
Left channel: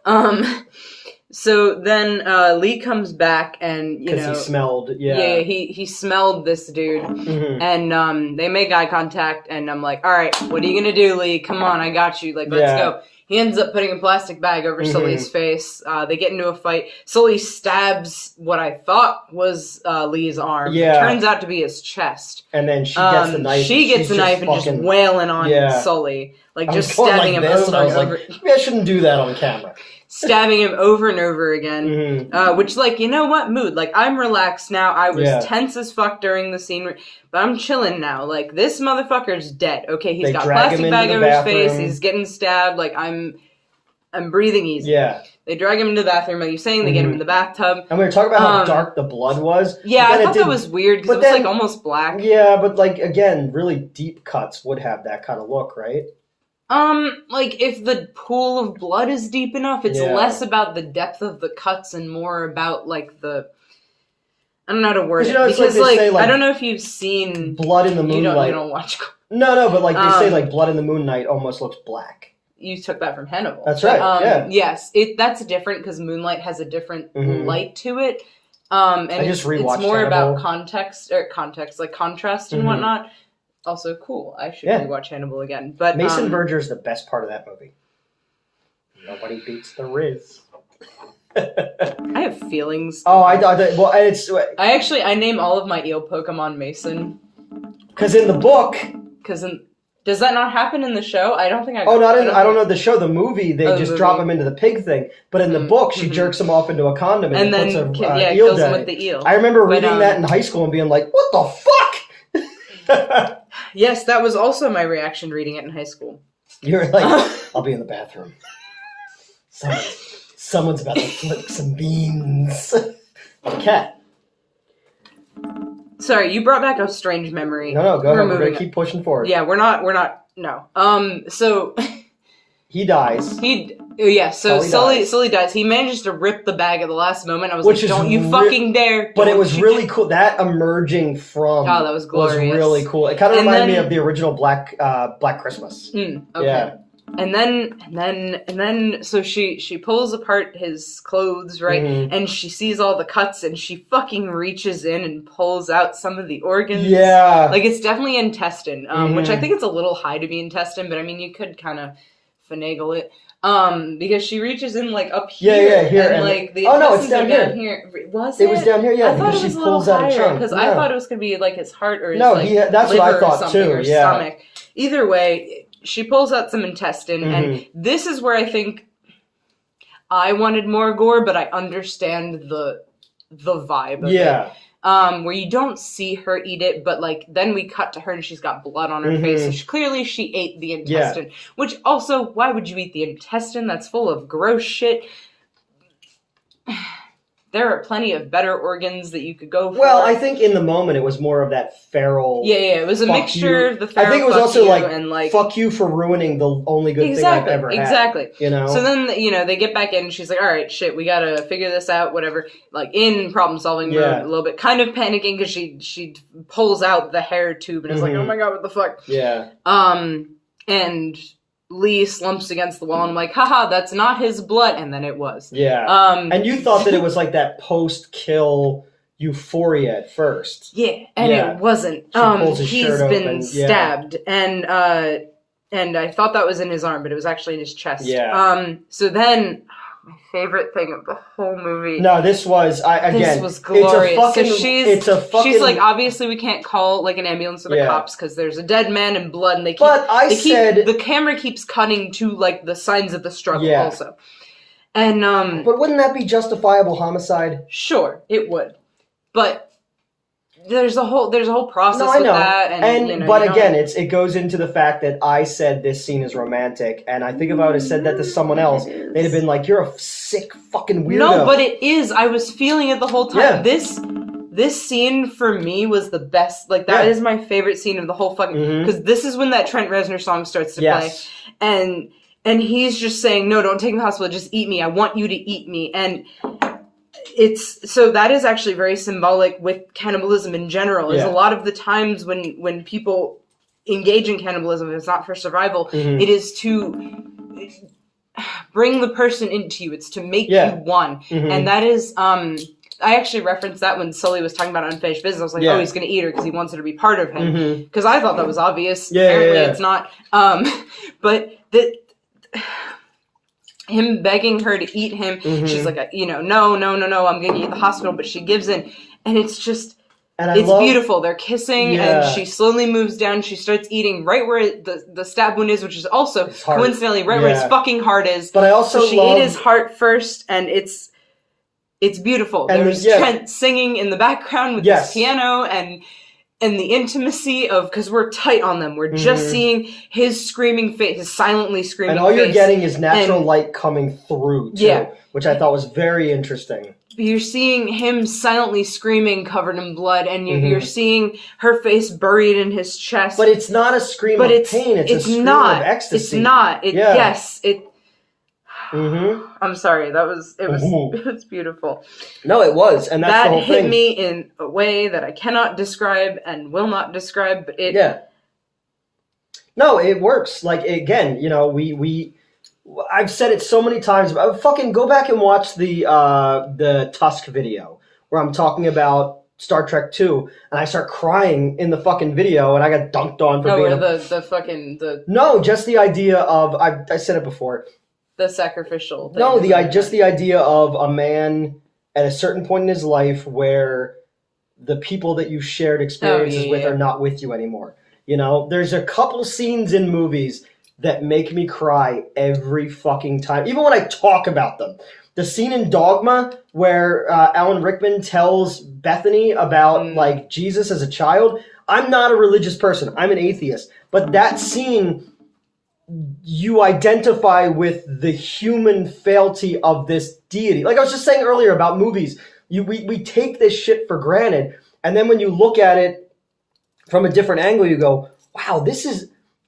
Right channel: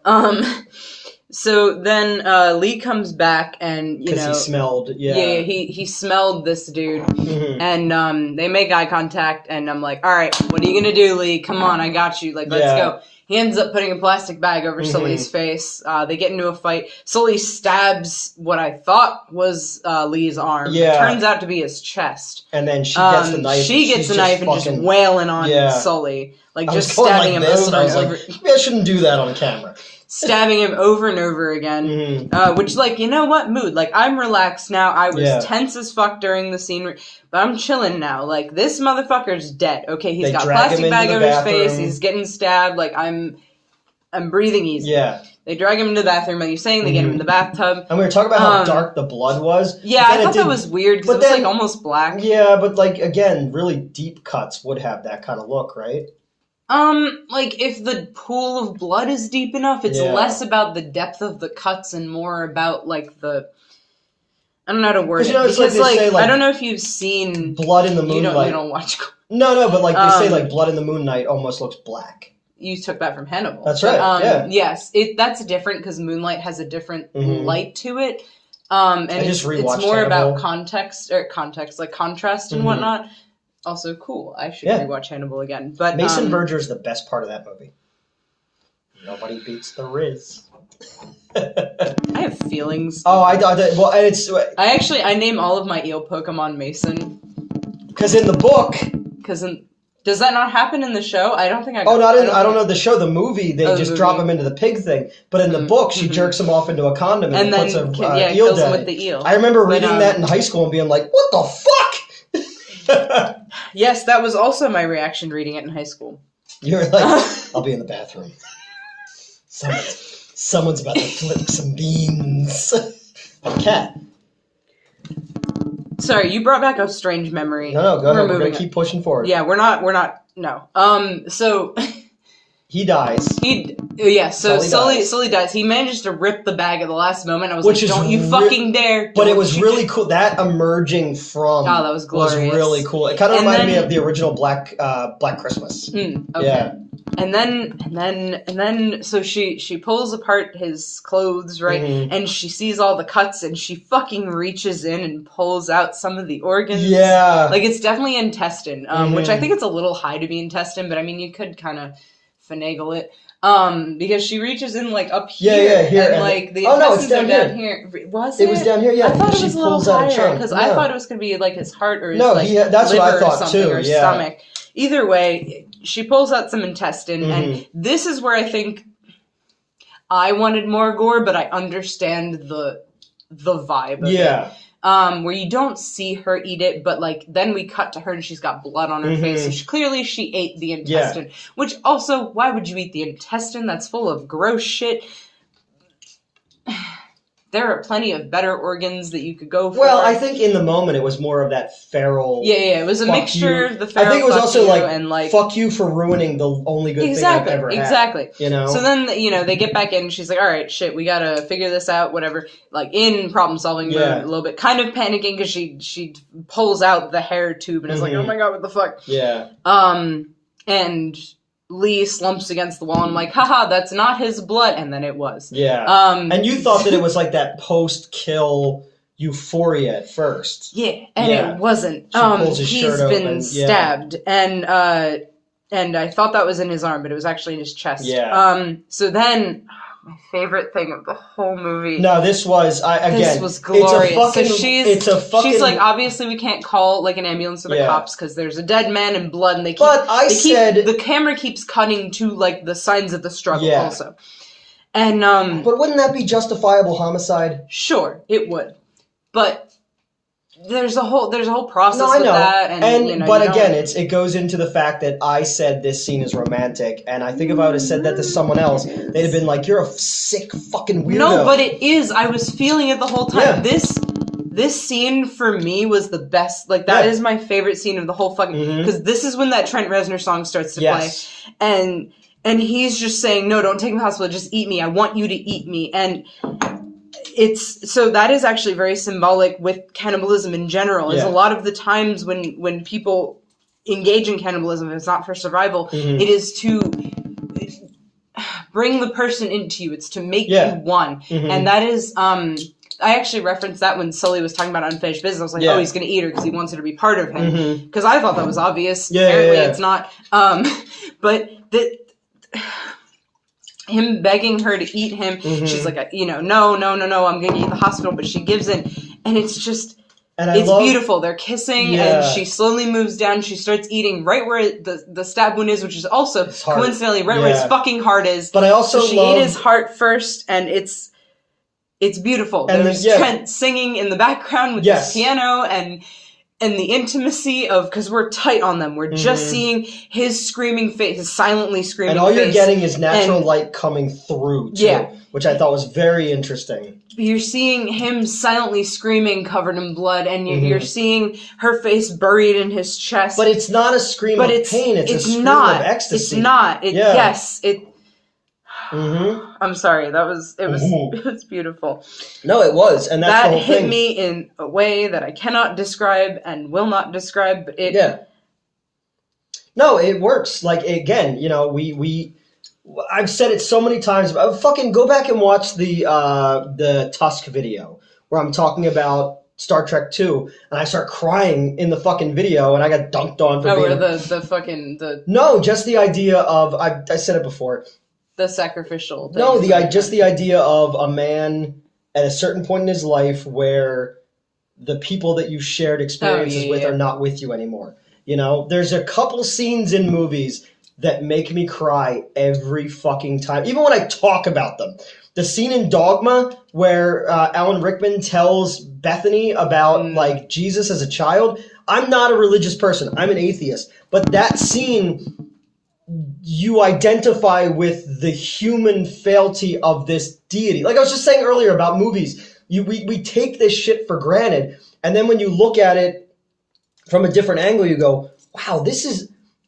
So then Lee comes back, and because he smelled, he smelled this dude, and they make eye contact, and I'm like, all right, what are you gonna do, Lee? Come on, I got you. Like, let's go. He ends up putting a plastic bag over Sully's face. They get into a fight. Sully stabs what I thought was Lee's arm. Yeah. It turns out to be his chest. And then she gets the knife. She gets the knife and just wailing on Sully. Like, just stabbing him over and over. Maybe I shouldn't do that on camera. Stabbing him over and over again. Which, like, you know what? Mood. Like, I'm relaxed now. I was tense as fuck during the scene. But I'm chilling now. Like, this motherfucker's dead. Okay, he's got a plastic bag over his face. He's getting stabbed. Like, I'm breathing easy. Yeah. They drag him into the bathroom, like you're saying. They get him in the bathtub. And we were talking about how dark the blood was. Yeah, I thought that was weird, because it was, like, almost black. Yeah, but, like, again, really deep cuts would have that kind of look, right? Like, if the pool of blood is deep enough, it's less about the depth of the cuts and more about, like, the... I don't know how to word it. Because, like, I don't know if you've seen... Blood in the Moonlight. You don't watch... No, but, like, they say, like, Blood in the Moonlight almost looks black. You took that from Hannibal. That's right, Yes, that's different, because Moonlight has a different light to it. And it's more Hannibal. about contrast and whatnot. Also cool. I should rewatch Hannibal again. But Mason Verger is the best part of that movie. Nobody beats the Riz. I have feelings. Oh, I name all of my eel Pokemon Mason. Because in the book. Does that not happen in the show? I don't think I. I don't know the show. The movie, they just drop him into the pig thing. But in the book, she jerks him off into a condom and puts a eel kills him with the eel. I remember reading that in high school and being like, "What the fuck?" Yes, that was also my reaction reading it in high school. You were like, I'll be in the bathroom. Someone's about to flip some beans. Cat. Sorry, you brought back a strange memory. No, go ahead. We're going to keep pushing forward. Yeah, we're not, no. So... He dies. Sully dies. He manages to rip the bag at the last moment. I was like, don't you fucking dare. But it was really cool. That emerging from that was glorious. Was really cool. It kind of reminded me of the original Black Christmas. Okay. Yeah. And then, so she pulls apart his clothes, right? And she sees all the cuts, and she fucking reaches in and pulls out some of the organs. Yeah. Like, it's definitely intestine, which I think it's a little high to be intestine, but I mean, you could kind of finagle it. Because she reaches in, like, up here. Here. And, like, the intestines it's down are here. Was it? It was down here, I thought it was a little higher, because I thought it was going to be, like, his heart or his, that's what I thought, too. Or stomach. Either way, she pulls out some intestine, and this is where I think I wanted more gore, but I understand the vibe of it. Where you don't see her eat it, but, like, then we cut to her and she's got blood on her face, so clearly she ate the intestine. Which, also, why would you eat the intestine? That's full of gross shit. There are plenty of better organs that you could go for. Well, I think in the moment it was more of that feral... Yeah, it was a mixture of the feral. I think it was also like, fuck you for ruining the only good thing I've ever had. Exactly. You know? So then, they get back in and she's like, alright, shit, we gotta figure this out, whatever. Like, in problem-solving mode a little bit. Kind of panicking because she pulls out the hair tube and is like, oh my god, what the fuck? Yeah. And... Lee slumps against the wall, and I'm like, haha, that's not his blood, and then it was. Yeah. And you thought that it was like that post-kill euphoria at first. Yeah, and it wasn't. He's been stabbed, and I thought that was in his arm, but it was actually in his chest. Yeah. So then, oh my favorite thing of the whole movie. No, this was this was glorious. It's a fucking. She's like, obviously we can't call like an ambulance or the cops because there's a dead man and blood, and the camera keeps cutting to like the signs of the struggle also. And but wouldn't that be justifiable homicide? Sure, it would, but. There's a whole process with that, but again, it goes into the fact that I said this scene is romantic, and I think if I would have said that to someone else, they'd have been like, "You're a sick fucking weirdo." No, but it is. I was feeling it the whole time. Yeah. This scene for me was the best. Like that is my favorite scene of the whole fucking because this is when that Trent Reznor song starts to play, and he's just saying, "No, don't take me to the hospital. Just eat me. I want you to eat me." And so that is actually very symbolic with cannibalism in general. Is a lot of the times when people engage in cannibalism, it's not for survival. It is to bring the person into you. It's to make you one. And that is I actually referenced that when Sully was talking about unfinished business. I was like, oh, he's going to eat her because he wants her to be part of him. Because I thought that was obvious. Apparently it's not. But him begging her to eat him, she's like, no, I'm going to eat the hospital, but she gives in. And it's just, it's beautiful. They're kissing, and she slowly moves down. She starts eating right where the stab wound is, which is also coincidentally right where his fucking heart is. But I also she ate his heart first, and it's beautiful. And there's Trent singing in the background with his piano, and the intimacy of, because we're tight on them. We're just seeing his screaming face, his silently screaming face. And all you're getting is natural light coming through, too, which I thought was very interesting. You're seeing him silently screaming, covered in blood, and you're seeing her face buried in his chest. But it's not a scream of pain, it's a scream of ecstasy. It's not. Yes, it... I'm sorry. It was beautiful. No, it was, and that's the whole thing. That hit me in a way that I cannot describe and will not describe. But it. Yeah. No, it works. Like again, I've said it so many times. Fucking go back and watch the Tusk video where I'm talking about Star Trek 2, and I start crying in the fucking video, and I got dunked on for being... No, just the idea of... I said it before. The sacrificial thing. No, just the idea of a man at a certain point in his life where the people that you shared experiences with are not with you anymore. There's a couple scenes in movies that make me cry every fucking time, even when I talk about them. The scene in Dogma where Alan Rickman tells Bethany about like Jesus as a child. I'm not a religious person. I'm an atheist. But that scene, you identify with the human frailty of this deity. Like I was just saying earlier about movies, we take this shit for granted, and then when you look at it from a different angle, you go, wow,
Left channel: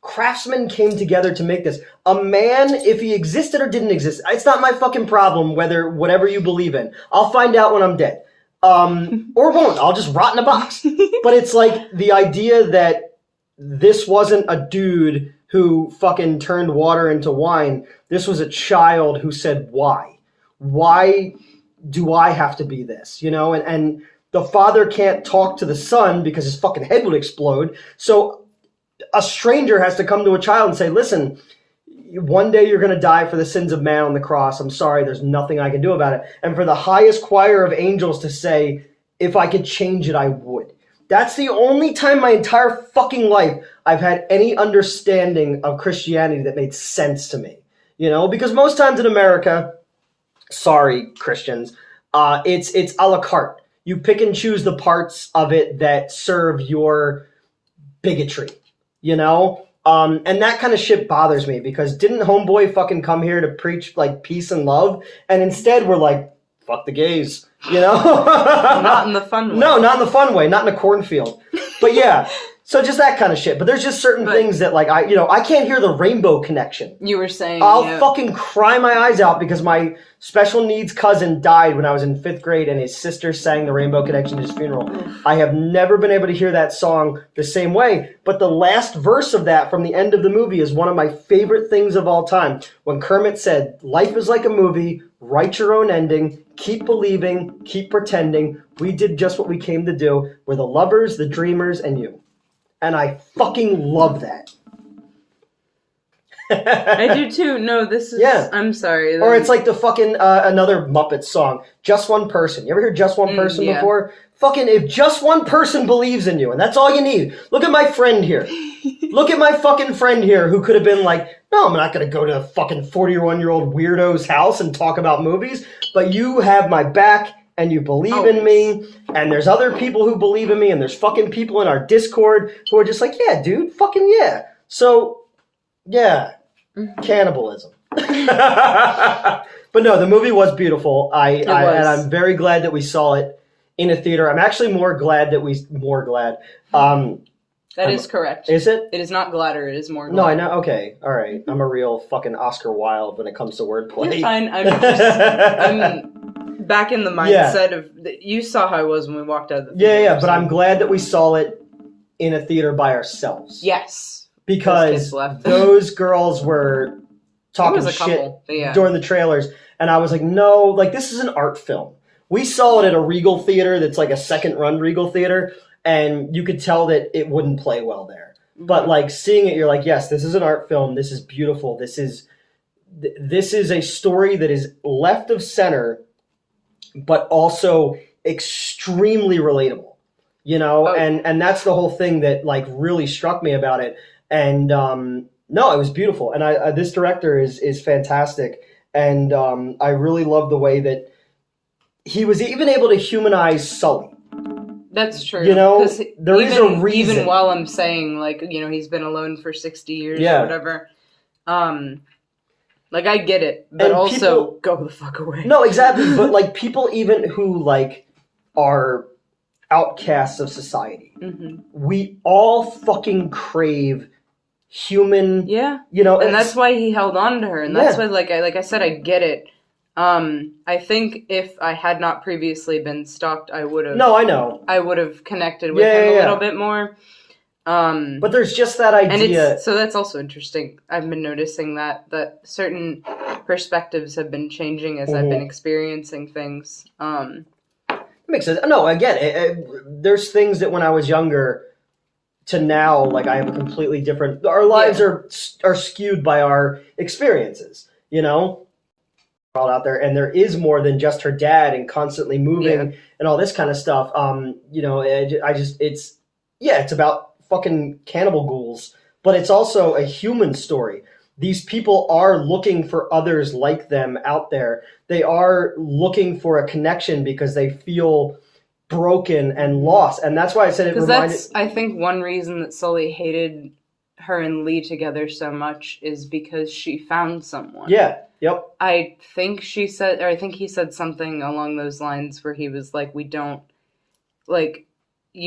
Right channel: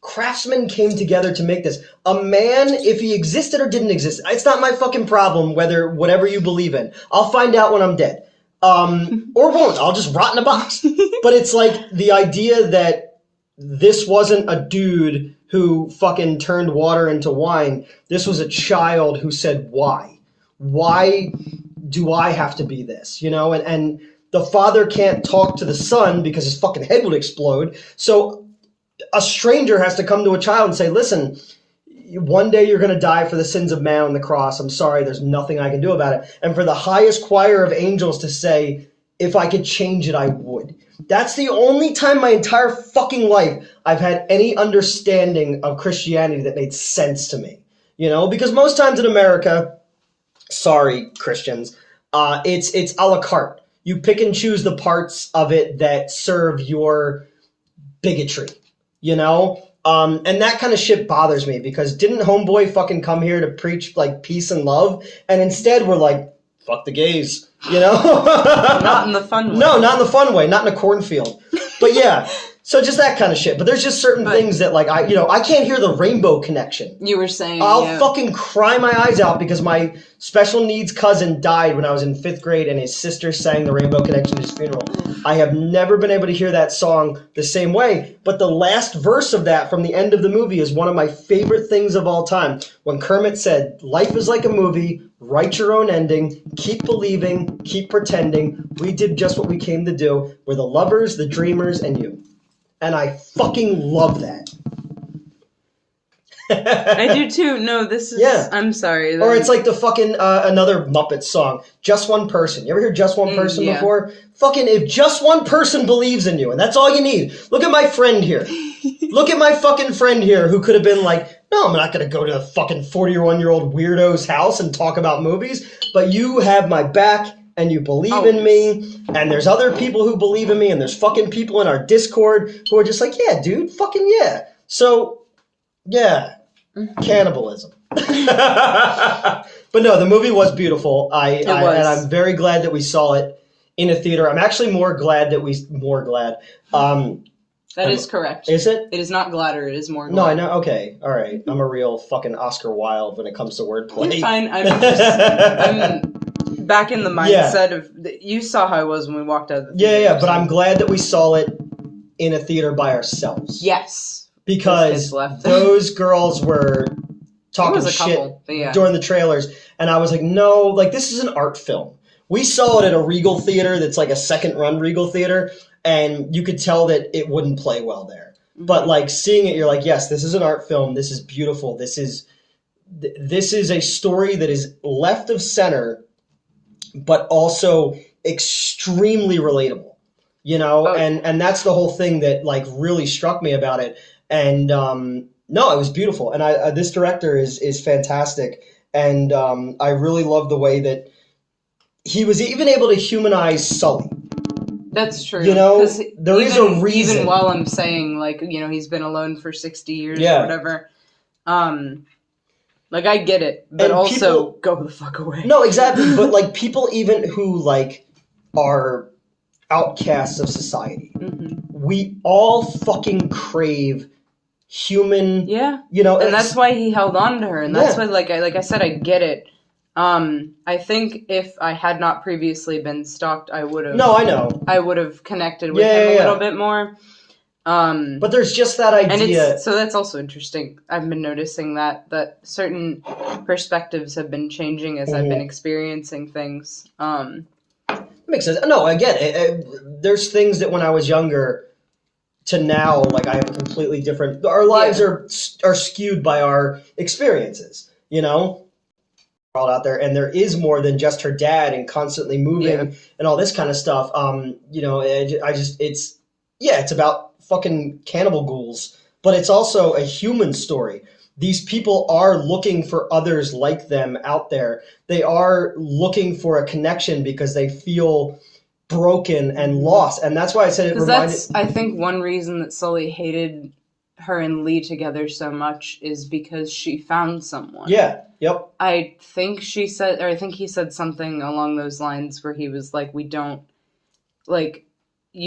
craftsmen came together to make this. A man, if he existed or didn't exist, it's not my fucking problem whatever you believe in. I'll find out when I'm dead. Or won't. I'll just rot in a box. But it's like the idea that this wasn't a dude who fucking turned water into wine. This was a child who said, why? Why do I have to be this? And the father can't talk to the son because his fucking head would explode. So a stranger has to come to a child and say, listen, one day you're going to die for the sins of man on the cross. I'm sorry, there's nothing I can do about it. And for the highest choir of angels to say, if I could change it, I would. That's the only time my entire fucking life I've had any understanding of Christianity that made sense to me. Because most times in America, sorry, Christians, it's a la carte. You pick and choose the parts of it that serve your bigotry, And that kind of shit bothers me, because didn't Homeboy fucking come here to preach like peace and love? And instead we're like, fuck the gays. Not in the fun way. No, not in the fun way. Not in a cornfield. But yeah, so just that kind of shit. But there's just certain things that like I can't hear the Rainbow Connection. You were saying I'll fucking cry my eyes out because my special needs cousin died when I was in 5th grade, and his sister sang the Rainbow Connection at his funeral. I have never been able to hear that song the same way. But the last verse of that from the end of the movie is one of my favorite things of all time. When Kermit said, "Life is like a movie. Write your own ending, keep believing, keep pretending. We did just what we came to do. We're the lovers, the dreamers, and you." And I fucking love that. I do too. No, this is. Yeah. I'm sorry. Or it's like the fucking another Muppet song, Just One Person. You ever hear Just One Person before? Fucking, if just one person believes in you, and that's all you need. Look at my friend here. Look at my fucking friend here who could have been like, no, I'm not going to go to a fucking 41-year-old weirdo's house and talk about movies, but you have my back and you believe in me, and there's other people who believe in me, and there's fucking people in our Discord who are just like, yeah, dude, fucking yeah. So, yeah, cannibalism. But no, the movie was beautiful. And I'm very glad that we saw it in a theater. I'm actually more glad. That is correct. Is it? It is not gladder, it is more glad. No, I know. Okay, all right. I'm a real fucking Oscar Wilde when it comes to wordplay. You're fine. I'm back in the mindset of... You saw how I was when we walked out of the theater. Yeah, but I'm glad that we saw it in a theater by ourselves. Yes. Because those girls were talking shit during the trailers, and I was like, no, like, this is an art film. We saw it at a Regal theater that's like a second-run Regal theater, and you could tell that it wouldn't play well there. But, like, seeing it, you're like, yes, this is an art film. This is beautiful. This is a story that is left of center, but also extremely relatable, you know? And that's the whole thing that, like, really struck me about it. And, no, it was beautiful. And this director is fantastic. And I really love the way that he was even able to humanize Sully. That's true. You know, there is a reason. Even while I'm saying, like, you know, he's been alone for 60 years or whatever. Like, I get it. But and also, go the fuck away. No, exactly. But, like, people even who, like, are outcasts of society, we all fucking crave human, you know, and that's why he held on to her, and that's why, like I said, I get it. I think if I had not previously been stalked, I would have. No, I know. I would have connected with him a little bit more. But there's just that idea. And so that's also interesting. I've been noticing that certain perspectives have been changing as I've been experiencing things. Makes sense. No, again, there's things that when I was younger to now, like, I have a completely different... Our lives are skewed by our experiences, you know? All out there, and there is more than just her dad and constantly moving and all this kind of stuff. You know, it's about fucking cannibal ghouls, but it's also a human story. These people are looking for others like them out there. They are looking for a connection because they feel broken and lost, and that's why I said it reminded... Because that's, I think, one reason that Sully hated her and Lee together so much is because she found someone. Yeah, yep. I think he said something along those lines where he was like, you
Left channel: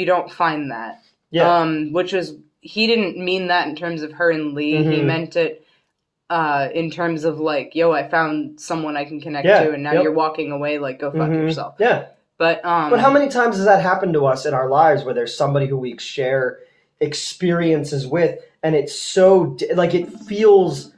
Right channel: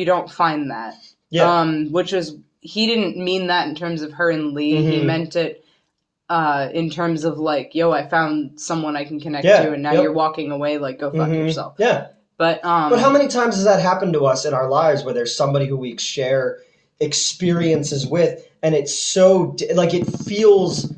don't find that. Yeah. Which was, he didn't mean that in terms of her and Lee. He meant it in terms of, like, yo, I found someone I can connect to, and now you're walking away, like, go fuck yourself. Yeah. But how many times has that happened to us in our lives where there's somebody who we share experiences with, and it's so, like, it feels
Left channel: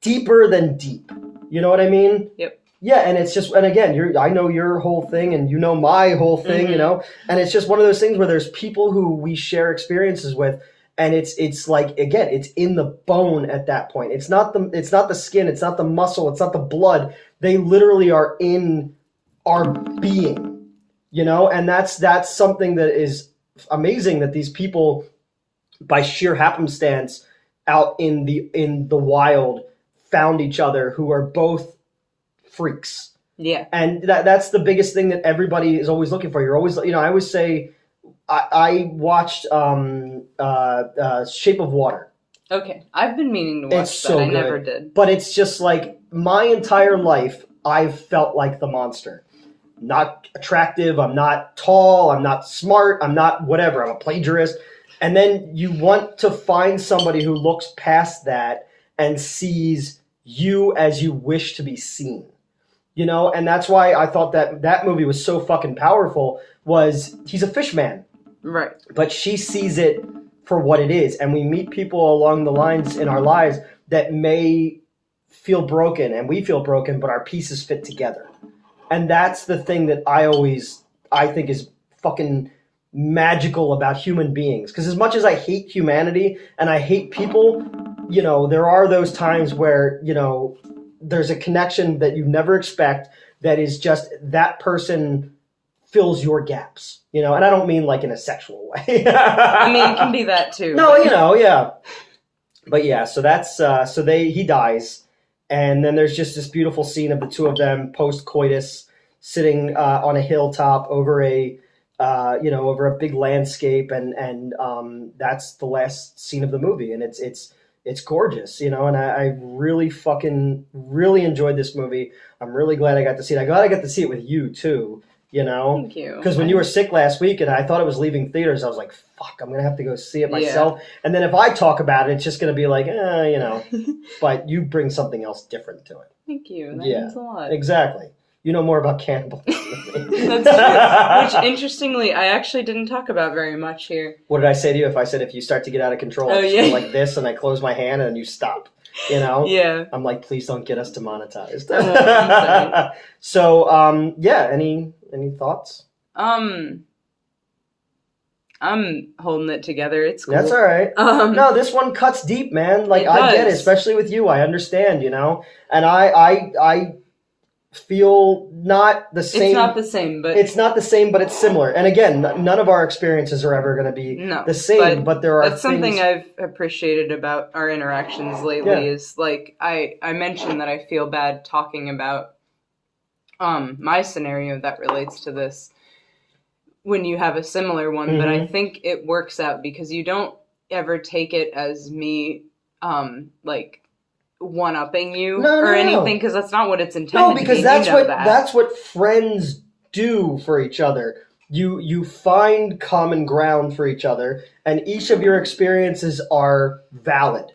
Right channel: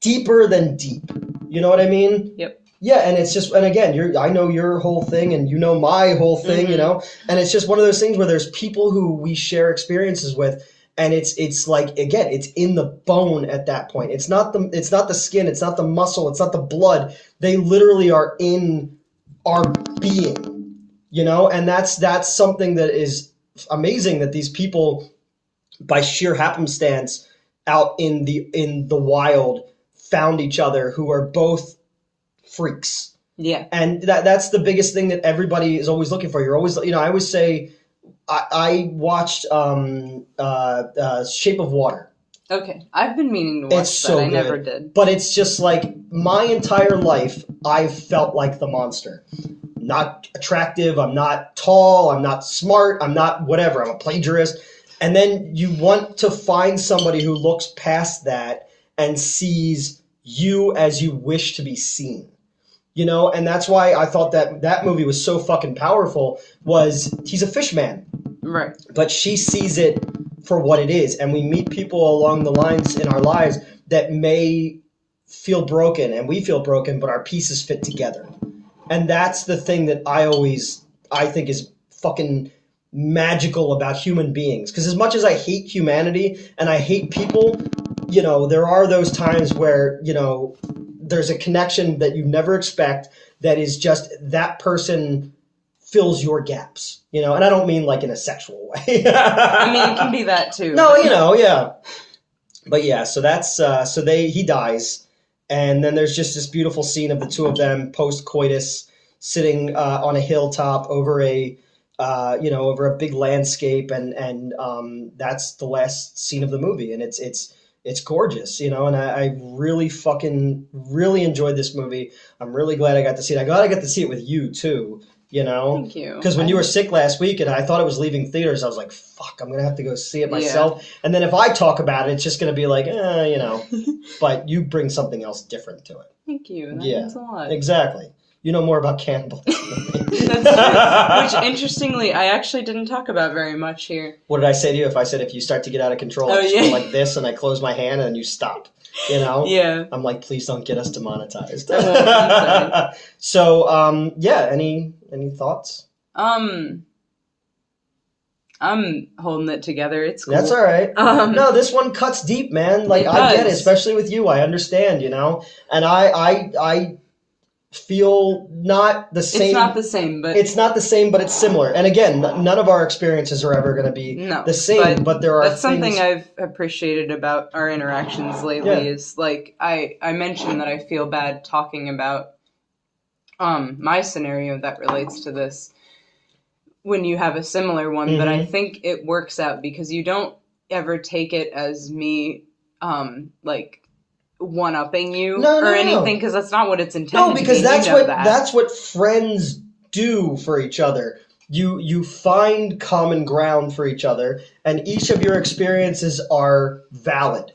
deeper than deep. You know what I mean? Yep. Yeah, and it's just, and again, I know your whole thing, and you know my whole thing, you know? And it's just one of those things where there's people who we share experiences with, and it's like, again, it's in the bone at that point. It's not the skin, it's not the muscle, it's not the blood. They literally are in our being, you know? And that's something that is amazing, that these people, by sheer happenstance out in the wild, found each other, who are both freaks. Yeah. And that's the biggest thing that everybody is always looking for. You're always, you know, I always say, I watched Shape of Water. Okay, I've been meaning to watch that. I never did. But it's just like, my entire life, I've felt like the monster. Not attractive, I'm not tall, I'm not smart, I'm not whatever, I'm a plagiarist. And then you want to find somebody who looks past that and sees you as you wish to be seen. You know, and that's why I thought that movie was so fucking powerful, was he's a fish man. Right. But she sees it for what it is. And we meet people along the lines in our lives that may feel broken, and we feel broken, but our pieces fit together. And that's the thing that I think is fucking magical about human beings. Because as much as I hate humanity and I hate people, you know, there are those times where, you know, there's a connection that you never expect that is just that person fills your gaps, you know, and I don't mean like in a sexual way. I mean, it can be that too. No, you know, yeah. But yeah, so that's, he dies, and then there's just this beautiful scene of the two of them post-coitus sitting on a hilltop over a, over a big landscape, and that's the last scene of the movie, and it's gorgeous, you know, and I really enjoyed this movie. I'm really glad I got to see it. I'm glad I got to see it with you, too, you know? Thank you. Because when you were sick last week and I thought it was leaving theaters, I was like, fuck, I'm going to have to go see it myself. Yeah. And then if I talk about it, it's just going to be like, you know. But you bring something else different to it. Thank you. That means a lot. Exactly. You know more about cannibals than me. That's true. Which, interestingly, I actually didn't talk about very much here. What did I say to you? If I said if you start to get out of control, I just go like this and I close my hand and then you stop. You know? Yeah. I'm like, please don't get us demonetized. Oh, so, any thoughts? I'm holding it together. It's cool. That's all right. No, this one cuts deep, man. Like, I get it, especially with you. I understand, you know? And I feel not the same. It's not the same, but... It's not the same, but it's similar. And again, none of our experiences are ever going to be the same, but there are That's something I've appreciated about our interactions lately is, like, I mentioned that I feel bad talking about my scenario that relates to this when you have a similar one, but I think it works out because you don't ever take it as me, like... one-upping you anything, because that's not what it's intended to be. No, because that's what friends do for each other. You find common ground for each other, and each of your experiences are valid.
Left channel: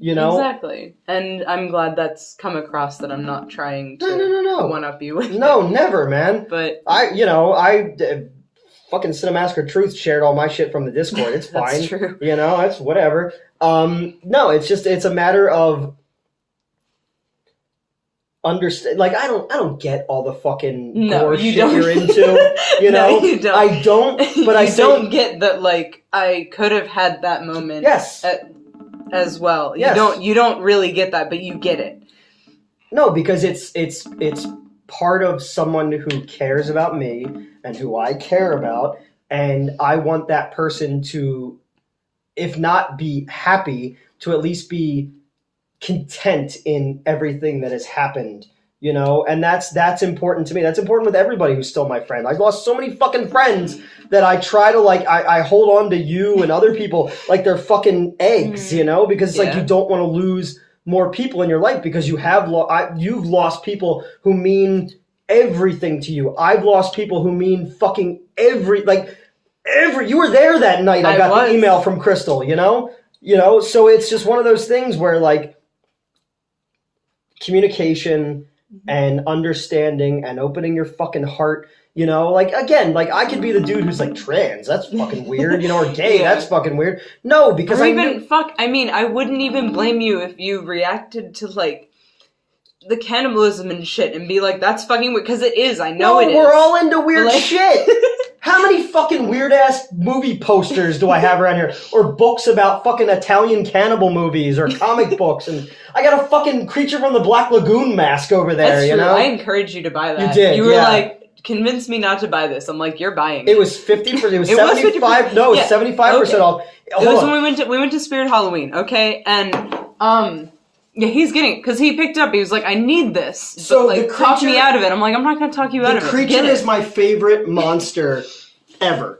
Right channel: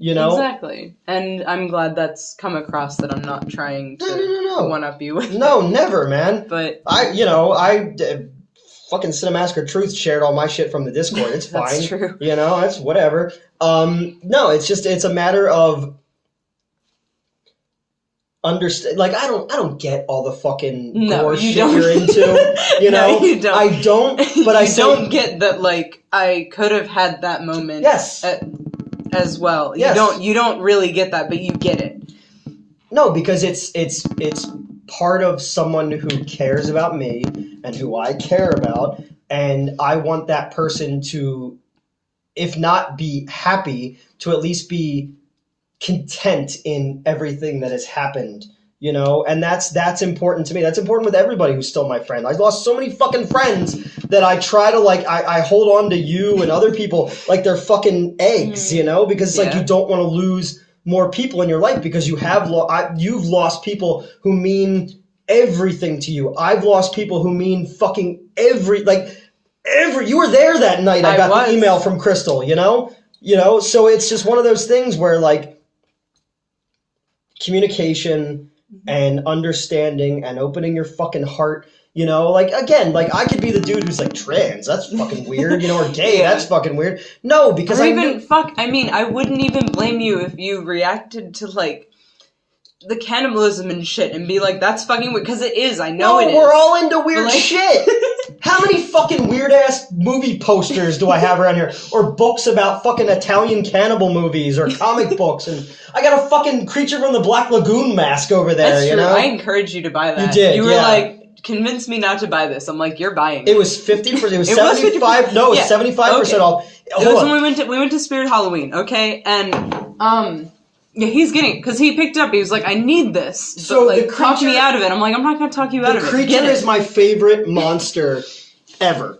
You know? Exactly. And I'm glad that's come across, that I'm not trying to one-up you with No, never, man. But fucking Cinemassacre Truth shared all my shit from the Discord. It's fine. That's true. You know, it's whatever. No, it's a matter of understand. Like, I don't get all the fucking gore shit you're into. You know, no, you don't. I don't. But I don't get that. Like, I could have had that moment. Yes. As well. Yes. You don't really get that, but you get it. No, because it's part of someone who cares about me and who I care about, and I want that person to, if not be happy, to at least be content in everything that has happened, you know, and that's important to me. That's important with everybody who's still my friend. I lost so many fucking friends that I try to, like, I hold on to you and other people like they're fucking eggs, you know, because like you don't want to lose more people in your life, because you have you've lost people who mean everything to you. I've lost people who mean fucking you were there that night. I got the email from Crystal, you know, so it's just one of those things where, like, communication and understanding and opening your fucking heart, you know, like, again, like, I could be the dude who's like, trans, that's fucking weird, you know, or gay, that's fucking weird. No, because I wouldn't even blame you if you reacted to, like, the cannibalism and shit and be like, that's fucking weird, because it is, I know it is. We're all into weird shit. How many fucking weird-ass movie posters do I have around here? Or books about fucking Italian cannibal movies, or comic books, and I got a fucking Creature from the Black Lagoon mask over there, That's true. You know? I encouraged you to buy that. You did, You were like, convince me not to buy this. I'm like, you're buying it. It was 50%, it was 75, no, it was 75% off. It was when we went to Spirit Halloween, okay? And, yeah, he's getting it, because he picked it up. He was like, I need this. So, like, talk me out of it. I'm like, I'm not going to talk you out of it. The Creature is my favorite monster ever.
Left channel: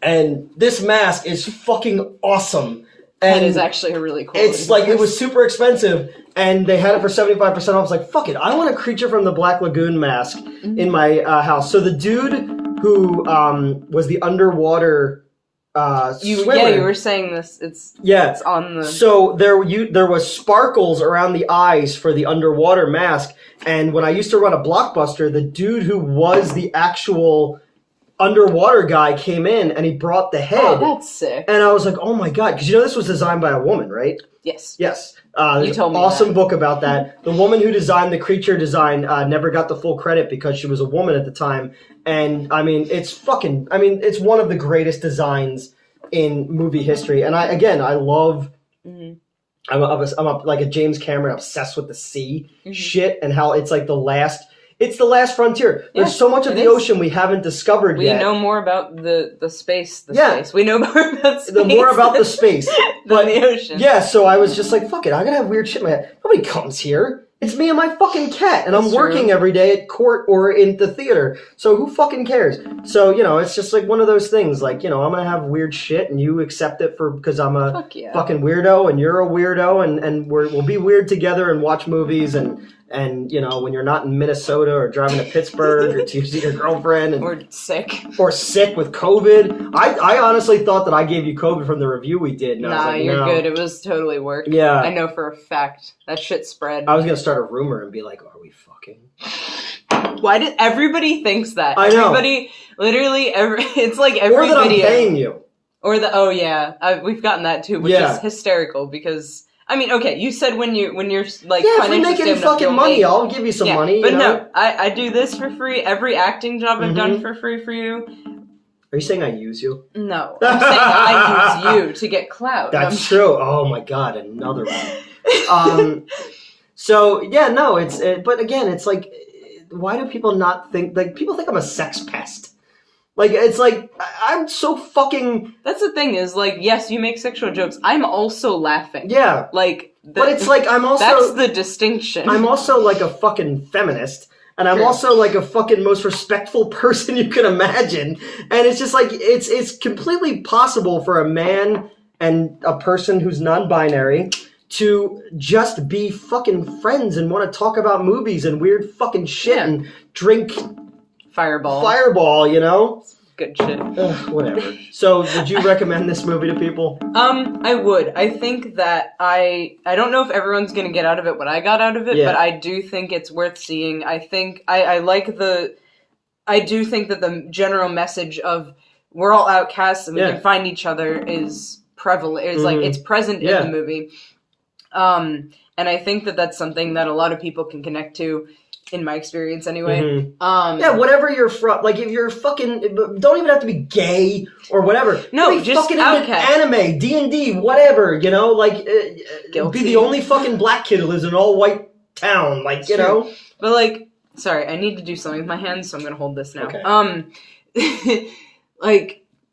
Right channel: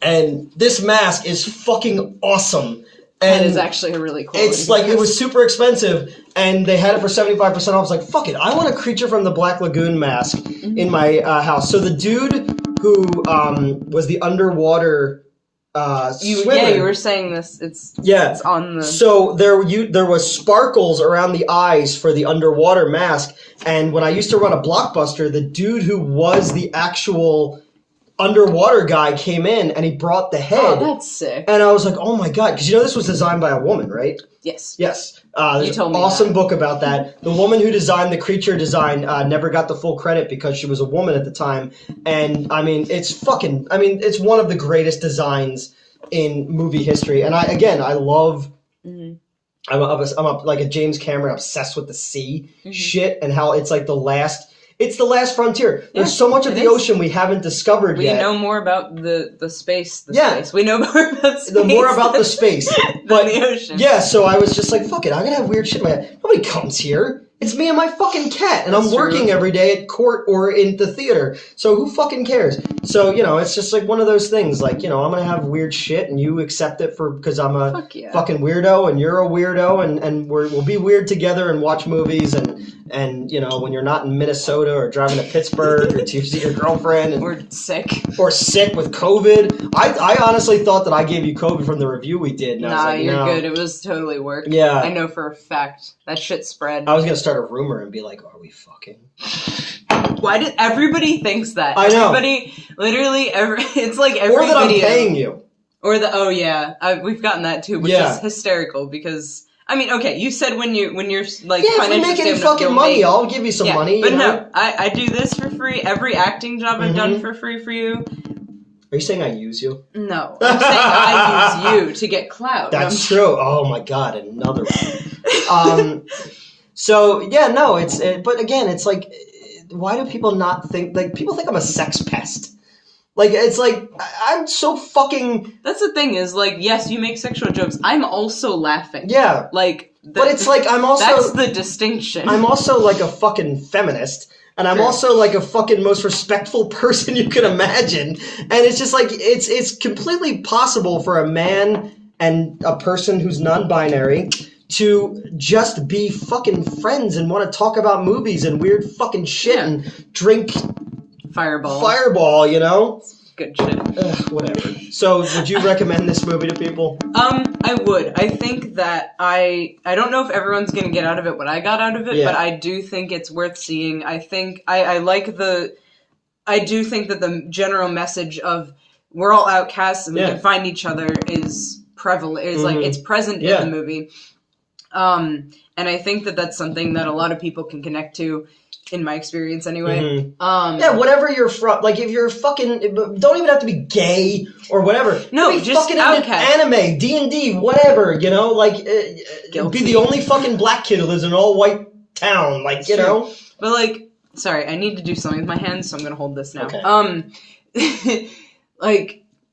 And this mask is fucking awesome. And that is actually a really cool It's like, it was super expensive, and they had it for 75% off. I was like, fuck it, I want a Creature from the Black Lagoon mask in my house. So the dude who was the underwater swimmer. Yeah, you were saying this. It's on the. So there was sparkles around the eyes for the underwater mask, and when I used to run a Blockbuster, the dude who was the actual underwater guy came in and he brought the head. Oh, that's sick. And I was like, oh my God. Because this was designed by a woman, right? Yes. Yes. There's you told an me awesome that. book about that. The woman who designed the creature design never got the full credit because she was a woman at the time. And, it's one of the greatest designs in movie history. And I love... Mm-hmm. I'm like a James Cameron obsessed with the sea shit and how it's like the last frontier. There's so much of the ocean we haven't discovered yet. We know more about the space. Space. We know more about space. More about the space than the ocean. Yeah, so I was just like, fuck it, I'm gonna have weird shit in my head. Nobody comes here. It's me and my fucking cat, and I'm working every day at court or in the theater. So who fucking cares? So, it's just like one of those things. Like, I'm gonna have weird shit, and you accept it because I'm a fucking weirdo, and you're a weirdo, and we'll be weird together and watch movies, and when you're not in Minnesota or driving to Pittsburgh or to see your girlfriend, or sick with COVID. I honestly thought that I gave you COVID from the review we did. And nah, you're good. It was totally work. Yeah, I know for a fact that shit spread. I was gonna start a rumor and be like, "Are we fucking?" Why did everybody thinks that? I know. Everybody, literally, it's like every or that video. I'm paying you. Or we've gotten that too, which is hysterical because. I mean, okay, you said when you're like if we make any fucking money, I'll give you some money. But no, I do this for free. Every acting job I've done for free for you. Are you saying I use you? No, I'm saying I use you to get clout. That's true. Oh my God, another one. But again, it's like, why do people not think, like, people think I'm a sex pest? Like, it's like, I'm so fucking... That's the thing is, like, yes, you make sexual jokes. I'm also laughing. Yeah. Like... But it's like, I'm also... That's the distinction. I'm also, like, a fucking feminist. And I'm also, like, a fucking most respectful person you can imagine. And it's just, like, it's completely possible for a man and a person who's non-binary to just be fucking friends and want to talk about movies and weird fucking shit and drink... Fireball, Good shit. Whatever. So, would you recommend this movie to people? I would. I think that I don't know if everyone's gonna get out of it what I got out of it, but I do think it's worth seeing. I think I do think that the general message of we're all outcasts and we can find each other is prevalent. It's like it's present in the movie. And I think that that's something that a lot of people can connect to. In my experience, anyway. Whatever you're from, like if you're fucking, don't even have to be gay or whatever. No, be just fucking anime, D&D, whatever. Be the only fucking black kid who lives in an all white town, like know. But like, sorry, I need to do something with my hands, so I'm gonna hold this now. Okay.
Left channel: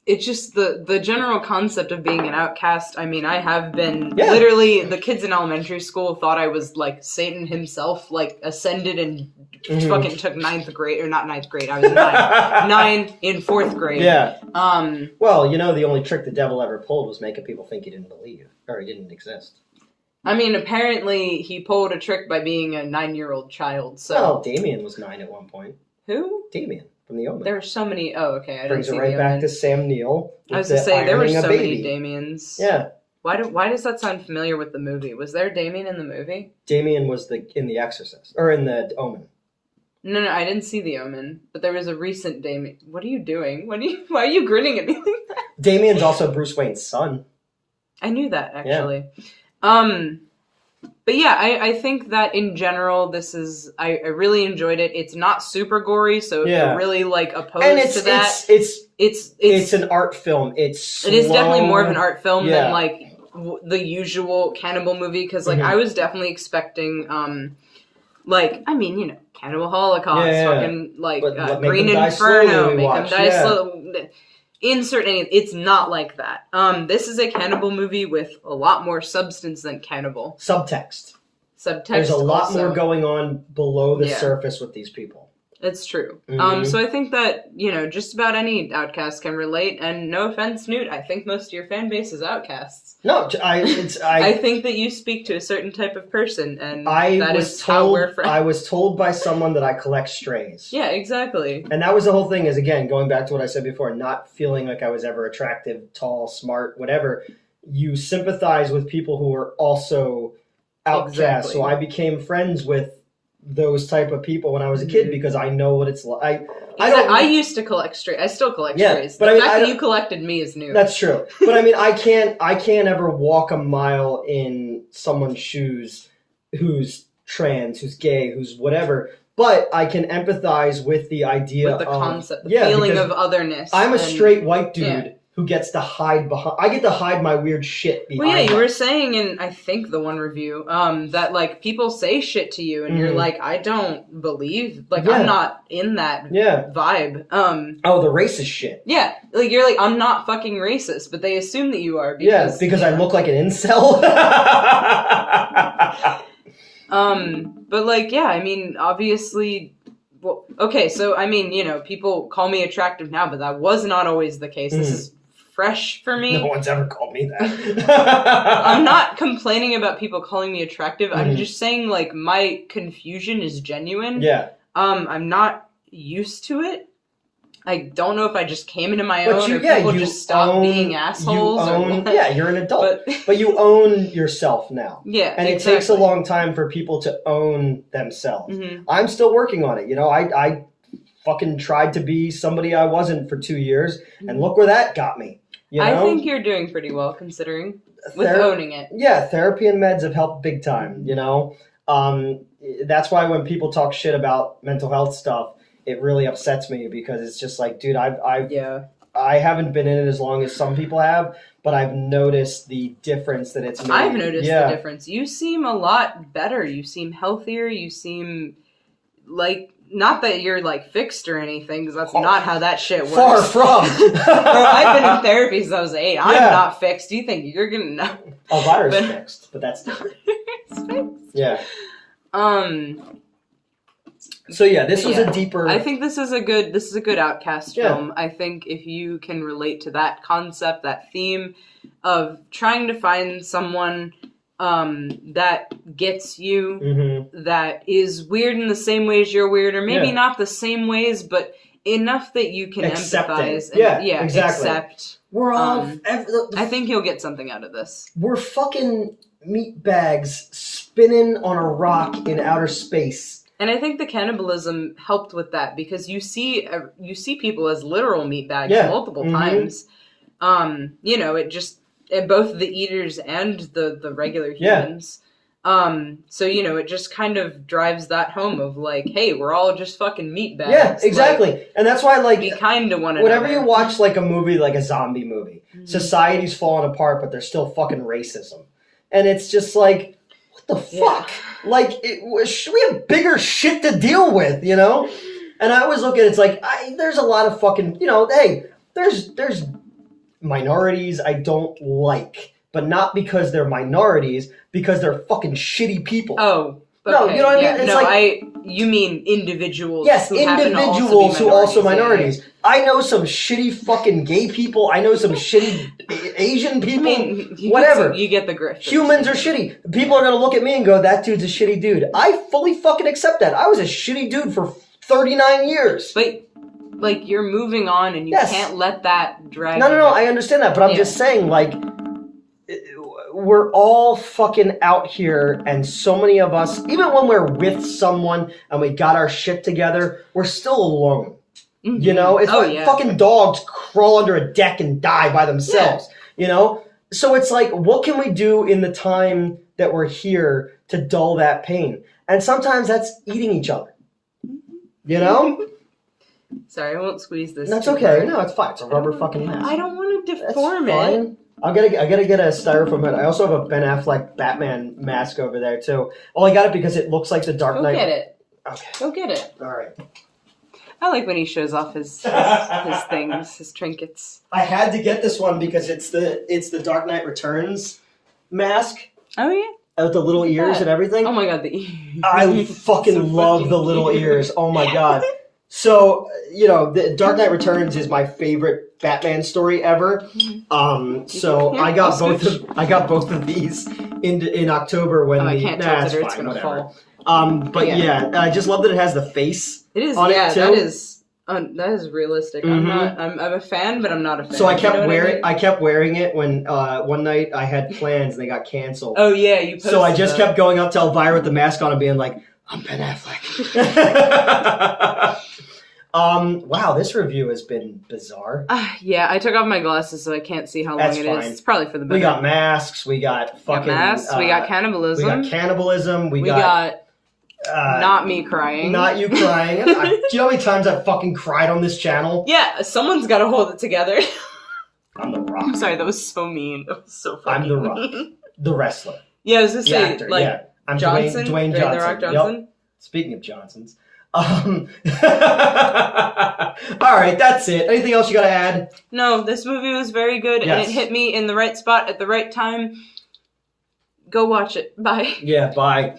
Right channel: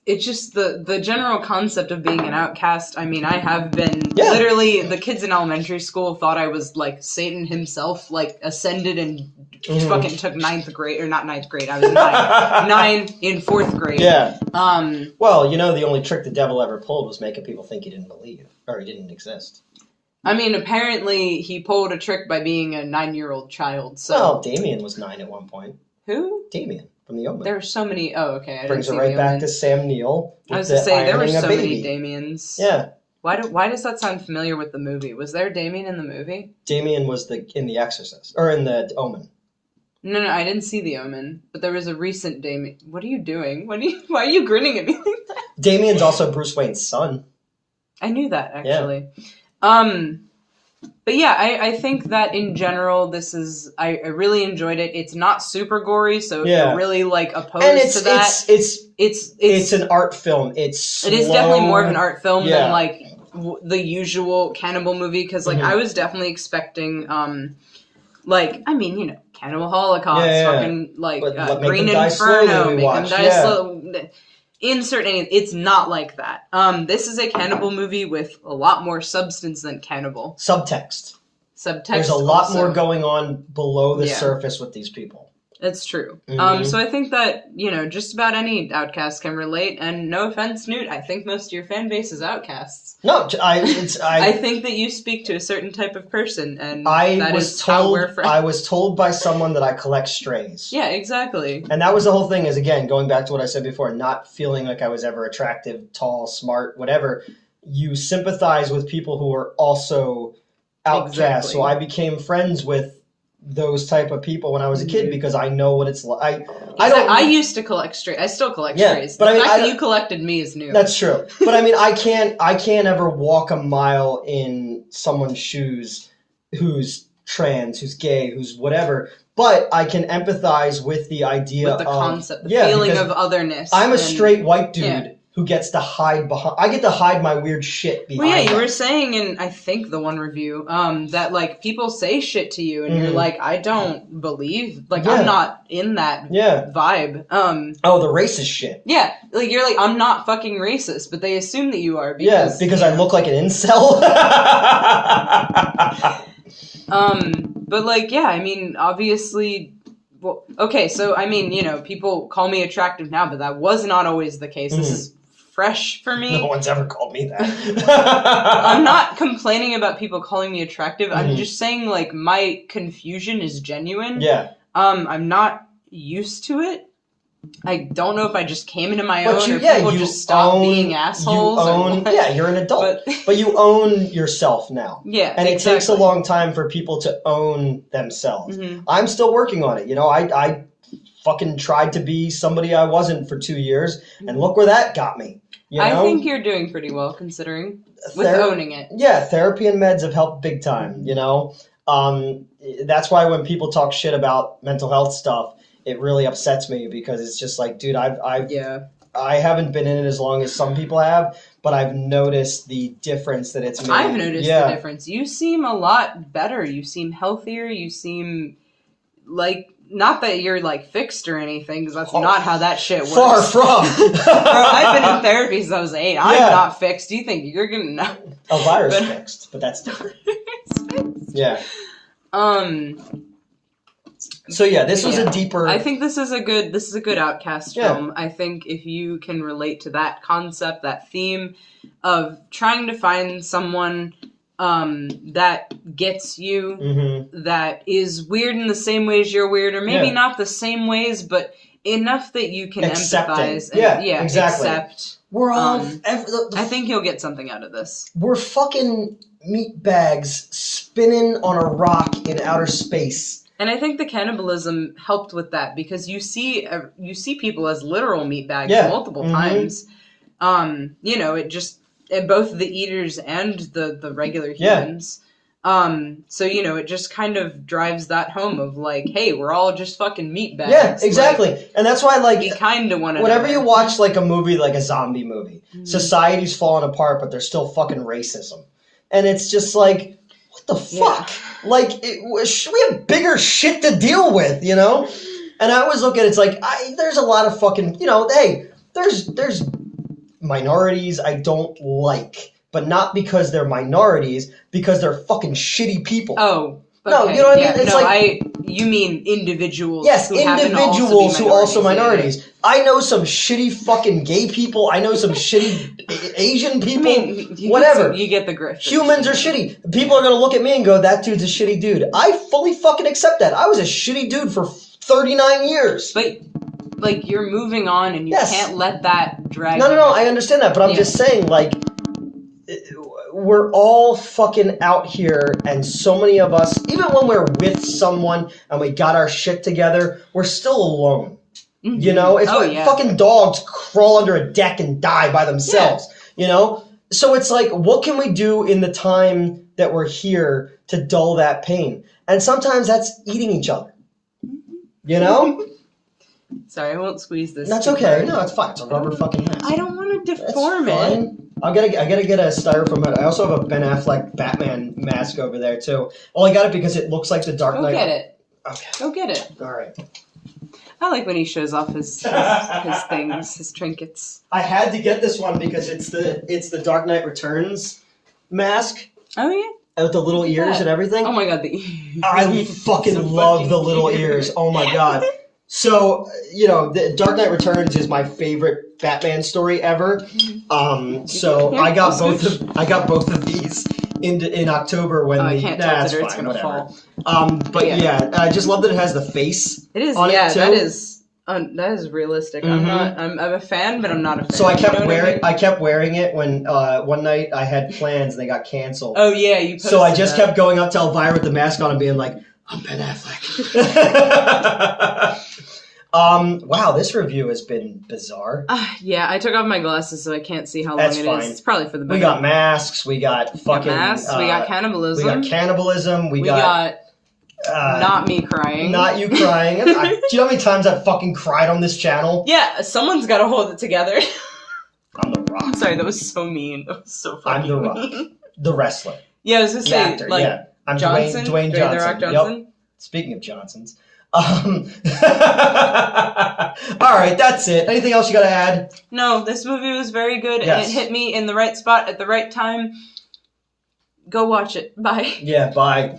It's just the general concept of being an outcast. I mean, I have been literally the kids in elementary school thought I was like Satan himself, like ascended and fucking took ninth grade or not ninth grade. I was nine in fourth grade. Yeah. Well, the only trick the devil ever pulled was making people think he didn't believe or he didn't exist. I mean, apparently he pulled a trick by being a 9-year-old child. So. Well, Damien was 9 at one point. Who? Damien. From The Omen. There were so many. Oh, okay. Brings it right back to Sam Neill. I was going to say, there were so many Damiens. Yeah. Why does that sound familiar with the movie? Was there a Damien in the movie? Damien was in The Exorcist. Or in The Omen. No, I didn't see The Omen. But there was a recent Damien. What are you doing? Why are you grinning at me like that? Damien's also Bruce Wayne's son. I knew that, actually. Yeah. But yeah, I think that in general, I really enjoyed it. It's not super gory, so if you're really like opposed to that, it's an art film. It is definitely more of an art film than like the usual cannibal movie. Because like I was definitely expecting, Cannibal Holocaust, fucking like Green Inferno, make them die slow. Insert any. It's not like that. This is a cannibal movie with a lot more substance than cannibal. Subtext. There's a lot more going on below the surface with these people. It's true. So I think that, just about any outcast can relate, and no offense, Newt, I think most of your fan base is outcasts. No, I think that you speak to a certain type of person, and I was told by someone that I collect strays. Yeah, exactly. And that was the whole thing, is again, going back to what I said before, not feeling like I was ever attractive, tall, smart, whatever. You sympathize with people who are also outcast. Exactly. So I became friends with those type of people when I was a kid because I know what it's like. I used to collect strays. I still collect strays. But the fact that you collected me is new. That's true. But I mean, I can't ever walk a mile in someone's shoes who's trans, who's gay, who's whatever. But I can empathize with the idea with the of concept, the feeling of otherness. I'm a straight white dude who gets to hide behind. I get to hide my weird shit behind. Well, yeah, you were saying in I think the one review that like people say shit to you, and you're like, I don't believe, like I'm not in that vibe. Oh, the racist shit. Yeah, like you're like I'm not fucking racist, but they assume that you are. Because I look like an incel. But like, yeah, I mean, obviously, well, okay, so I mean, you know, people call me attractive now, but that was not always the case. This is fresh for me. No one's ever called me that. I'm not complaining about people calling me attractive. I'm just saying, like, my confusion is genuine. Yeah. I'm not used to it. I don't know if I just came into my own or people just stopped being assholes. You're an adult. But you own yourself now. Yeah, and it takes a long time for people to own themselves. I'm still working on it. You know, I fucking tried to be somebody I wasn't for 2 years, and look where that got me. You know? I think you're doing pretty well considering with owning it. Yeah, therapy and meds have helped big time, you know? That's why when people talk shit about mental health stuff, it really upsets me because it's just like, dude, I haven't been in it as long as some people have, but I've noticed the difference that it's made. I've noticed the difference. You seem a lot better. You seem healthier. You seem like, not that you're like fixed or anything, because that's not how that shit works. Far from. Bro, I've been in therapy since I was 8. I'm not fixed. Do you think you're gonna know? Elvira's fixed, but that's different. Yeah. So yeah, this was a deeper. I think this is a good Outcast film. I think if you can relate to that concept, that theme of trying to find someone that gets you, that is weird in the same ways you're weird, or maybe not the same ways, but enough that you can empathize. And, exactly. Accept. We're all. I think you'll get something out of this. We're fucking meat bags spinning on a rock in outer space. And I think the cannibalism helped with that because you see people as literal meat bags multiple times. You know, it just both the eaters and the regular humans. So you know, it just kind of drives that home of like, hey, we're all just fucking meat bags. Yeah, exactly. Like, and that's why like you kind of want to. Whenever you watch like a movie, like a zombie movie, society's falling apart, but there's still fucking racism, and it's just like, what the fuck? Like, we have bigger shit to deal with, you know? And I always look at it, it's like, there's a lot of fucking, you know, hey, there's minorities I don't like, but not because they're minorities, because they're fucking shitty people. Oh, okay. No, you know what I mean? It's you mean individuals. Yes, individuals who also minorities. I know some shitty fucking gay people. I know some shitty Asian people. I mean, whatever. You get the grift. Humans are shitty. People are going to look at me and go, that dude's a shitty dude. I fully fucking accept that. I was a shitty dude for 39 years. But, like, you're moving on and you can't let that drag you. No, I understand that. But I'm just saying, like, we're all fucking out here, and so many of us, even when we're with someone and we got our shit together, we're still alone. You know? It's like fucking dogs crawl under a deck and die by themselves. You know? So it's like, what can we do in the time that we're here to dull that pain? And sometimes that's eating each other. You know? Sorry, I won't squeeze this. That's okay. No, it's fine. It's a rubber fucking mask. I don't want to deform it. I gotta get a styrofoam head. I also have a Ben Affleck Batman mask over there too. Oh, I got it because it looks like the Dark Knight. Go get it. Okay. Go get it. All right. I like when he shows off his things, his trinkets. I had to get this one because it's the Dark Knight Returns mask. Oh yeah. With the little ears and everything. Oh my god, the ears. I fucking love the little ears. Oh my god. So, you know, the Dark Knight Returns is my favorite Batman story ever. So I got both of these in October when I can't touch it or it's gonna fall. But yeah, I just love that it has the face. It is. On it too. That is realistic. I'm a fan, but I'm not a fan. So I kept wearing it when one night I had plans and they got canceled. Oh yeah, you. So I just kept going up to Elvira with the mask on and being like, I'm Ben Affleck. Wow, this review has been bizarre. Yeah, I took off my glasses so I can't see how long it is. It's probably for the better. We got masks. We got fucking. We got cannibalism. We got cannibalism. We got not me crying. Not you crying. Do you know how many times I've fucking cried on this channel? Yeah, someone's got to hold it together. I'm the Rock. Sorry, that was so mean. That was so fucking I'm the Rock. mean. The wrestler. Yeah, I was gonna say, actor, like, yeah. I'm Johnson, Dwayne Johnson. The Rock Johnson. Yep. Speaking of Johnsons. Alright, that's it. Anything else you gotta add? No, this movie was very good, yes. and it hit me in the right spot at the right time. Go watch it. Bye. Yeah, bye.